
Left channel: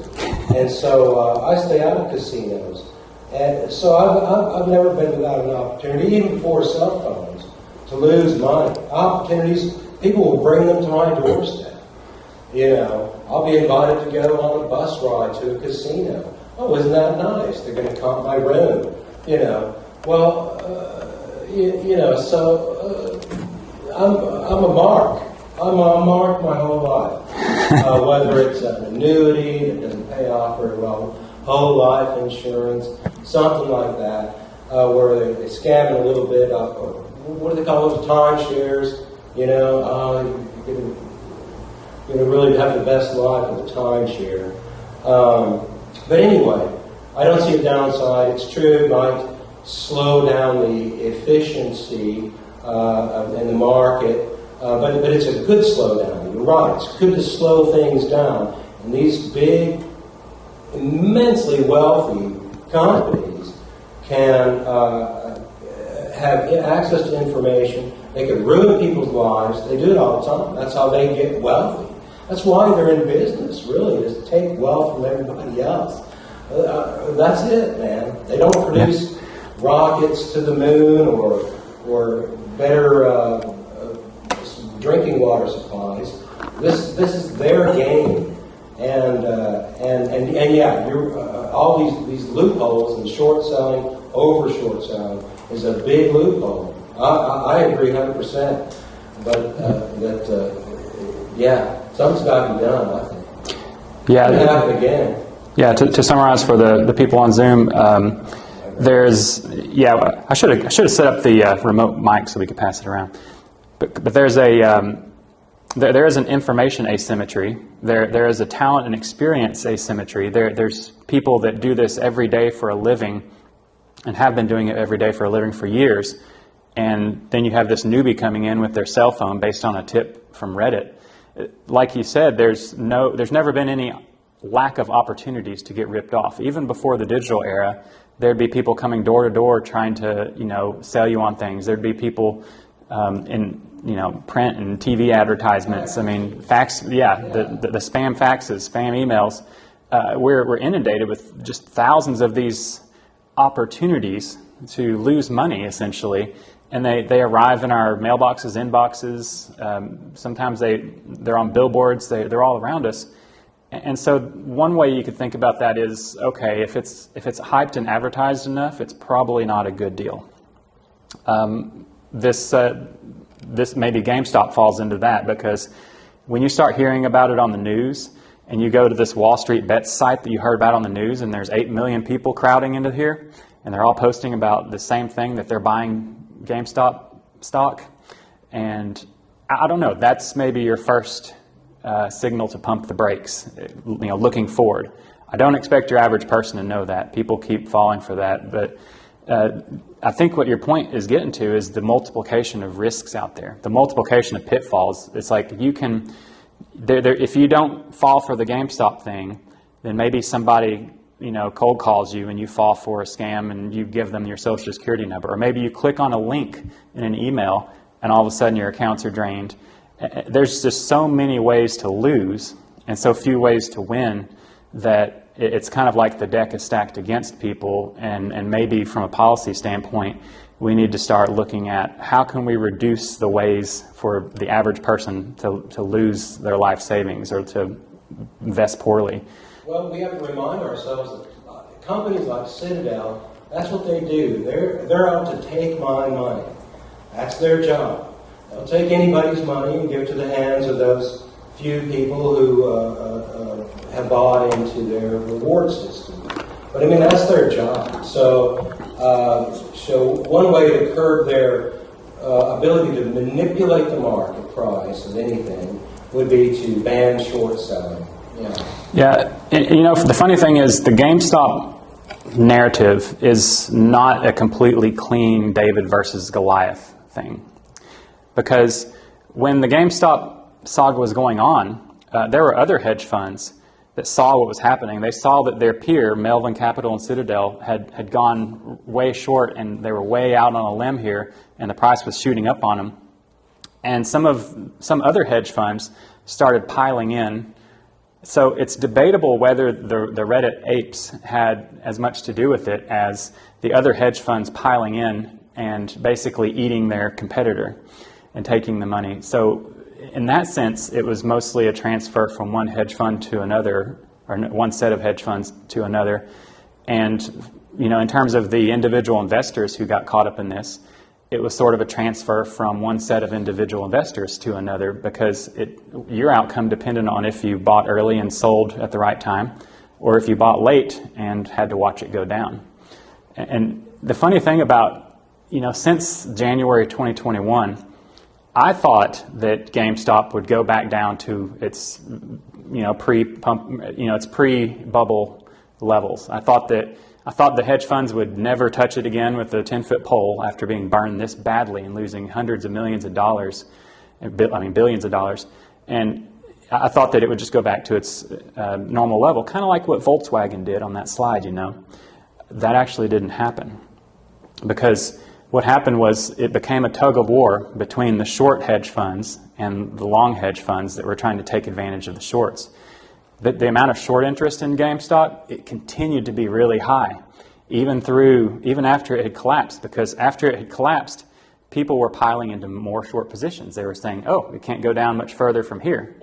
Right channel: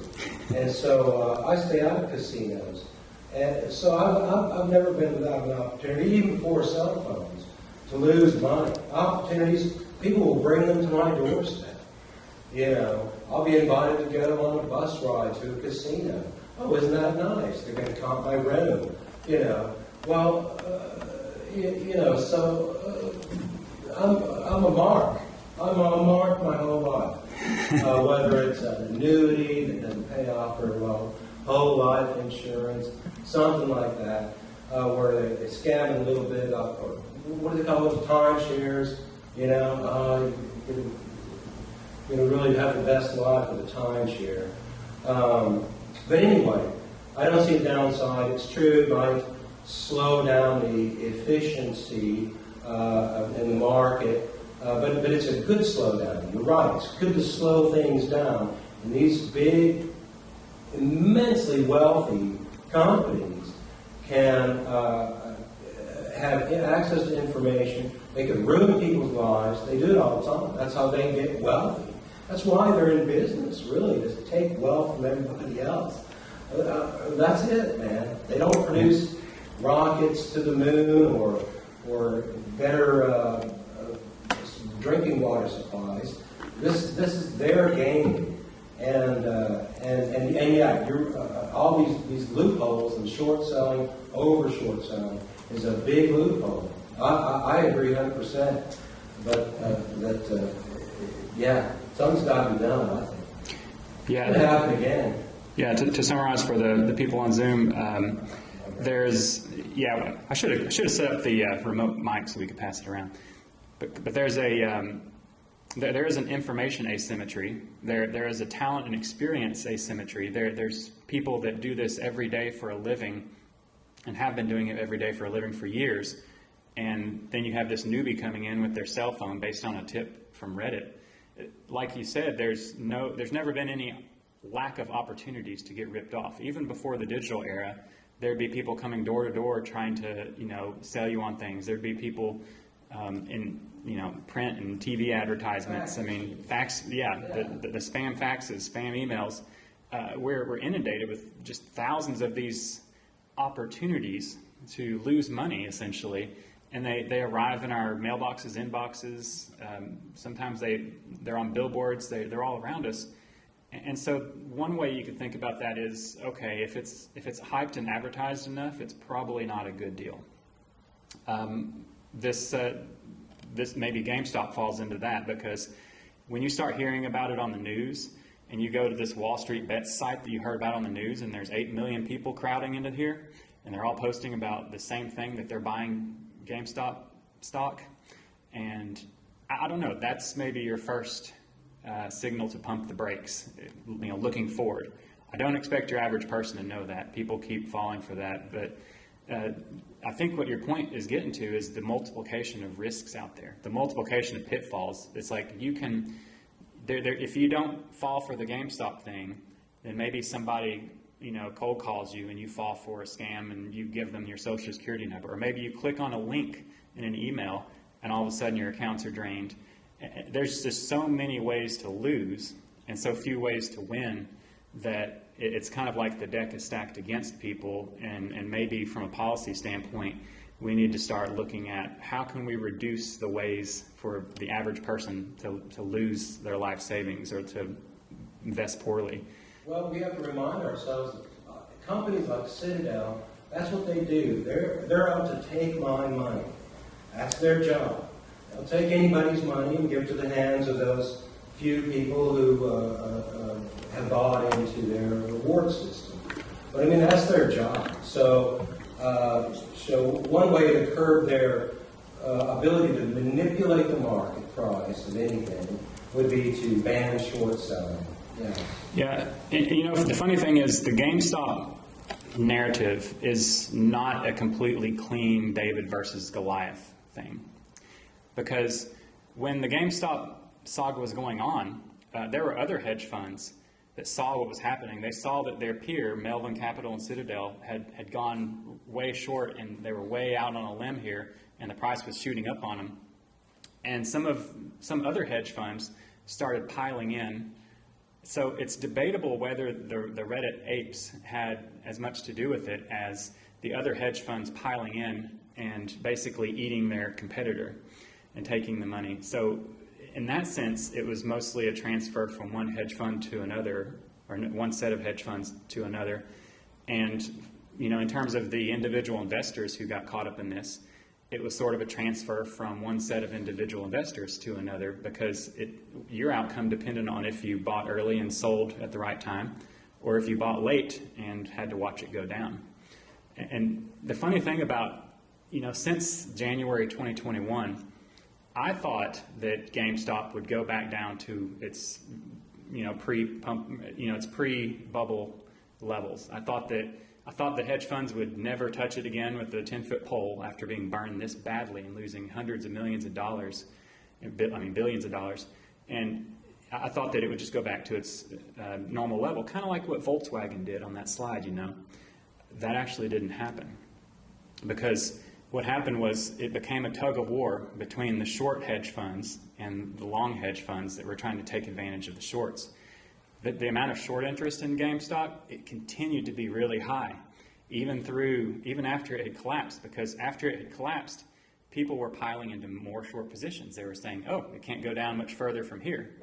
And so I stay out of casinos. And so I've never been without an opportunity, even before cell phones, to lose money. Opportunities, people will bring them to my doorstep. I'll be invited to go on a bus ride to a casino. Oh, isn't that nice? They're going to comp my room. So I'm a mark. I'm a mark my whole life. Whether it's an annuity that doesn't pay off very well, whole life insurance, something like that, where they're scamming a little bit, or what do they call those, timeshares? You really have the best life with a timeshare. But anyway, I don't see a downside. It's true, it might slow down the efficiency in the market. But it's a good slowdown. You're right. It's good to slow things down. And these big, immensely wealthy companies can have access to information. They can ruin people's lives. They do it all the time. That's how they get wealthy. That's why they're in business, really, is to take wealth from everybody else. That's it, man. They don't produce rockets to the moon or better drinking water supplies. This is their game, and yeah, all these loopholes in short selling, over short selling is a big loophole. I agree 100%, but yeah, something's got to be done. I think. Yeah. It'll happen again. Yeah. To summarize for the people on Zoom. I should have set up the remote mic so we could pass it around. But there is an information asymmetry. There is a talent and experience asymmetry. There's people that do this every day for a living, and have been doing it every day for a living for years. And then you have this newbie coming in with their cell phone based on a tip from Reddit. Like you said, there's never been any lack of opportunities to get ripped off. Even before the digital era, there'd be people coming door to door trying to sell you on things. There'd be people in print and TV advertisements. I mean, fax. Yeah, the spam faxes, spam emails. We're inundated with just thousands of these opportunities to lose money, essentially, and they arrive in our mailboxes, inboxes. Sometimes they're on billboards. They're all around us. And so one way you could think about that is, okay, if it's hyped and advertised enough, it's probably not a good deal. This maybe GameStop falls into that, because when you start hearing about it on the news and you go to this Wall Street Bets site that you heard about on the news, and there's 8 million people crowding into here, and they're all posting about the same thing, that they're buying GameStop stock, and I don't know, that's maybe your first signal to pump the brakes, looking forward. I don't expect your average person to know that. People keep falling for that. But I think what your point is getting to is the multiplication of risks out there, the multiplication of pitfalls. It's like you can, if you don't fall for the GameStop thing, then maybe somebody cold calls you and you fall for a scam and you give them your social security number. Or maybe you click on a link in an email and all of a sudden your accounts are drained. There's just so many ways to lose and so few ways to win that it's kind of like the deck is stacked against people, and maybe from a policy standpoint, we need to start looking at how can we reduce the ways for the average person to lose their life savings or to invest poorly. Well, we have to remind ourselves that companies like Citadel, that's what they do. They're out to take my money. That's their job. They'll take anybody's money and give it to the hands of those few people who have bought into their reward system. But I mean, that's their job. So one way to curb their ability to manipulate the market price of anything would be to ban short selling. Yeah, the funny thing is the GameStop narrative is not a completely clean David versus Goliath thing. Because when the GameStop saga was going on, there were other hedge funds that saw what was happening. They saw that their peer, Melvin Capital and Citadel, had gone way short and they were way out on a limb here, and the price was shooting up on them. And some other hedge funds started piling in. So it's debatable whether the Reddit apes had as much to do with it as the other hedge funds piling in and basically eating their competitor and taking the money. So in that sense, it was mostly a transfer from one hedge fund to another, or one set of hedge funds to another. And in terms of the individual investors who got caught up in this, it was sort of a transfer from one set of individual investors to another, because your outcome depended on if you bought early and sold at the right time, or if you bought late and had to watch it go down. And the funny thing about, since January 2021, I thought that GameStop would go back down to its, its pre-bubble levels. I thought the hedge funds would never touch it again with a 10-foot pole after being burned this badly and losing hundreds of millions of dollars, billions of dollars. And I thought that it would just go back to its normal level, kind of like what Volkswagen did on that slide, That actually didn't happen, because what happened was it became a tug of war between the short hedge funds and the long hedge funds that were trying to take advantage of the shorts. The amount of short interest in GameStop, it continued to be really high, even after it had collapsed, because after it had collapsed, people were piling into more short positions. They were saying, oh, it can't go down much further from here.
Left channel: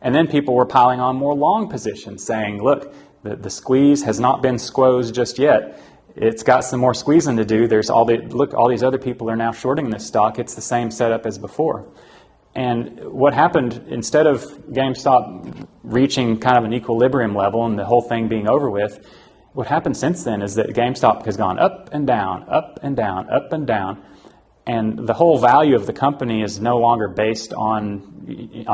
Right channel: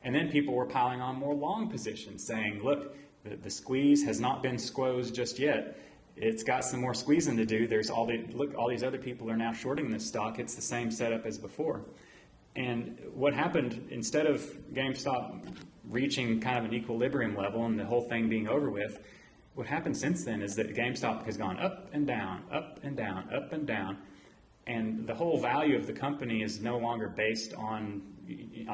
And then people were piling on more long positions, saying, look, the squeeze has not been squozed just yet. It's got some more squeezing to do. All these other people are now shorting this stock. It's the same setup as before. And what happened, instead of GameStop reaching kind of an equilibrium level and the whole thing being over with, what happened since then is that GameStop has gone up and down, up and down, up and down. And the whole value of the company is no longer based on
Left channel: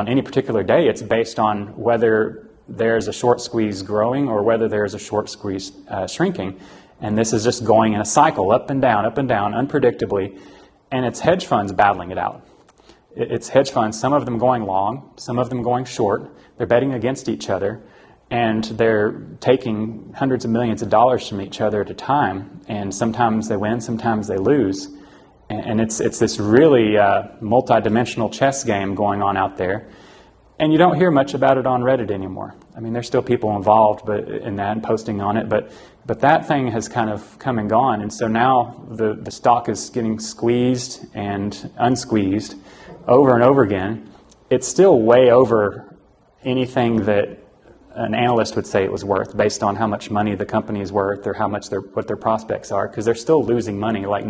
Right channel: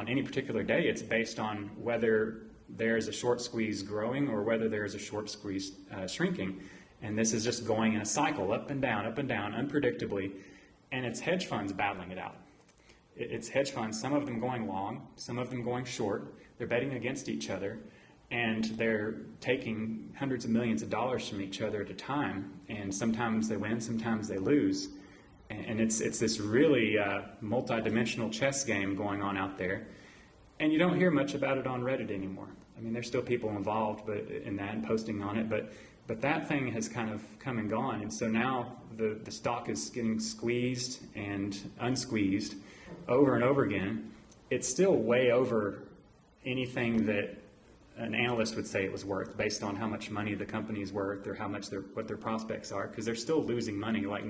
any particular day. It's based on whether there's a short squeeze growing or whether there's a short squeeze shrinking. And this is just going in a cycle, up and down, unpredictably. And it's hedge funds battling it out. It's hedge funds, some of them going long, some of them going short. They're betting against each other, and they're taking hundreds of millions of dollars from each other at a time. And sometimes they win, sometimes they lose. And it's this really multi-dimensional chess game going on out there. And you don't hear much about it on Reddit anymore. I mean, there's still people involved in that and posting on it, but that thing has kind of come and gone. And so now the stock is getting squeezed and unsqueezed over and over again. It's still way over anything that an analyst would say it was worth, based on how much money the company is worth or what their prospects are, because they're still losing money like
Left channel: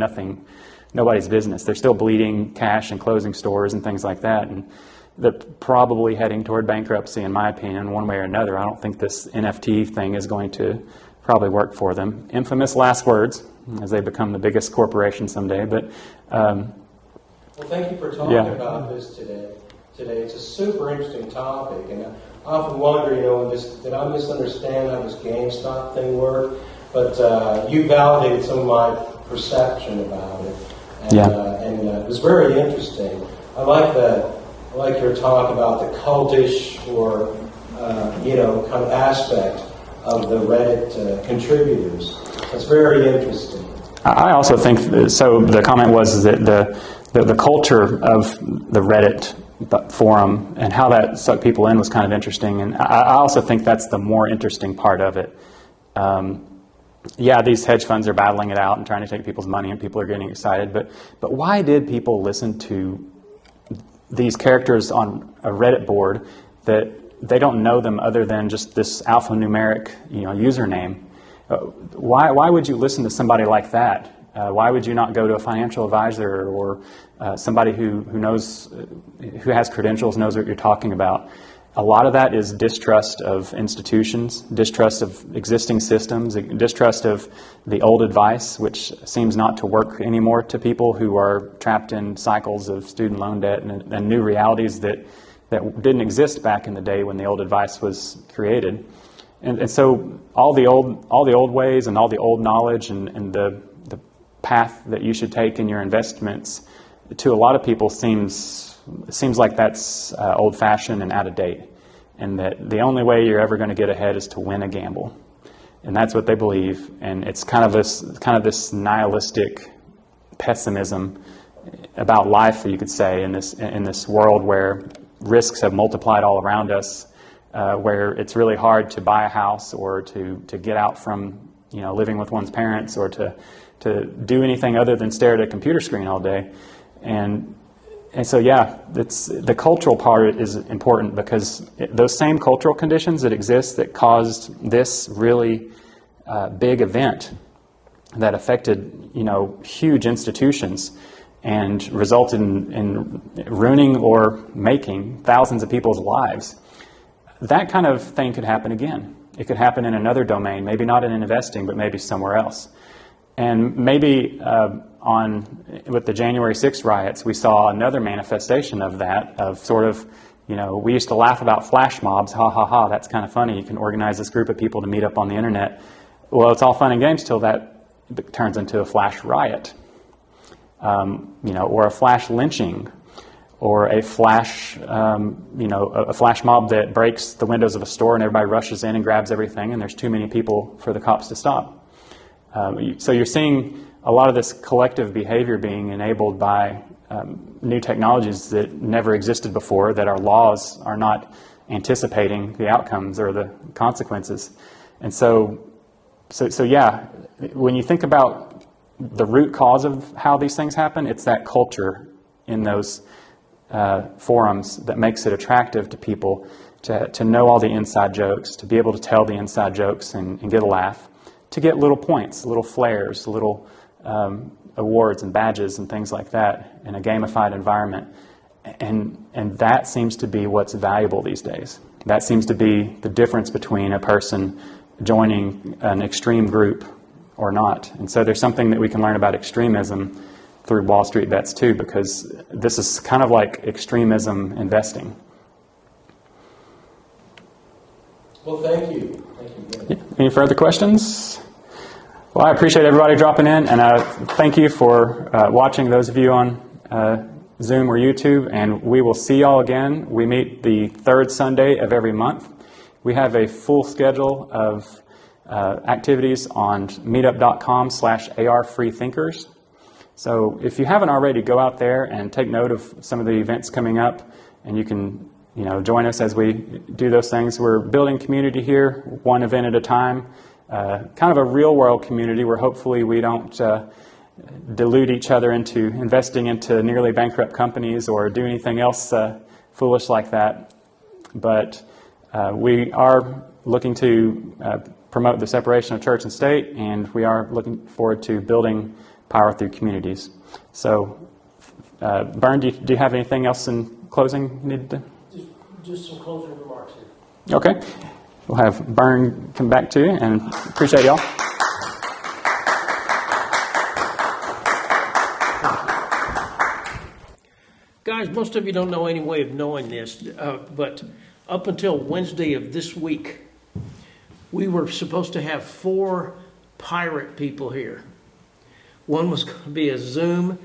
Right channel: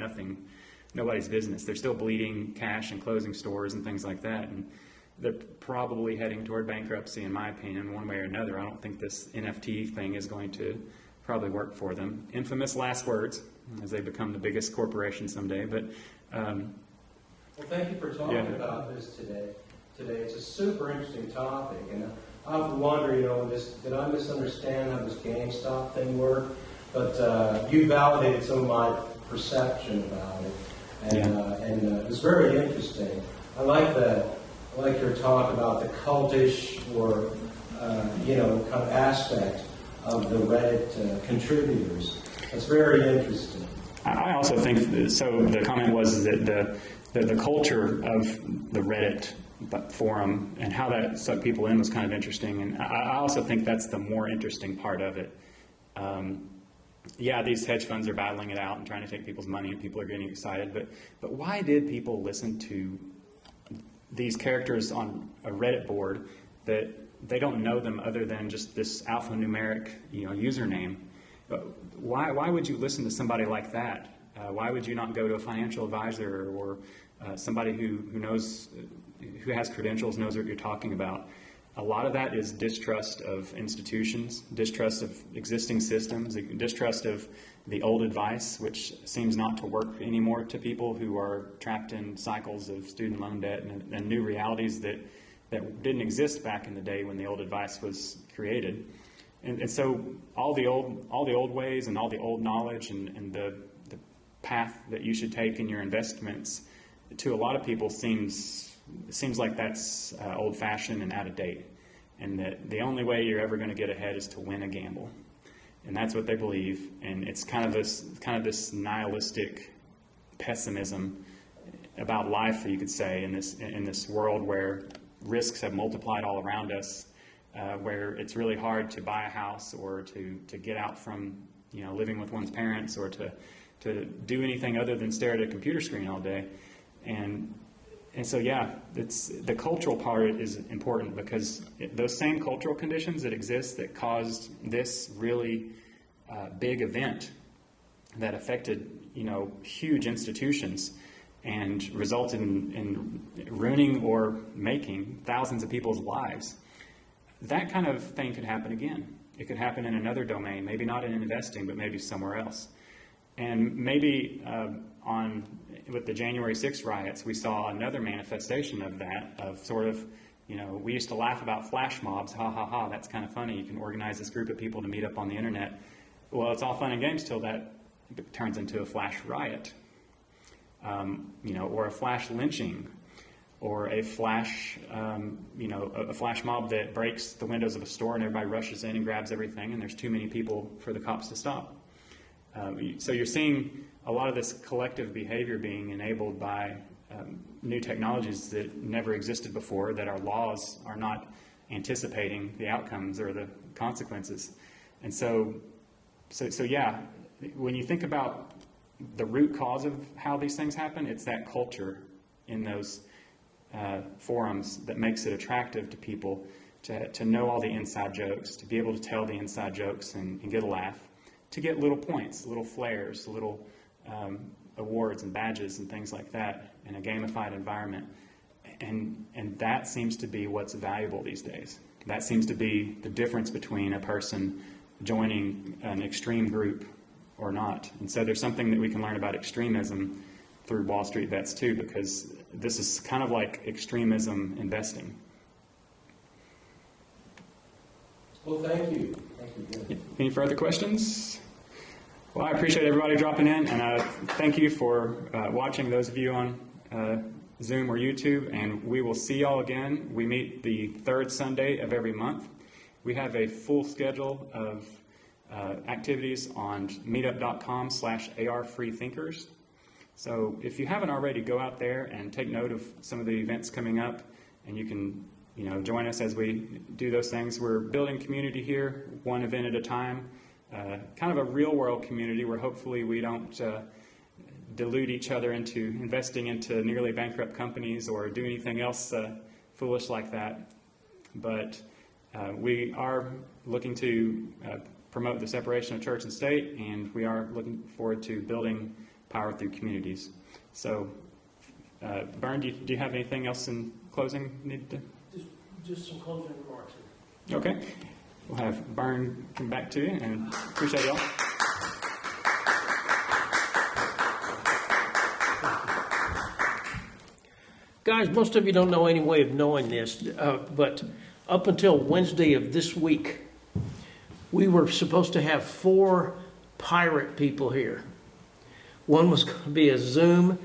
nobody's business. They're still bleeding cash and closing stores and things like that. And they're probably heading toward bankruptcy, in my opinion, one way or another. I don't think this NFT thing is going to probably work for them. Infamous last words, as they become the biggest corporation someday. But well, thank you for talking about this today. It's a super interesting topic, and often wonder, did I misunderstand how this GameStop thing worked? But you validated some of my perception about it, and it was very interesting. I like your talk about the cultish or kind of aspect of the Reddit contributors. It's very interesting. I also think so. The comment was that the culture of the Reddit forum and how that sucked people in was kind of interesting, and I also think that's the more interesting part of it. Yeah, these hedge funds are battling it out and trying to take people's money, and people are getting excited. But why did people listen to these characters on a Reddit board that they don't know them other than just this alphanumeric, username? Why would you listen to somebody like that? Why would you not go to a financial advisor or somebody who knows, who has credentials, knows what you're talking about? A lot of that is distrust of institutions, distrust of existing systems, distrust of the old advice, which seems not to work anymore to people who are trapped in cycles of student loan debt and new realities that didn't exist back in the day when the old advice was created. And so all the old ways and all the old knowledge and the path that you should take in your investments, to a lot of people seems like that's old-fashioned and out of date, and that the only way you're ever going to get ahead is to win a gamble, and that's what they believe. And it's kind of this nihilistic pessimism about life, you could say, in this world where risks have multiplied all around us, where it's really hard to buy a house or to get out from living with one's parents or to do anything other than stare at a computer screen all day. And so, yeah, the cultural part is important, because those same cultural conditions that exist that caused this really big event that affected, huge institutions and resulted in ruining or making thousands of people's lives, that kind of thing could happen again. It could happen in another domain, maybe not in investing, but maybe somewhere else. And maybe with the January 6th riots, we saw another manifestation of that, of sort of, we used to laugh about flash mobs, ha ha ha, that's kind of funny. You can organize this group of people to meet up on the internet. Well, it's all fun and games till that turns into a flash riot, or a flash lynching, or a flash, a flash mob that breaks the windows of a store and everybody rushes in and grabs everything, and there's too many people for the cops to stop. So you're seeing a lot of this collective behavior being enabled by new technologies that never existed before, that our laws are not anticipating the outcomes or the consequences. And so yeah, when you think about the root cause of how these things happen, it's that culture in those forums that makes it attractive to people to know all the inside jokes, to be able to tell the inside jokes and get a laugh, to get little points, little flares, little awards and badges and things like that in a gamified environment. And that seems to be what's valuable these days. That seems to be the difference between a person joining an extreme group or not. And so there's something that we can learn about extremism through Wall Street Bets too, because this is kind of like extremism investing. Well, thank you. Yeah. Any further questions? Well, I appreciate everybody dropping in, and thank you for watching, those of you on Zoom or YouTube, and we will see y'all again. We meet the third Sunday of every month. We have a full schedule of activities on meetup.com/ARFreeThinkers. So if you haven't already, go out there and take note of some of the events coming up, and you can join us as we do those things. We're building community here, one event at a time, kind of a real-world community where hopefully we don't delude each other into investing into nearly bankrupt companies or do anything else foolish like that. But we are looking to promote the separation of church and state, and we are looking forward to building power through communities. So, Bern, do you have anything else in closing you need to? Just some closing remarks here. Okay. We'll have Bern come back to you, and appreciate y'all. Guys, most of you don't know any way of knowing this, but up until Wednesday of this week, we were supposed to have 4 pirate people here. One was going to be a Zoom.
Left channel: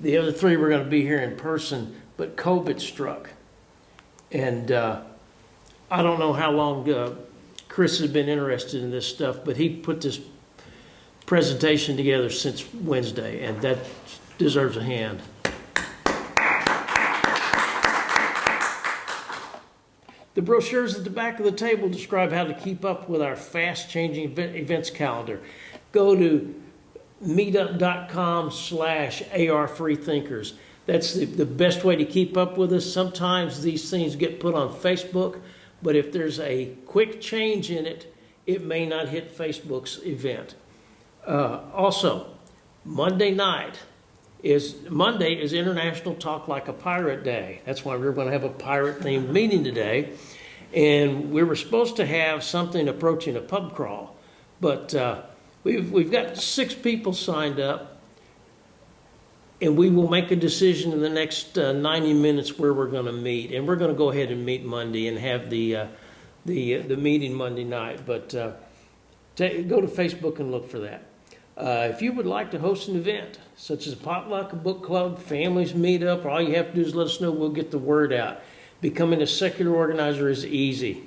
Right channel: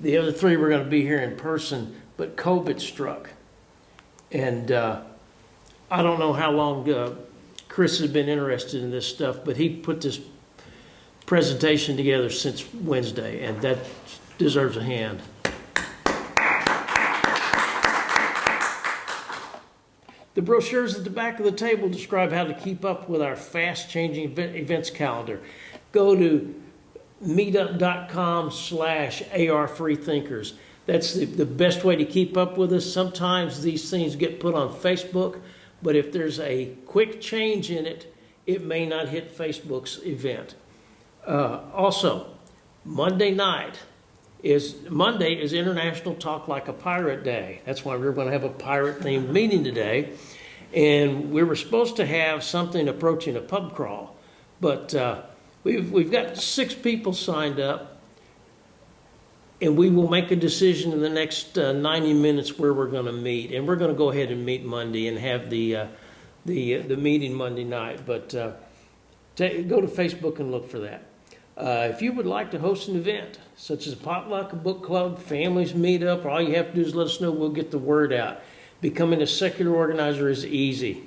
The other 3 were going to be here in person, but COVID struck. And I don't know how long Chris has been interested in this stuff, but he put this presentation together since Wednesday, and that deserves a hand. The brochures at the back of the table describe how to keep up with our fast-changing events calendar. Go to meetup.com/ARFreethinkers. That's the best way to keep up with us. Sometimes these things get put on Facebook, but if there's a quick change in it, it may not hit Facebook's event. Also, Monday is International Talk Like a Pirate Day. That's why we're going to have a pirate-themed meeting today. And we were supposed to have something approaching a pub crawl, but we've got 6 people signed up, and we will make a decision in the next 90 minutes where we're going to meet. And we're going to go ahead and meet Monday and have the meeting Monday night. But go to Facebook and look for that. If you would like to host an event, such as a potluck, a book club, families meet up, all you have to do is let us know. We'll get the word out. Becoming a secular organizer is easy.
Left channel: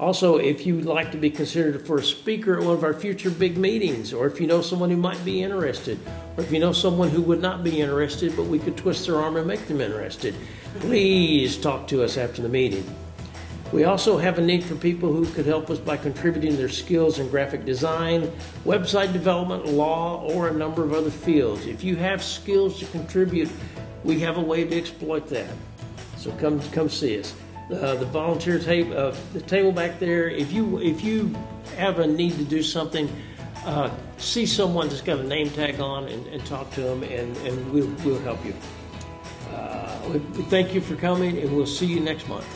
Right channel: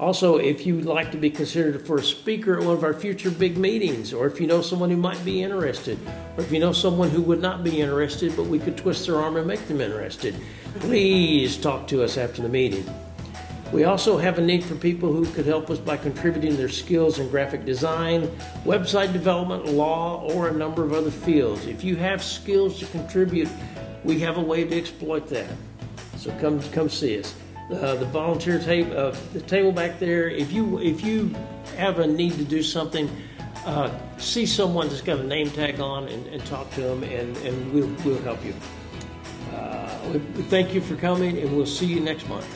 Also, if you would like to be considered for a speaker at one of our future big meetings, or if you know someone who might be interested, or if you know someone who would not be interested, but we could twist their arm and make them interested, please talk to us after the meeting. We also have a need for people who could help us by contributing their skills in graphic design, website development, law, or a number of other fields. If you have skills to contribute, we have a way to exploit that. So come see us. The volunteer table, the table back there. If you have a need to do something, see someone that's got a name tag on and talk to them, and we'll help you. We thank you for coming, and we'll see you next month.